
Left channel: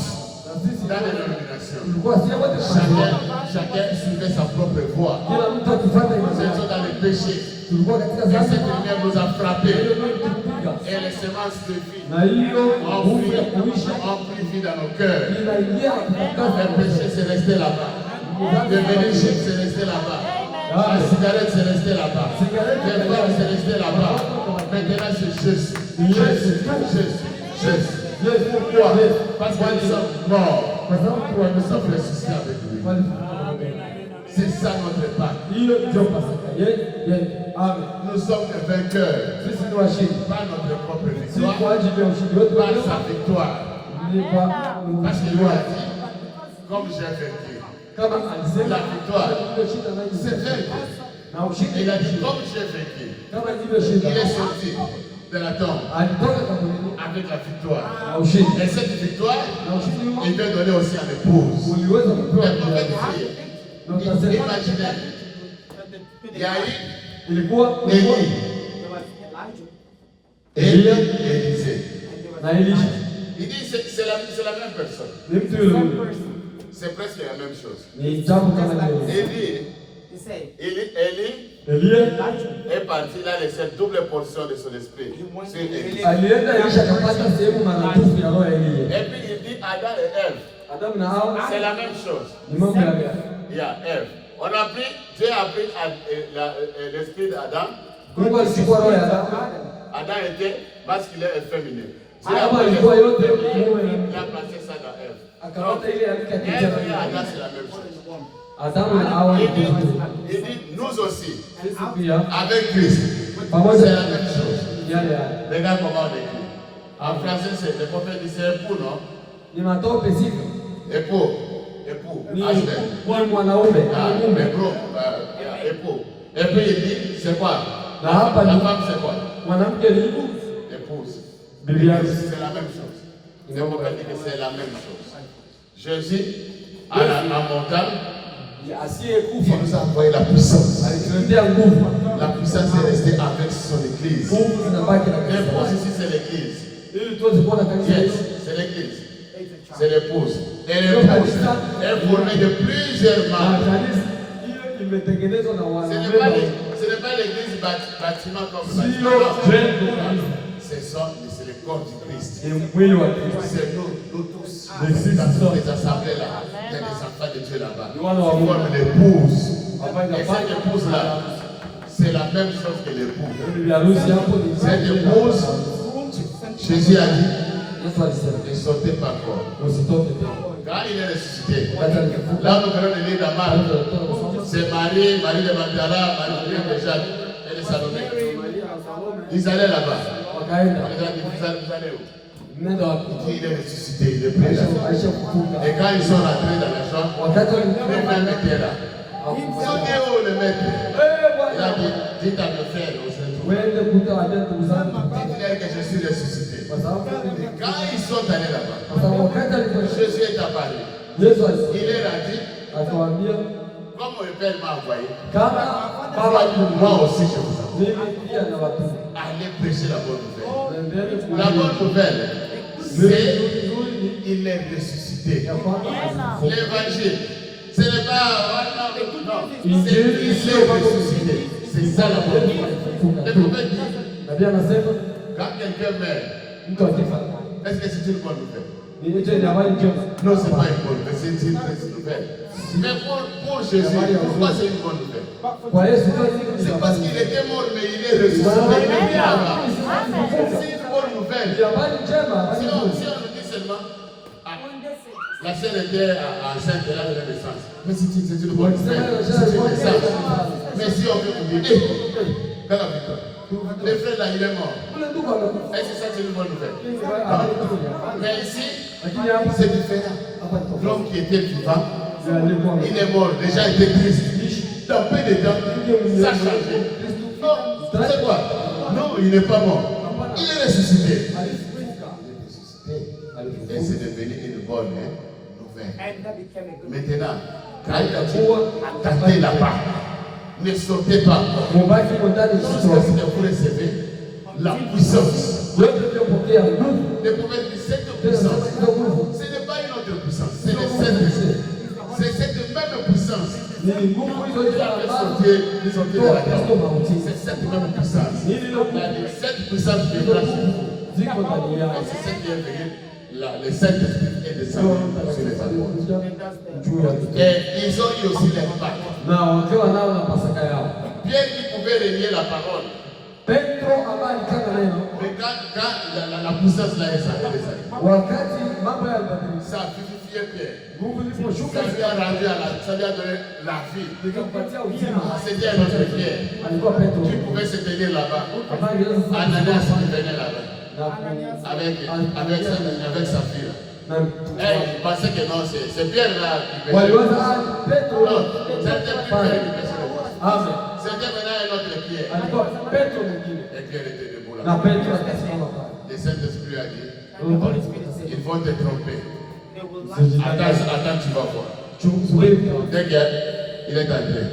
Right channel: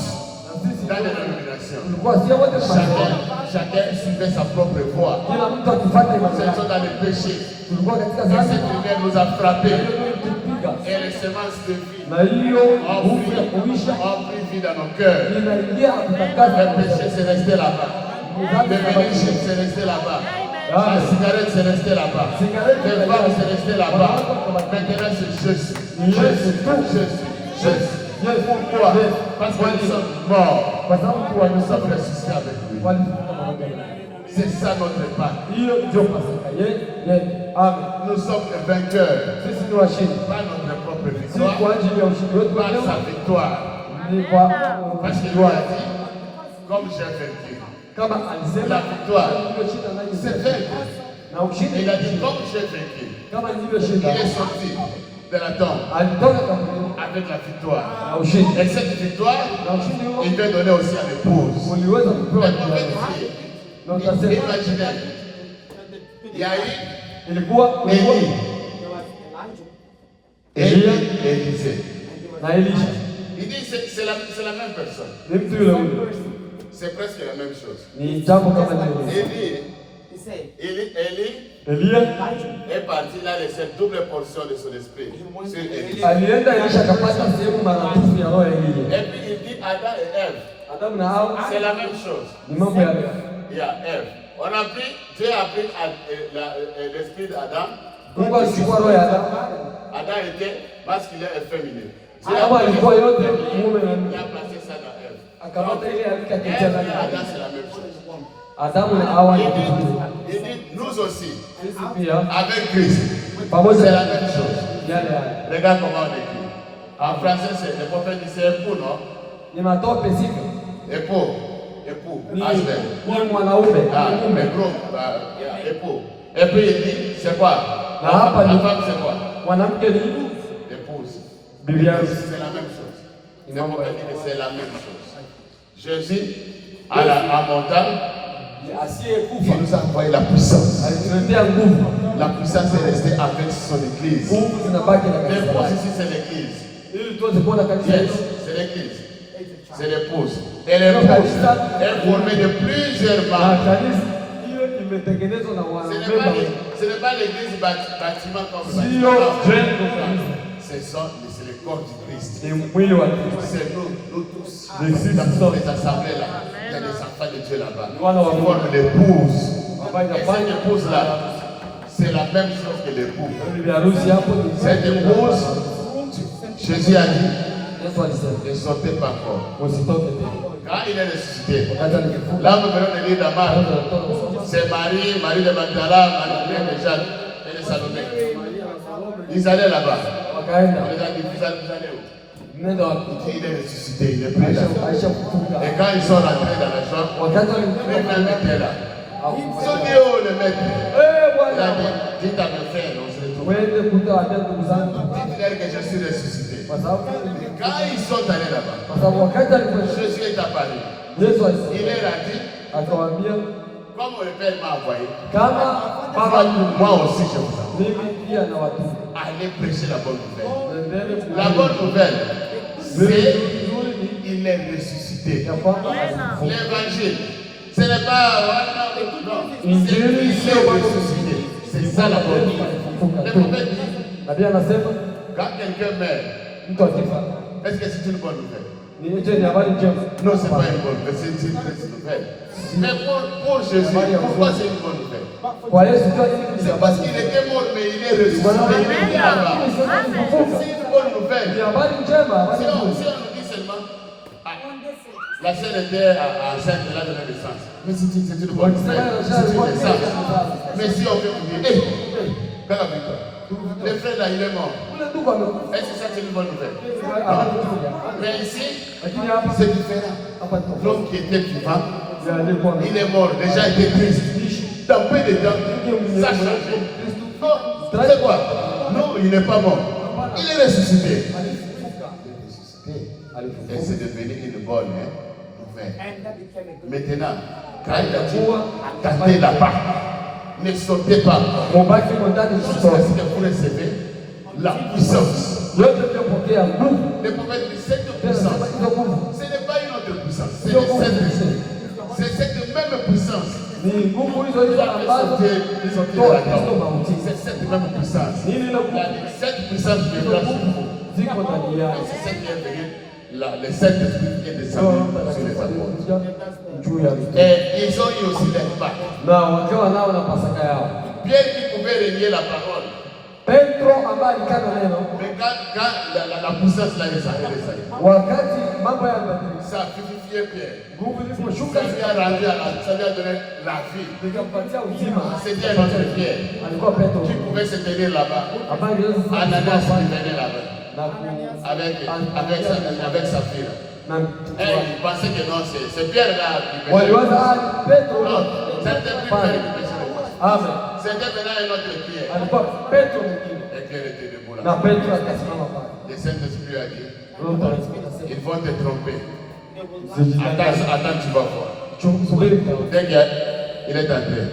na sisi dans les dénominations. tulikuwa sio wote pamoja, Chacun suivait sa propre voie. kila mtu akifuata Nous imani étions yake. dans le péché. Tulikuwa katika Et dhambi cette lumière nous a frappés. na hiyo ilitupiga, Et les semences de vie na hiyo ont nguvu ya kuisha pris vie dans nos cœurs. inaingia na Le kutakasa péché c'est resté là-bas. Le vénéché c'est resté là-bas. La cigarette c'est resté là-bas. Le femmes c'est resté là-bas. Maintenant c'est Jésus. Jésus. Jésus. Pourquoi? Parce que nous sommes morts. kwa sababu Nous sommes ressuscités avec lui. C'est ça notre part. hiyo ndio Pasaka yetu. Amen. Nous sommes des vainqueurs. Sisi ni washindi, Pas notre propre si victoire, kwa ajili ya ushindi wetu pas wenyewe, sa victoire. ni kwa Parce qu'il lui a dit, comme j'ai vaincu. kama alisema La victoire, nilivyoshinda nanyi c'est vaincu. na ushindi. Il a dit, comme j'ai vaincu. Kama Il nilivyoshinda, est sorti de la tombe alitoka kaburini avec la victoire. na ushindi, Et cette victoire, na ushindi huo il veut donner aussi à l'épouse. uliweza kupewa Les prophètes mjane. disent, Na utasema imaginez, il y a eu ilikuwa Élie, Élie et Élisée. na Elisha Il dit, c'est la même personne. ni mtu yule yule, C'est presque la même chose. ni jambo kama lile. Élie Elia est parti, il a laissé double portion de son esprit sur Élie. alienda, Elisha akapata sehemu maradufu ya roho ya Elia. Et puis il dit Adam et Ève, Adamu na Hawa c'est la même chose. ni mambo ya Il y a Ève. On a pris, Dieu a pris l'esprit d'Adam. Mungu alichukua roho ya Adamu. Adam était masculin et féminin. Dieu a Adamu pris alikuwa yote l'esprit, mume na il mke. a placé ça dans Ève. Akamata ile Ève alikatia et ndani. Adam, c'est la même chose. Adamu na Hawa ni kitu. Il dit, nous aussi, Sisi pia avec Christ, pamoja c'est la même chose. yale yale. Regarde comment on écrit. En français, c'est le prophète dit c'est époux, non? Ni matope sivyo? Époux, Ni husband. ni mwanaume, Ah, ni mume. mais gros, époux. Et puis il dit, c'est quoi? Na hapa La ni femme, c'est quoi? mwanamke ni mtu. Épouse. Bibi harusi. C'est la même chose. Le prophète dit que c'est la même chose. Jésus, à la montagne, Asiyekufa il nous a envoyé la puissance. alituletea nguvu. La puissance est restée avec son église. Nguvu zinabaki na kanisa. L'épouse ici, c'est l'église. Ili tuweze kuona kanisa Yes, letu. c'est l'église. C'est l'épouse. Et l'épouse est formée de plusieurs Na membres. kanisa hiyo imetengenezwa na Ce n'est pas wanaume. ce n'est pas l'église bâtiment comme Sio bâtiment. jengo la kanisa. C'est le corps du Christ. Ni mwili wa Kristo. C'est nous tous. Sisi Dans toutes sote. les assemblées là, il y a des enfants de Dieu là-bas. Ni wana wa Qui Mungu. forment l'épouse. Ambayo Et cette inafanya épouse-là, c'est la même chose que l'époux. bibi harusi hapo ni Cette épouse, Jésus a dit, Yesu alisema ne sortez pas fort. usitoke tena. Quand il est ressuscité, là nous venons de lire la Marc, c'est Marie de Magdala, Marie de Jacques et de Salomé. Ils allaient là-bas. On les a dit, vous allez où? Il dit, il est ressuscité, il est prêt là. Et quand ils sont rentrés dans la chambre, lui-même était là. Ils ont dit, oh le maître. Il a dit, dites à mes frères, on se retrouve. Dites-leur que je suis ressuscité. Quand ils sont allés là-bas, Jésus est apparu. Il leur a dit, comme le Père m'a envoyé, moi aussi je vous envoie. Allez prêcher la bonne nouvelle. La bonne nouvelle, c'est qu'il est ressuscité. L'évangile, ce n'est pas non, c'est qu'il est ressuscité. C'est ça la bonne nouvelle. Le prophète dit, quand quelqu'un meurt, est-ce que c'est une bonne nouvelle? Non, ce n'est pas une bonne nouvelle, c'est une mauvaise nouvelle. Mais pour Jésus, pourquoi c'est une bonne nouvelle? C'est parce qu'il était mort, mais il est ressuscité. Il est là-bas. C'est une bonne nouvelle. Si on nous dit seulement, la sœur était enceinte de la naissance. Mais c'est une bonne nouvelle. C'est une naissance. Mais si on veut vous dire, Père Victor, le frère là, il est mort. Est-ce que ça c'est une bonne nouvelle? Mais ici, c'est différent. L'homme qui était vivant, il est mort, déjà il était triste. Dans peu de temps, ça a changé. Non, c'est quoi? Non, il n'est pas mort. Il est ressuscité. Et c'est devenu une bonne nouvelle. Maintenant, quand il a dit, attendez là-bas, ne sautez pas. Jusqu'à ce que vous recevez la puissance. Le prophète dit, cette puissance, ce n'est pas une autre puissance, c'est le Saint-Esprit. C'est cette même puissance. C'est cette même puissance. Cette puissance viendra sur vous. C'est cette qui est venue. Le Saint-Esprit est descendu sur les apôtres. Et ils ont eu aussi leur bac. Pierre qui pouvait relier la parole. Mais quand la puissance là est descendue, ça a vivifié Pierre. Ça lui a rendu ça lui a donné la vie. C'était un autre Pierre qui pouvait se tenir là-bas. Ananias qui venait là-bas. Avec sa fille. Et il pensait que non, c'est Pierre là qui venait. Non, c'était plus Pierre qui venait. C'était maintenant un autre Pierre. Et Pierre était debout là. Le Saint-Esprit a dit, ils vont te tromper. Attends, tu vas voir. Dès qu'il est entré.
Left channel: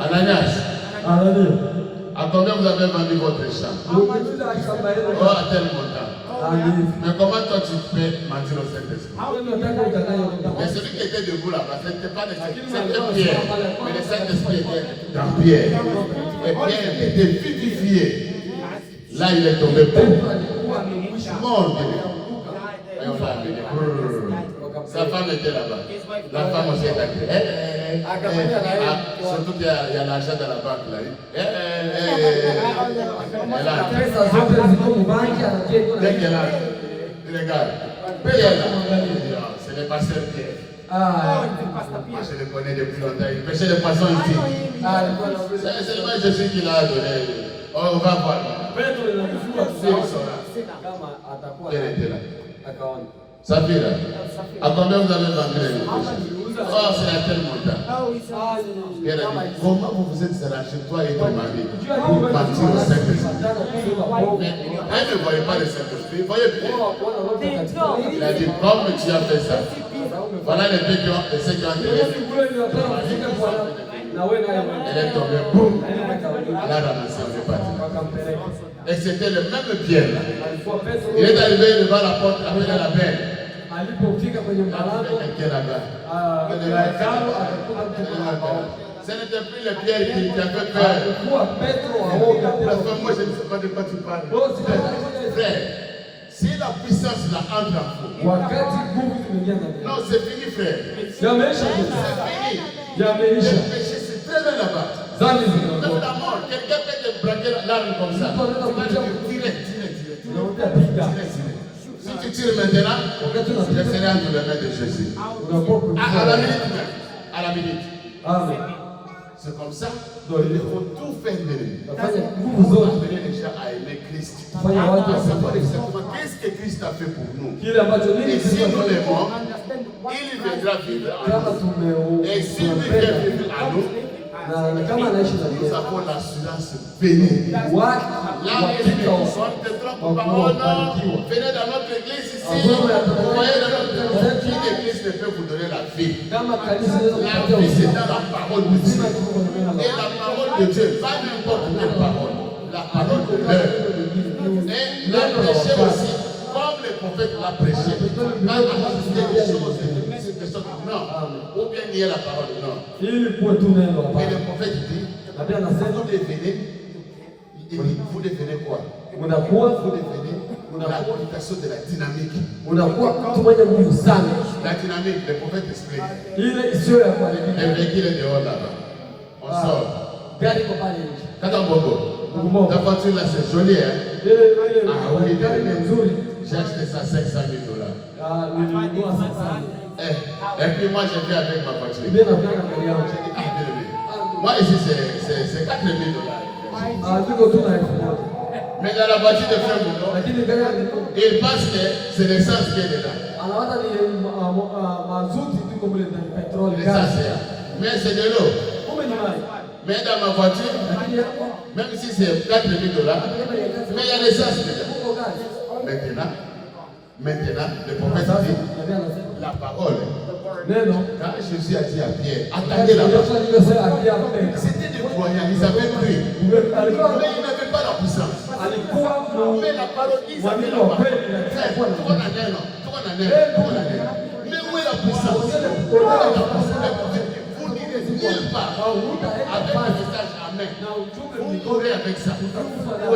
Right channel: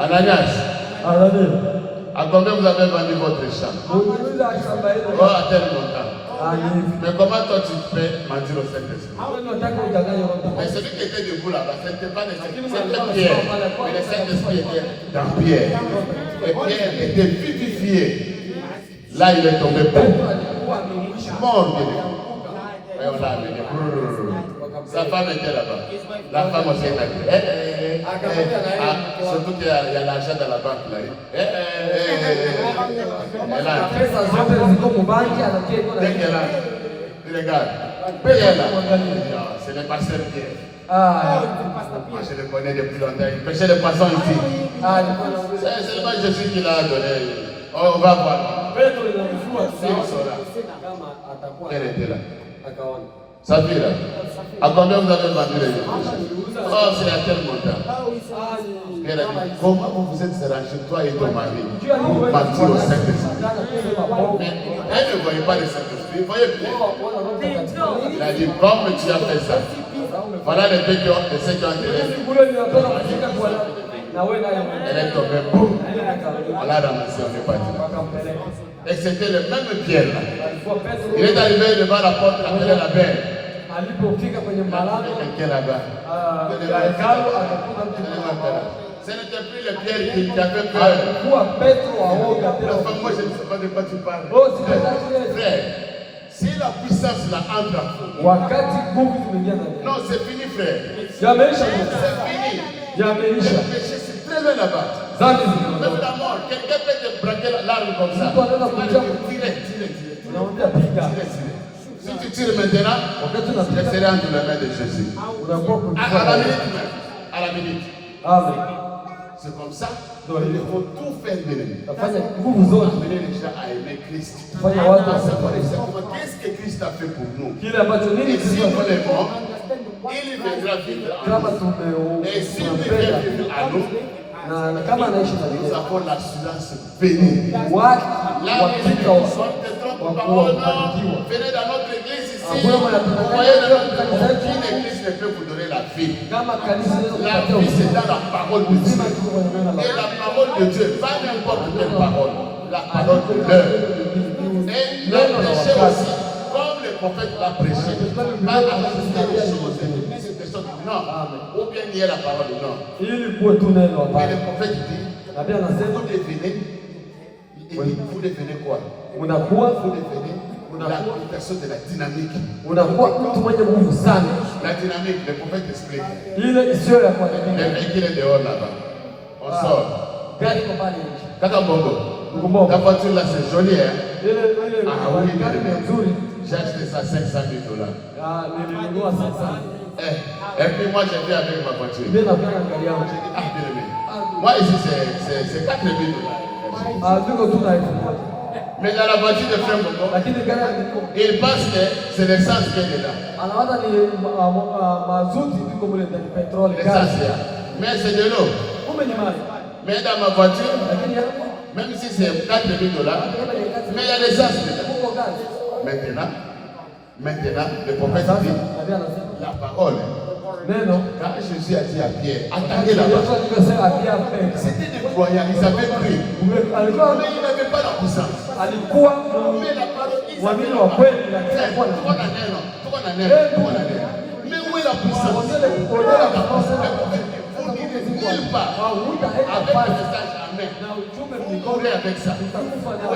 Ananias, à combien vous avez vendu votre champ? Oh, à tel montant. Mais comment toi tu peux mentir au Saint-Esprit? Mais celui qui était debout là-bas, ce n'était pas le Saint-Esprit, c'était Pierre. Mais le Saint-Esprit était dans Pierre. Et Pierre était vivifié. Là, il est tombé mort. Et on l'a amené. Sa femme était là-bas. La femme aussi est entrée. Surtout qu'il y a l'argent dans la banque là. Dès qu'elle a, regarde, Pierre là, c'est le pasteur Pierre. Moi je le connais depuis longtemps. Il pêchait les poissons ici. C'est seulement Jésus qui l'a donné. On va voir. Elle était là. Sa fille là. À combien vous avez vendu les deux? Oh, c'est à tel montant. Elle a dit, comment vous êtes arrangés, toi et ton mari, pour mentir au Saint-Esprit? Mais elle ne voyait pas le Saint-Esprit, elle voyait plus. Elle a dit, comme tu as fait ça, voilà les deux qui ont fait ton mari. Elle est tombée, boum. Elle a ramassé, elle est partie. Et c'était le même Pierre là. Il est arrivé devant la porte, il appelait la belle. Ce n'était plus le Pierre qui avait peur. Moi je ne sais pas de quoi tu parles. Frère, si la puissance là entre en vous. Non, c'est fini frère. C'est fini. Le péché c'est très loin là-bas. Même la mort, quelqu'un peut te braquer l'arme comme ça. Tu vas dire tire. Si tu tires maintenant, wakati je unapita serai entre les mains de Jésus. unakuwa À la kwa minute même. À la minute. Amen. C'est comme ça. Donc, Il faut tout faire bien. Nafanya nguvu zote Amener les gens à aimer Christ. kufanya watu À savoir wasafari exactement qu'est-ce que Christ a fait pour nous. kile ambacho nini Et si nous Kristo l'aimons, il viendra vivre en kama nous. Et s'il vient tumpenda vivre en nous, na kama anaishi ndani nous yetu avons l'assurance bénie. watu Là où il wakika est, on te trompe par oh non, venez dans notre église ici, vous voyez dans notre église, une église ne peut vous donner la vie. kama kanisa La vie c'est dans la parole de Dieu. Et la parole de Dieu, pas n'importe quelle parole, la parole de Dieu. Et la prêcher aussi, comme le prophète l'a prêché, pas ajouter des choses, des choses, non, ou bien nier la parole, non. ili kuwe tu neno Et le hapa. prophète dit, Nabii anasema vous devenez, il dit, vous devenez quoi? unakuwa Vous devenez l'application de la dynamique. unakuwa mtu mwenye nguvu sana, La dynamique, le prophète explique. ile isiyo ya Le kuharibika. véhicule est dehors là-bas. On sort. Gari iko pale nje, Kakambongo. Mbongo. Ta voiture là, c'est joli, hein? ile Ah oui, gari ni nzuri. j'ai acheté ça 500 000 $. Nilinunua sasa. Et puis moi, j'ai fait avec ma voiture. Mimi napenda gari yangu. Ah, bien aimé. Moi, ici, c'est 4 000 $. Niko tu na elfu moja. Mais dans la voiture de frère Bongo, Lakini gari yangu il pense que c'est l'essence qui est dedans. anawaza ni mazuti tuko mule ndani, petroli, L'essence, gasi. mais c'est de l'eau. Kumbe ni maji. Mais dans ma voiture, Lakini hapo même si c'est 4 000 $, mais il y a l'essence dedans. kuko gasi. Maintenant, le prophète Sasa dit, nabii anasema la parole. neno Quand Jésus a dit à Pierre, attendez là-bas. C'était des croyants, ils avaient cru. Mais ils n'avaient pas la puissance. Mais la parole, ils avaient la parole. Mais où est la puissance? Vous n'irez nulle part avec le message Amen. Vous mourrez avec ça. Où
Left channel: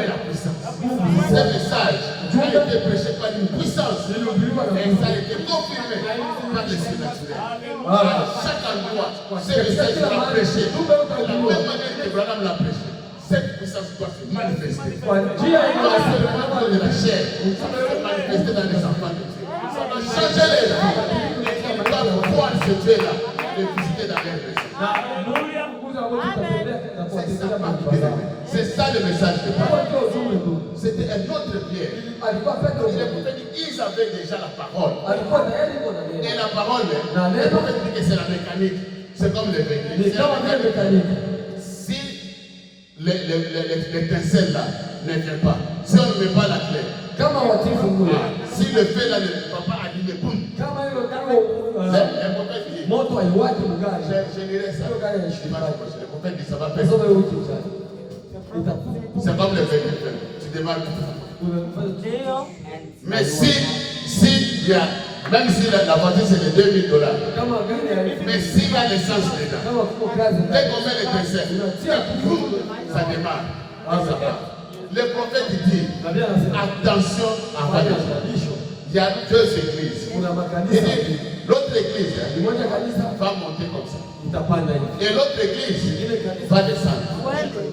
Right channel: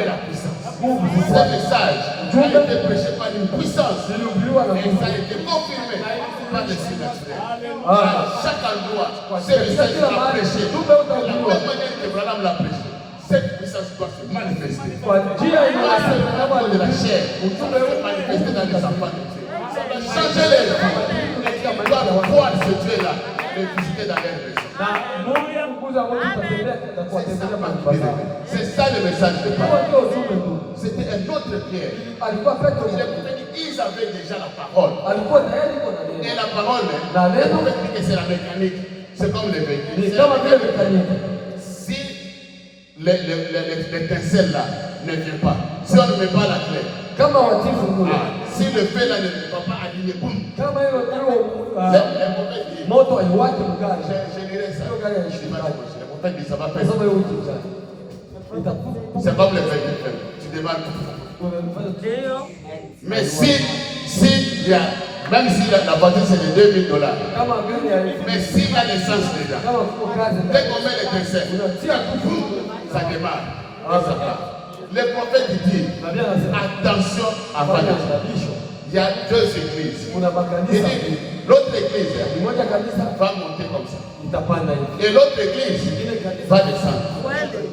est la puissance? Ce message a été prêché par une puissance. Et ça a été confirmé par le surnaturel. À chaque endroit, ce message sera prêché. De la même manière que Branham l'a prêché. Cette puissance doit se manifester. Pas seulement de la chair, ça doit se manifester dans les enfants de Dieu. Ça doit changer les vies. Et ils doivent voir ce Dieu-là et visiter dans leur maison. C'est ça le message de Paul. C'était un autre Pierre. Ils avaient déjà la parole. Et la parole, le prophète dit que c'est la mécanique. C'est comme le véhicule. C'est la mécanique. Si l'étincelle là ne vient pas, si on ne met pas la clé, si le feu là ne va pas allumer, boum. Le prophète dit, je lirai ça. Le prophète dit, ça va faire. C'est comme le véhicule. Tu démarres. Mais si il y a, même si la voiture c'est de 2 000 $, mais s'il y a l'essence dedans, dès qu'on met l'étincelle, ça démarre. Et ça part. Le prophète dit, attention avant de dire. Il y a 2 églises. Il dit, l'autre église va monter comme ça. Et l'autre église va descendre.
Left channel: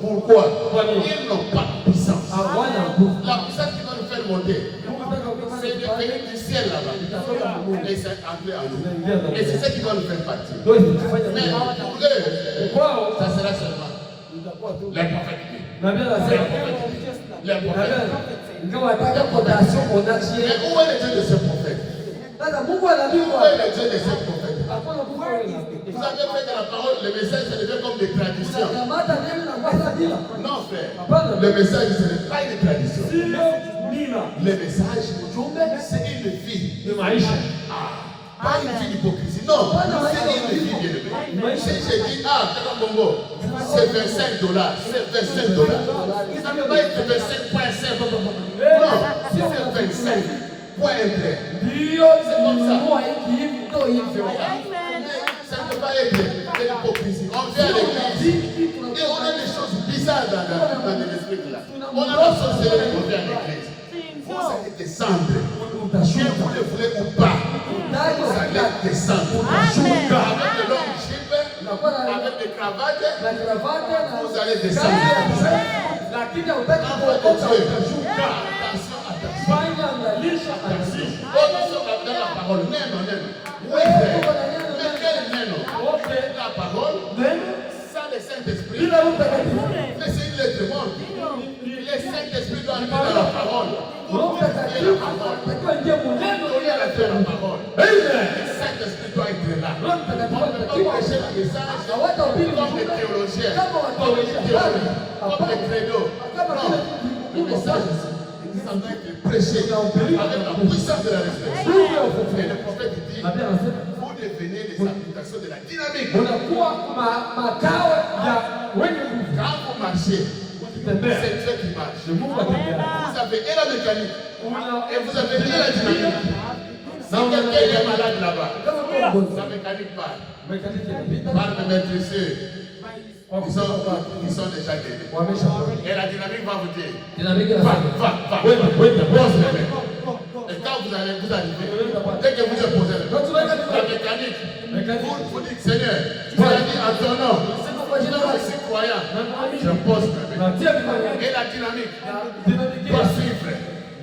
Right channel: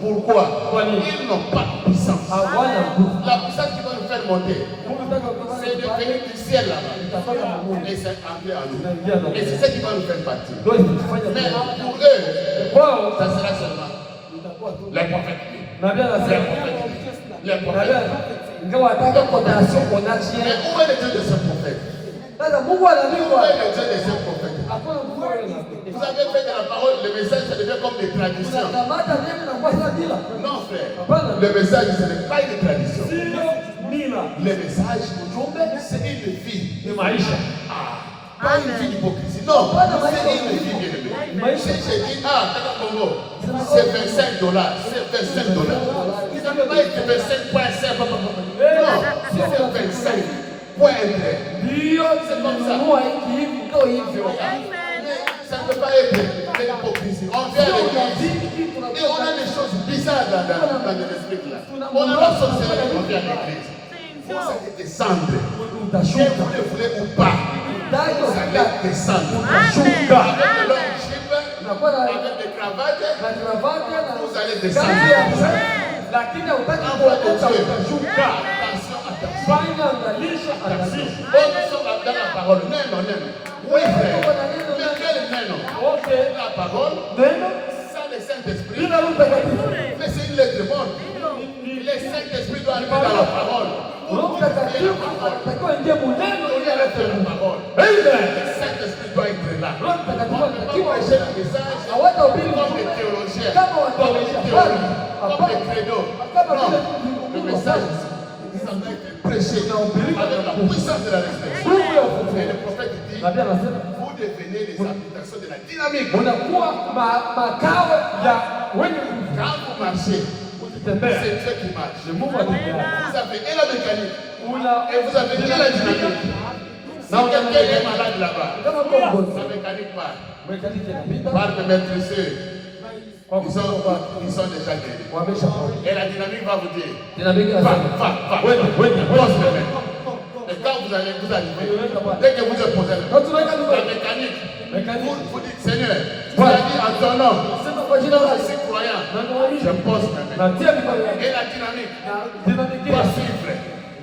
Pourquoi? Ils n'ont pas de puissance. La puissance qui va nous faire monter, c'est de venir du ciel là-bas. Et c'est entré en nous. Et c'est ça qui va nous faire partir. Mais pour eux, ça sera seulement les prophètes. Mais où est le Dieu de ce prophète? Où est le Dieu de ce prophète? Vous avez fait de la parole, le message, ça devient comme des traditions. Non, frère. Le message, ce n'est pas une tradition. Le message, c'est une vie. Pas une vie d'hypocrisie. Non, c'est une vie bien aimée. Si j'ai dit, Kakambongo, c'est 25 $, c'est 25 $. Ça ne peut pas être 25,5. Non, si c'est 25, point intérêt. C'est comme ça. Ça ne peut pas être de l'hypocrisie. On vient à l'église et on a des choses bizarres dans l'esprit là. On a la sorcellerie, on vient à l'église. Vous allez descendre. Que vous le voulez ou pas, vous allez descendre. Avec le long chip, avec des cravates, vous allez descendre. Attention, attention. parole. Non. Oui, frère. Mais quel neno? La parole, sans le Saint-Esprit. Mais c'est une lettre morte. Le Saint-Esprit doit entrer dans la parole. Pour purifier la parole. Pour faire la parole. Le Saint-Esprit doit être là. On ne peut pas prêcher le message comme les théologiens, comme les théories, comme les credos. Non, le message, ça doit être prêché avec la puissance de la résurrection. Et le prophète dit, vous devenez les habitations de la dynamique. Quand vous marchez, c'est Dieu qui marche. Vous avez et la mécanique et vous avez et la dynamique. Si quelqu'un est malade là-bas, la mécanique part. Par me maîtriser. Ils sont déjà guéris. Et la dynamique va vous dire, va. Et quand vous arrivez, dès que vous êtes posé la mécanique, vous dites, Seigneur, tu as dit à ton nom, je suis croyant, je pose mes mains. Et la dynamique doit suivre.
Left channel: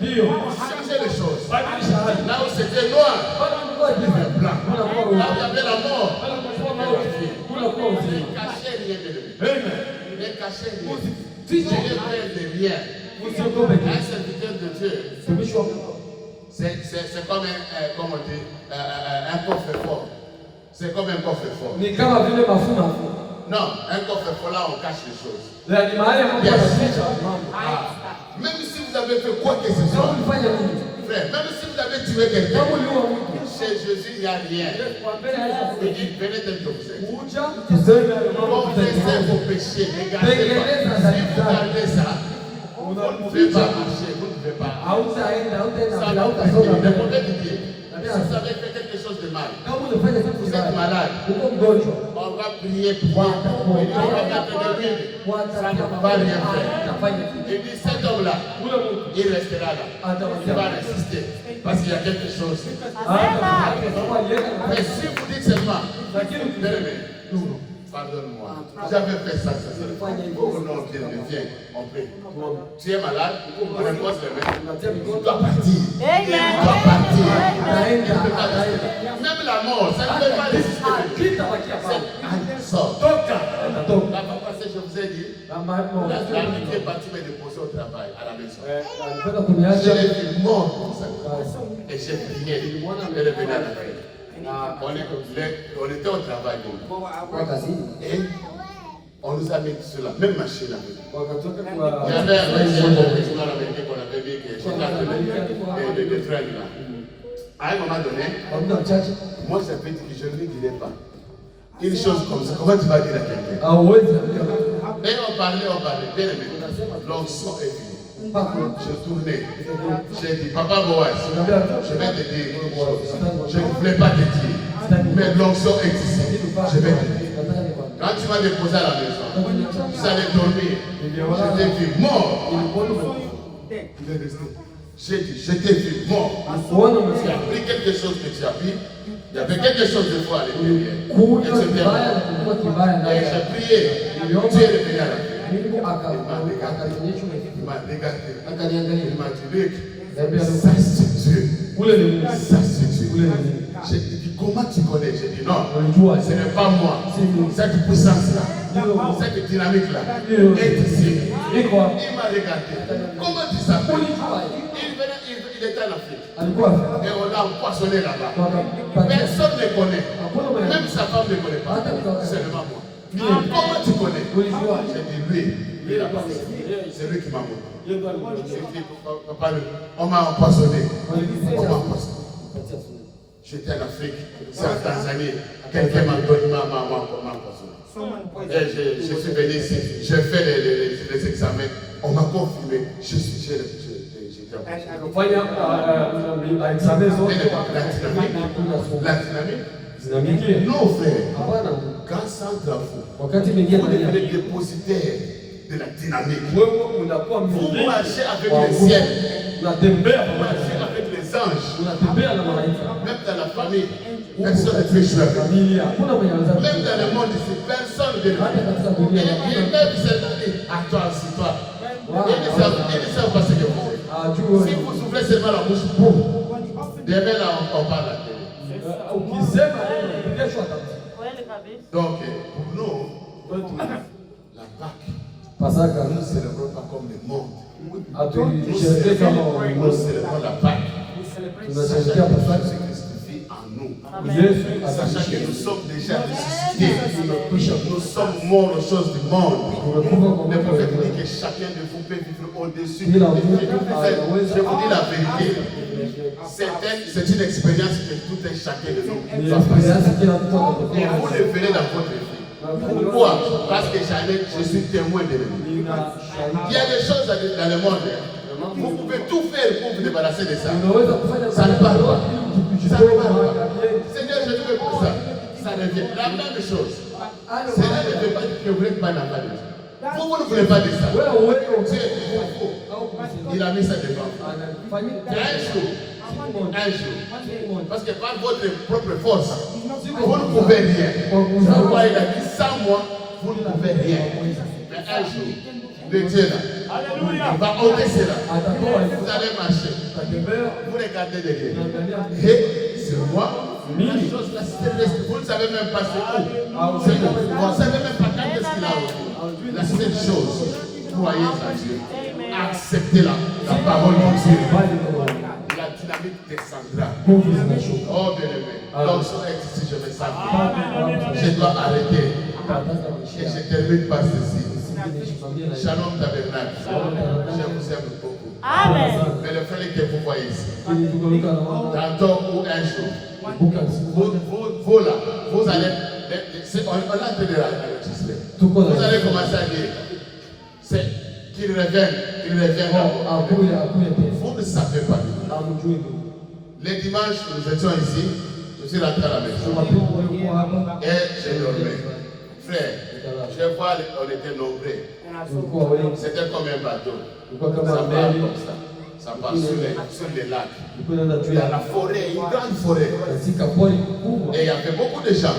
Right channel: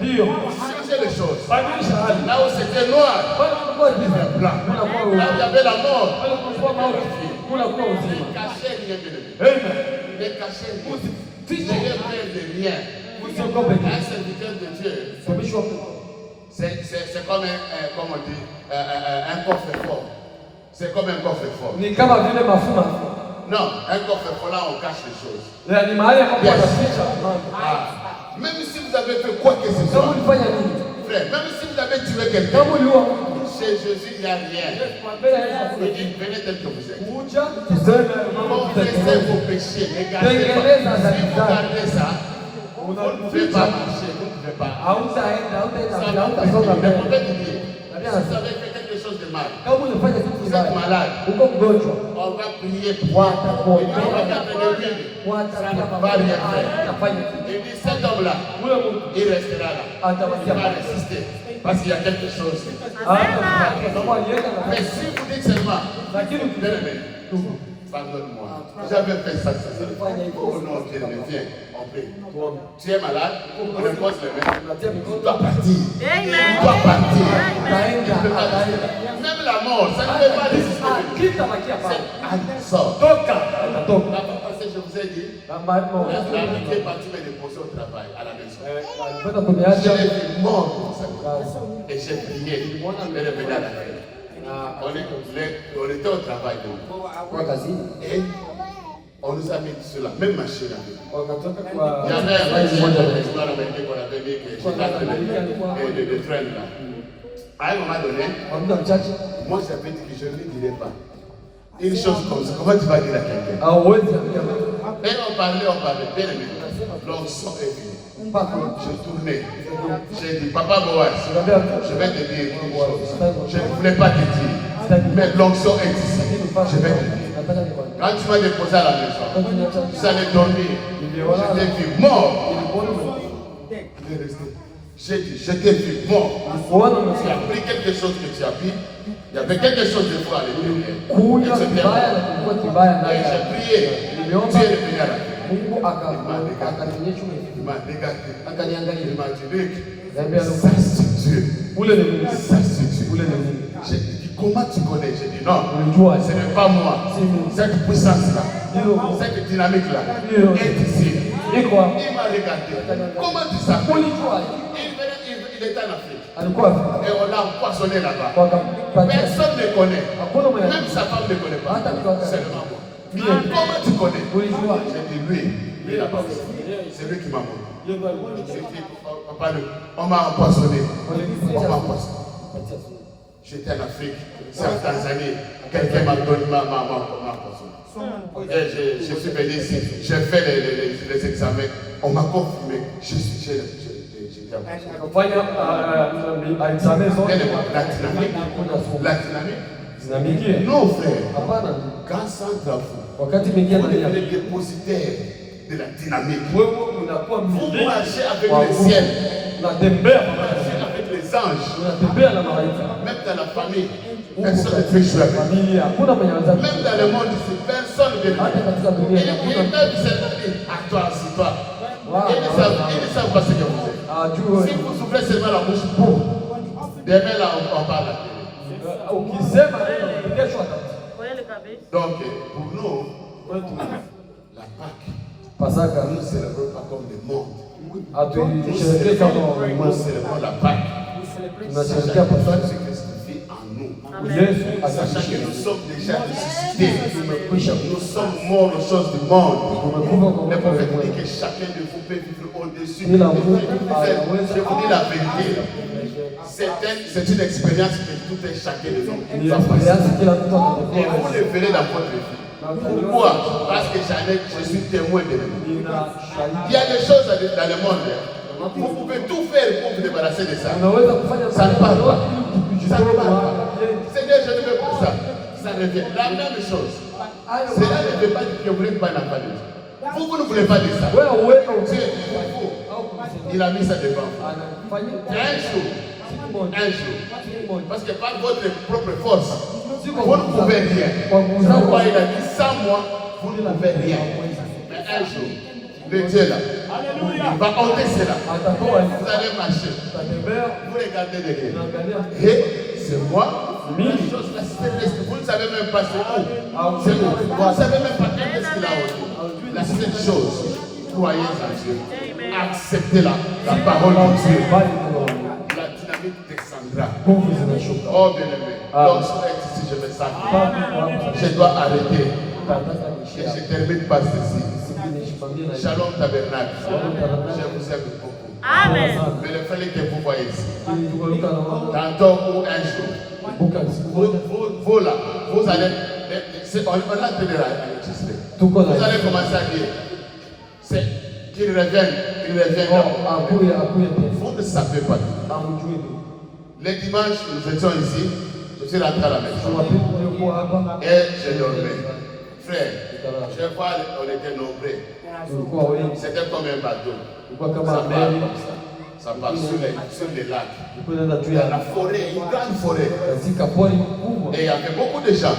Changer les choses. Là où c'était noir, il est blanc. Là où il y avait la mort, il cachait rien de lui. Il cachait rien. Il ne rien. Un serviteur de Dieu, c'est comme comment on dit, un coffre-fort. C'est comme un coffre-fort. Non, un coffre-fort là, on cache les choses. Même si vous avez fait quoi que ce soit, frère, même si vous avez tué quelqu'un, chez Jésus, il n'y a rien. Il dit, venez tel que vous êtes. Confessez vos péchés, ne gardez pas. Si vous gardez ça, vous ne pouvez pas marcher, vous ne pouvez pas. Ça va vous prier. Mais pour te dire, si vous avez fait quelque chose de mal, vous êtes malade, on va prier pour vous. Et on va mettre de l'huile. Ça ne va rien faire. Et dit, cet homme-là, il restera là. Il va résister. Parce qu'il y a quelque chose. Mais si vous dites seulement, pardonne-moi, j'avais fait ça. Oh non, viens, on prie. Tu es malade, on repose les mains. Tu dois partir. Tu dois partir. Même la mort, ça ne peut pas résister. Sors. La fois passée, je vous ai dit, l'amitié est partie me déposer au travail, à la maison. Je l'ai vu mort comme ça. Et j'ai prié. Elle est venue à la fête. On était au travail. Et on nous a mis sur la même machine. Il y avait un exploit américain qu'on avait mis, que j'ai appelé de train là. À un moment donné, moi j'avais dit que je ne lui dirais pas. Une chose comme ça, comment tu vas dire à quelqu'un? Et on parlait, bien aimé. L'onction est venue. Je tournais. J'ai dit, Papa Boaz, je vais te dire une chose. Je ne voulais pas te dire. Mais l'onction est ici. Je vais te dire. Quand tu m'as déposé à la maison, tu allais dormir. Je t'ai vu mort. Il est resté. J'ai dit, je t'ai vu mort. Tu as pris quelque chose que tu as pris. Il y avait quelque chose de foi à l'intérieur. Et c'était mort. Et j'ai prié. Tu es revenu à la vie. Il m'a regardé. Il m'a dit, ça c'est Dieu. Ça c'est Dieu. J'ai dit, comment tu connais? J'ai dit, non, ce n'est pas moi. Cette puissance-là, cette dynamique-là est ici. Il m'a regardé. Comment tu s'appelles? Il était en Afrique. Et on l'a empoisonné là-bas. Personne ne connaît. Même sa femme ne connaît pas. Seulement moi. Comment tu connais? J'ai dit, lui, c'est lui qui m'a montré. J'ai dit, papa, on m'a empoisonné. J'étais en Afrique, c'est en Tanzanie. Quelqu'un m'a empoisonné. Et je suis venu ici, j'ai fait les examens. On m'a confirmé. J'étais empoisonné. La dynamique? Non, frère. Quand ça entre vous, vous devenez dépositaire de la dynamique. Vous marchez avec les ciels. Vous marchez avec les anges. Même dans la famille, personne ne peut jouer avec vous. Même dans le monde ici, personne ne peut jouer. Ils peuvent seulement dire, à toi, c'est toi. Ils ne savent pas ce que vous êtes. Si vous ouvrez seulement la bouche, boum, demain là, on parle à la télé. Ukisema neno kesho atakuja. Kweli kabisa. Donc, pour nous, la Pâque, Pasaka nous ne célébrons pas comme le monde. atuisherehekee kama Nous ulimwengu. célébrons la Pâque. Tunasherehekea Pasaka. Jésus-Christ vit en nous. Yesu Sachant que ataishi. nous sommes déjà ressuscités. Nous sommes morts aux choses du monde. Le prophète dit que chacun de vous peut vivre au-dessus de Dieu. Je vous dis la vérité. C'est une expérience que tout un chacun de nous Ni va passer. experience kila mtu Et vous atakuwa. le verrez dans votre vie. Pourquoi? Parce que je suis témoin de lui. Il y a des choses dans le monde. Vous pouvez tout faire pour vous débarrasser de ça. Unaweza kufanya Ça ne parle pas. ili Ça ne tujitoe parle pas. mahali. Seigneur, je te veux pour ça. Ça revient. La même chose. Cela ne veut pas dire que vous voulez pas d'enfant de Dieu. Vous ne voulez pas de ça. Wewe uweke Dieu, utii. il a mis ça devant. Anafanyia Un jour. Parce que par votre propre force, vous ne pouvez rien. Pourquoi il a dit 100 mois, vous ne pouvez rien. Mais un jour, le Dieu là, il va ôter cela. Vous allez marcher. Vous regardez derrière. Et c'est moi. La chose là, céleste, vous ne savez même pas c'est où. C'est où. Vous ne savez même pas quand est-ce qu'il a ôté. La seule chose, croyez en Dieu. Acceptez-la, la parole de Dieu. La dynamique descendra. Oh bien-aimé, lorsque ici je me sens, je dois arrêter. Et je termine par ceci. Shalom Tabernacle. Je vous aime beaucoup. Amen. Mais le frère que vous voyez ici, tantôt ou un jour, vous là, vous allez, on a entendu l'enregistrer. Vous allez commencer à dire, c'est qu'il revienne d'abord. Vous ne savez pas. Les dimanches, nous étions ici, je suis rentré à la maison. Et j'ai dormi. Frère, je vois, on était nombreux. C'était comme un bateau. Ça part comme ça. Ça part sur les lacs. Dans la forêt, une grande forêt. Et il y avait beaucoup de gens.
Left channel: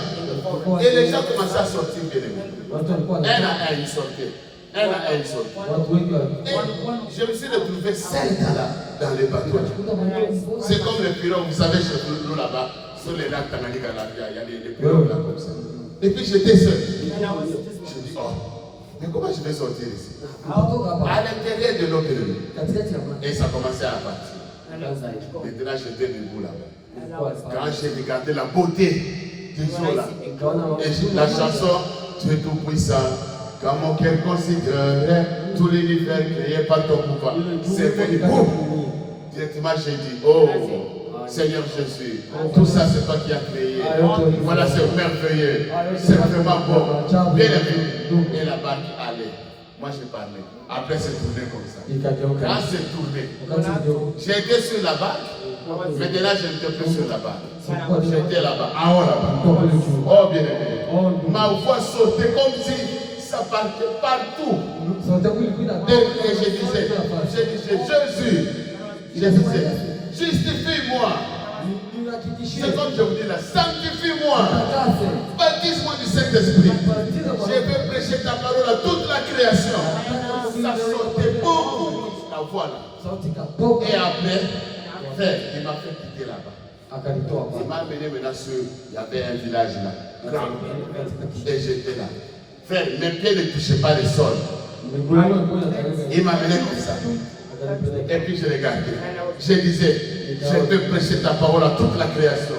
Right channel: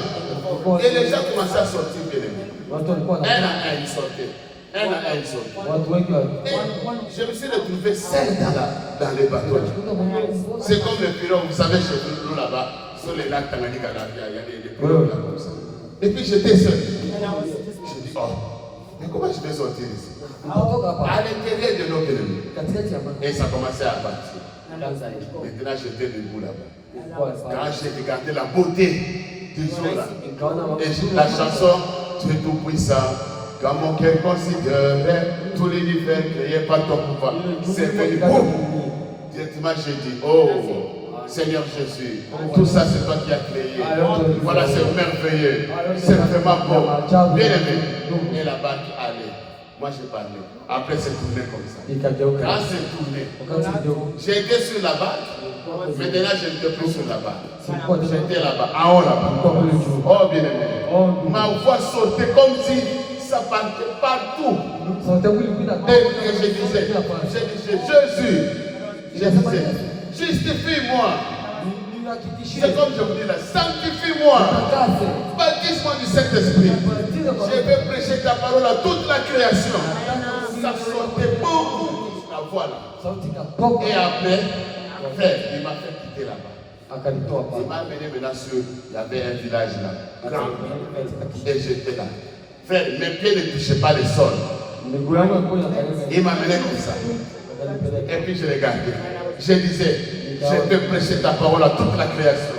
Et les gens commençaient à sortir bien aimés. Un à un, ils sortaient. Un à un, ils sortaient. Et je me suis retrouvé seul dans les bateaux. C'est comme les pirogues, vous savez, chez nous là-bas, sur les lacs Tanganyika, il y a des pirogues là comme ça. Et puis j'étais seul. Je dis, oh, mais comment je vais sortir ici? À l'intérieur de notre ennemi. Et ça commençait à partir. Maintenant j'étais debout là-bas. Quand j'ai regardé la beauté des eaux là, et la chanson, tu es tout puissant, quand mon cœur considère tout l'univers créé par ton pouvoir, c'est venu. Directement j'ai dit, oh Seigneur Jésus, tout ça c'est toi qui as créé. Voilà, c'est merveilleux. C'est vraiment bon. Bien aimé. Et la barque allait. Moi je parlais. Après c'est tourné comme ça. Quand c'est tourné, j'étais sur la barque. Maintenant je n'étais plus sur la barque. J'étais là-bas, en haut là-bas. Oh bien aimé. Ma voix sortait comme si ça partait partout. Et je disais, Jésus, je disais, justifie-moi. C'est comme je vous dis là, sanctifie-moi. Baptise-moi du Saint-Esprit. Je vais prêcher ta parole à toute la création. Ça sortait beaucoup, la voix là. Et après, frère, il m'a fait quitter là-bas. Il m'a amené maintenant sur, il y avait un village là, grand. Et j'étais là. Frère, mes pieds ne touchaient pas le sol. Il m'a amené comme ça. Et puis je regardais. Je disais, je vais prêcher ta parole à toute la création.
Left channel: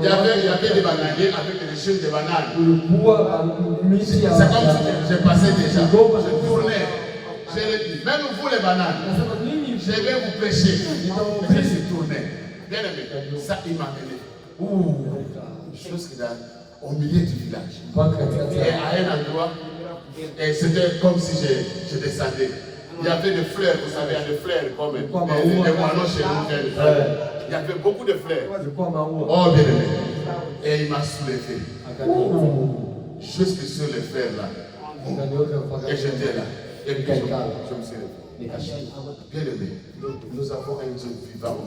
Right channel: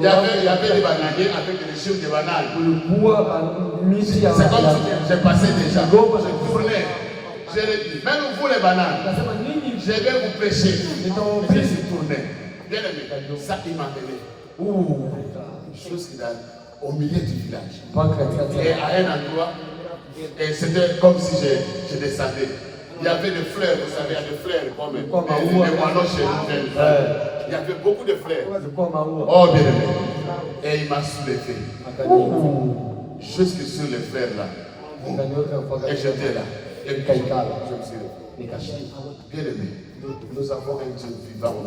Il y avait des bananiers avec des chutes de bananes. C'est comme si j'ai passé déjà. Je tournais. Je l'ai dit, même vous les bananes, je vais vous prêcher. Je suis tourné. Bien aimé, ça il m'a amené. Chose qui est au milieu du village. Et à un endroit, et c'était comme si je descendais. Il y avait des fleurs, vous savez, il y a des fleurs comme des moineaux chez nous. Il y avait beaucoup de fleurs. Oh bien aimé. Et il m'a soulevé. Jusque sur les fleurs là. Et j'étais là. Et puis je me suis levé. Bien aimé, nous avons un Dieu vivant au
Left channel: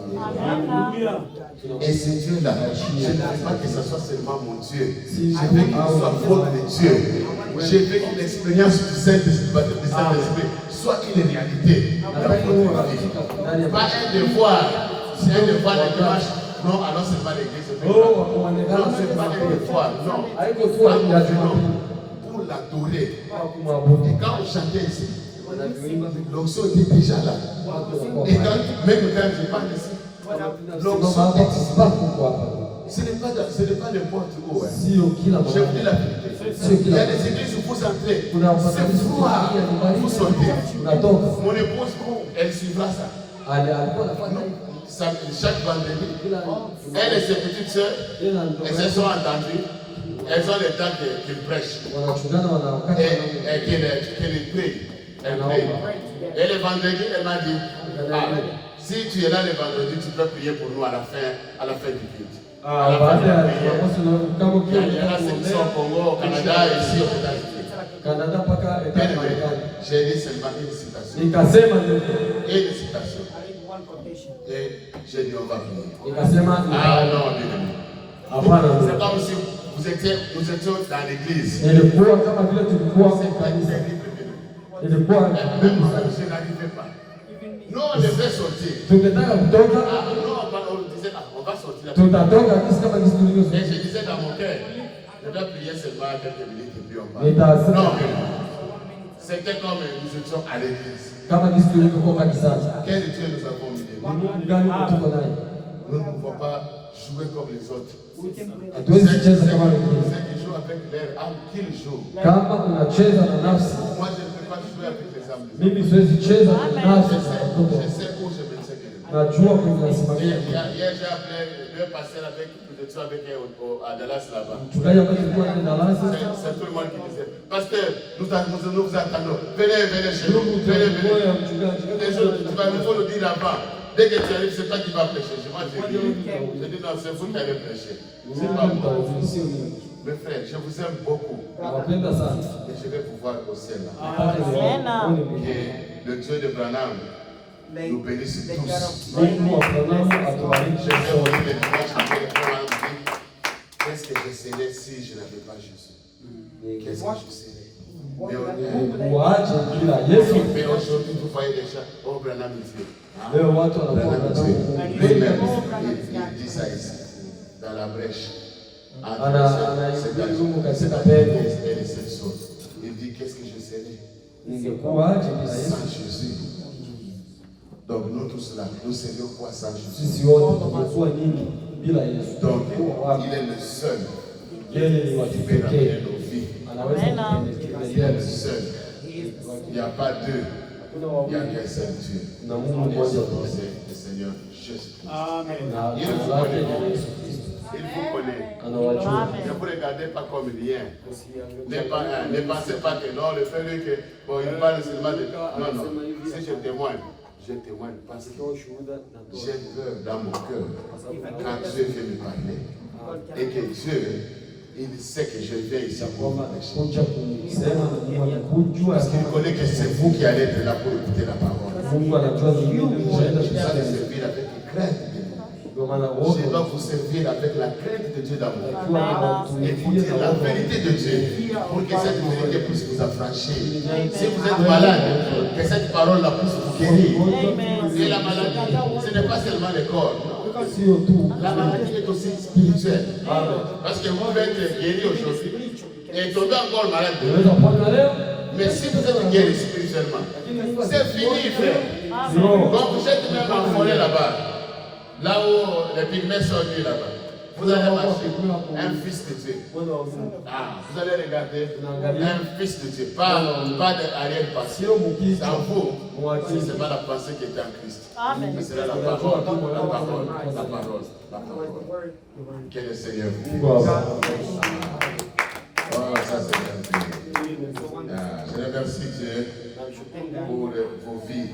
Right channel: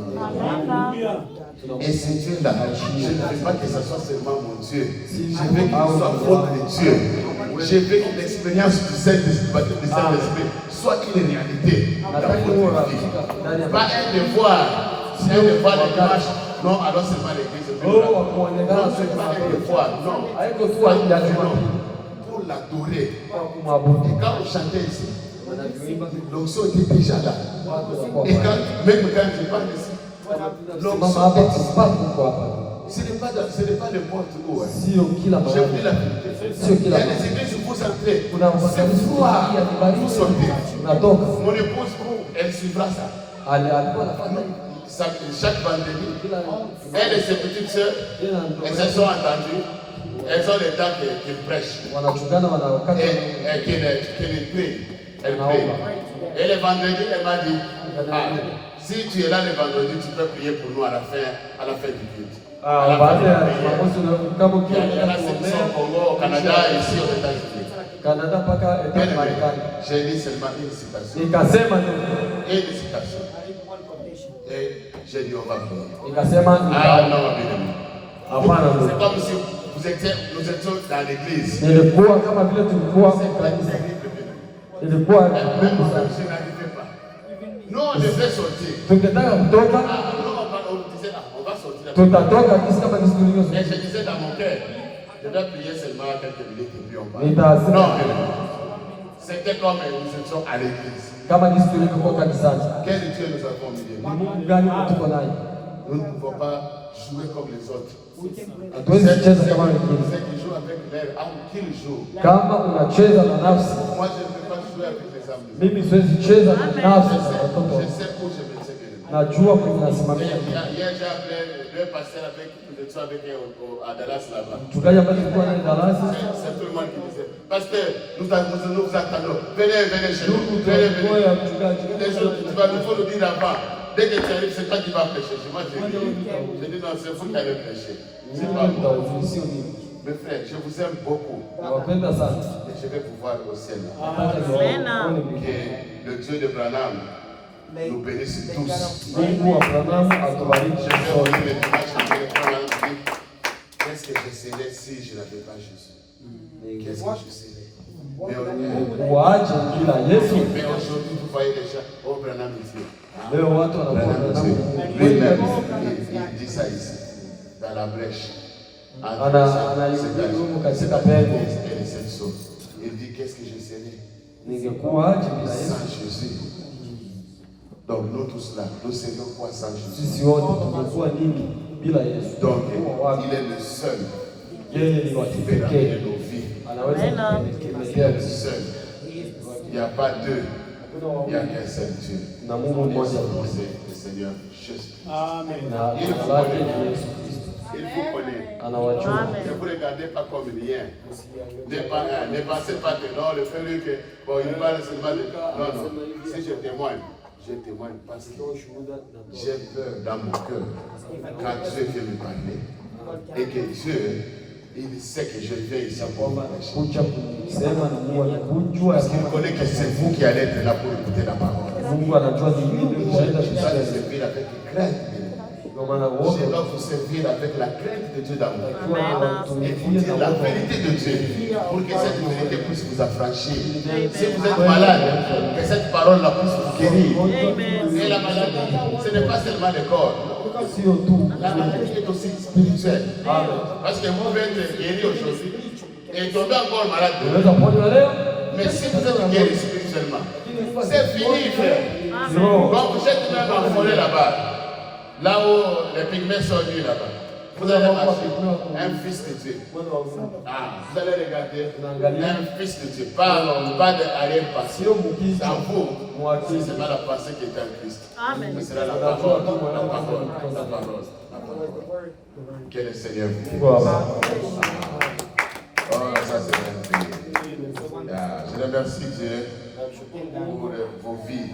milieu. Et ce Dieu-là, je ne veux pas que ce soit seulement mon Dieu. Je veux qu'il soit votre Dieu. Je veux que l'expérience du Saint-Esprit soit une réalité dans votre vie. Pas un devoir, c'est un devoir de dimanche. Non, alors c'est pas l'église. Oh, kuonekana Non, c'est pas les fois. Non. haiko tu ya Non. Jumapili Pour l'adorer. kwa kumwabudu. Et quand on chantait ici, Wanavyoimba l'onction était déjà là. watu wanakuwa Et pale. même quand je parle ici, Simama l'onction hapa est ici. kusipati kwa hapa. Ce n'est pas n'importe où. Hein. Sio kila Je vous dis mahali. la vérité. Sio Il y kila a des mahali. églises où vous entrez. Kuna C'est makanisa froid. ya nyumbani, Vous sortez. unatoka. Mon épouse, elle suivra ça. Alikuwa anafanya hivi. Chaque vendredi, Kila elle et ses petites sœurs, tena elles se sont entendues. Elles ont le temps qu'ils prêchent. wanachungana wanawakati Et qu'elle prie. Elle prie. Et le vendredi, elle m'a dit, si tu es là le vendredi, tu peux prier pour nous à la fin du culte. À la fin de baada la ya prière. Jumamosi na kama Il y en a ceux qui sont au Congo, au Canada et ici aux États-Unis. Canada mpaka Bien aimé, Marekani. j'ai dit seulement une citation. Nikasema ndio. Une citation. Et j'ai dit, on va prier. Nikasema Ah non, bien aimé. hapana. C'est comme si nous étions dans l'église. Nilikuwa kama vile tulikuwa C'est kanisa. terrible, bien aimé. Nilikuwa Même moi-même, je n'arrivais pas. Nous, on devait sortir. tungetaka kutoka, Nous, on disait, on va sortir. tutatoka kisi kama kisi tulivyo. Mais je disais dans mon cœur, je vais prier seulement quelques minutes et puis on va. Nitasema Non, c'était comme nous étions à l'église. kama kisi tulivyokuwa kanisani. Quel Dieu nous avons mis? Ni Mungu gani tuko naye? Nous ne pouvons pas jouer comme les autres. Hatuwezi kucheza kama wengine. Ceux qui jouent avec leur âme, qu'ils jouent. Kama unacheza na nafsi, Moi, je ne peux pas jouer avec les âmes des autres. mimi siwezi cheza na nafsi Je za sais, watoto. je sais où je me tiens. Najua kwenye nasimamia. Hier, j'ai appelé deux pasteurs avec qui nous étions avec eux à Dallas là-bas. Mchungaji ambaye tulikuwa naye darasa, C'est tout le monde qui disait, pasteur, nous vous attendons. Venez chez nous. ndugu Venez. tulikuwa ya mchungaji. Les autres, il faut le dire là-bas. Dès que tu arrives, c'est toi qui vas prêcher. Moi, j'ai dit non, c'est vous qui allez prêcher. C'est pas moi. Mes frères, je vous aime beaucoup. Nawapenda sana. Et je vais vous voir au ciel là. Amen. Que le Dieu de Branham nous bénisse tous. Mungu wa Abrahamu atubariki Je vais sote. revenir le dimanche après le Branham dit, qu'est-ce que je serais si je n'avais pas Jésus? Qu'est-ce que je serais? Waache bila Yesu. Mais aujourd'hui, vous voyez déjà, oh Branham est Dieu. Leo watu wanakuwa Branham est Dieu. Lui-même, il dit ça ici, dans la brèche. Elle est cette chose. Il dit, qu'est-ce que je serais Ningekuwaje bila Yesu? sans Jésus? Donc nous tous là, nous serions quoi sans Jésus? Sisi wote tungekuwa nini bila Yesu? Donc il est le seul Yeye ni wa qui peut ramener kipekee. nos vies. Anaweza Il est le seul. Il n'y a pas deux. Il n'y a qu'un seul Dieu. na Mungu Et mmoja son nom, tu. c'est le Seigneur Jésus. Na Il jina vous lake ni connaît. Yesu Kristo. Il vous connaît. Anawajua. Ne vous regardez pas comme rien. Ne pensez pas que non, le fait que bon, il parle seulement de. Non, non. Si je témoigne parce que j'ai peur dans mon cœur quand Dieu vient me parler et que Dieu, il sait que je viens ici pour vous prêcher. Kuja kusema na Mungu kujua Parce qu'il connaît que c'est vous qui allez être là pour écouter la parole. Mungu anajua ni nini unaenda Je dois kusema. vous servir avec crainte. Ndio maana wote Je dois vous servir avec la crainte de Dieu d'amour. Et vous tunatumikia dire na la wote. vérité de Dieu pour que cette vérité puisse vous affranchir. Si vous êtes malade, que cette parole-là puisse vous guérir. Et la maladie, ce n'est pas seulement le corps. Sio tu La maladie est aussi spirituelle. Parce que vous pouvez être guéri aujourd'hui et tomber encore malade demain. unaweza kupona leo, Mais si vous êtes guéri spirituellement, c'est fini, frère. Quand vous êtes même en forêt là-bas, là où les pygmées sont venus là-bas, vous allez marcher, un fils de Dieu. Vous allez regarder un fils de Dieu, pas d'arrière-pensée. sio mkizi Dans vous, mwakili. c'est pas la pensée qui est en Christ. Amen. Mais c'est la parole, la parole, la parole, la parole. Que le Seigneur vous Mungu wa Oh, ça c'est bien. Je remercie Dieu pour vos vies.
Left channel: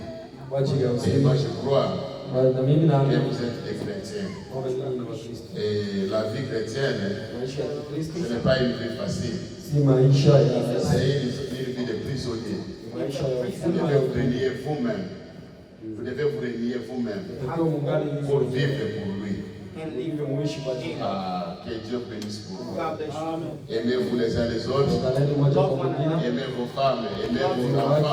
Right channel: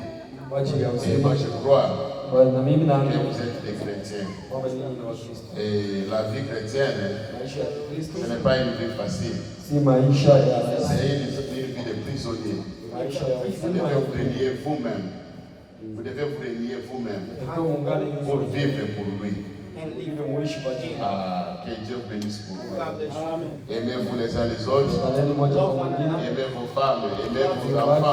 kwa ajili ya Et uzima. moi je crois Na mimi que naamini vous êtes des chrétiens. kwamba nyinyi ni Wakristo. Et la vie chrétienne, Maisha ya Kristo ce n'est pas une vie facile. si maisha ya C'est une vie de prisonnier. maisha ya Vous ufungwa devez ya vous renier vous-même. Vous devez vous renier vous-même Ukiwa mungali pour hivyo vivre pour lui. hivyo muishi kwa ajili ya Ah, que Dieu bénisse pour vous. Aimez-vous les uns les autres. Mungu. Moja kwa mwingine. Aimez vos femmes. Aimez vos enfants.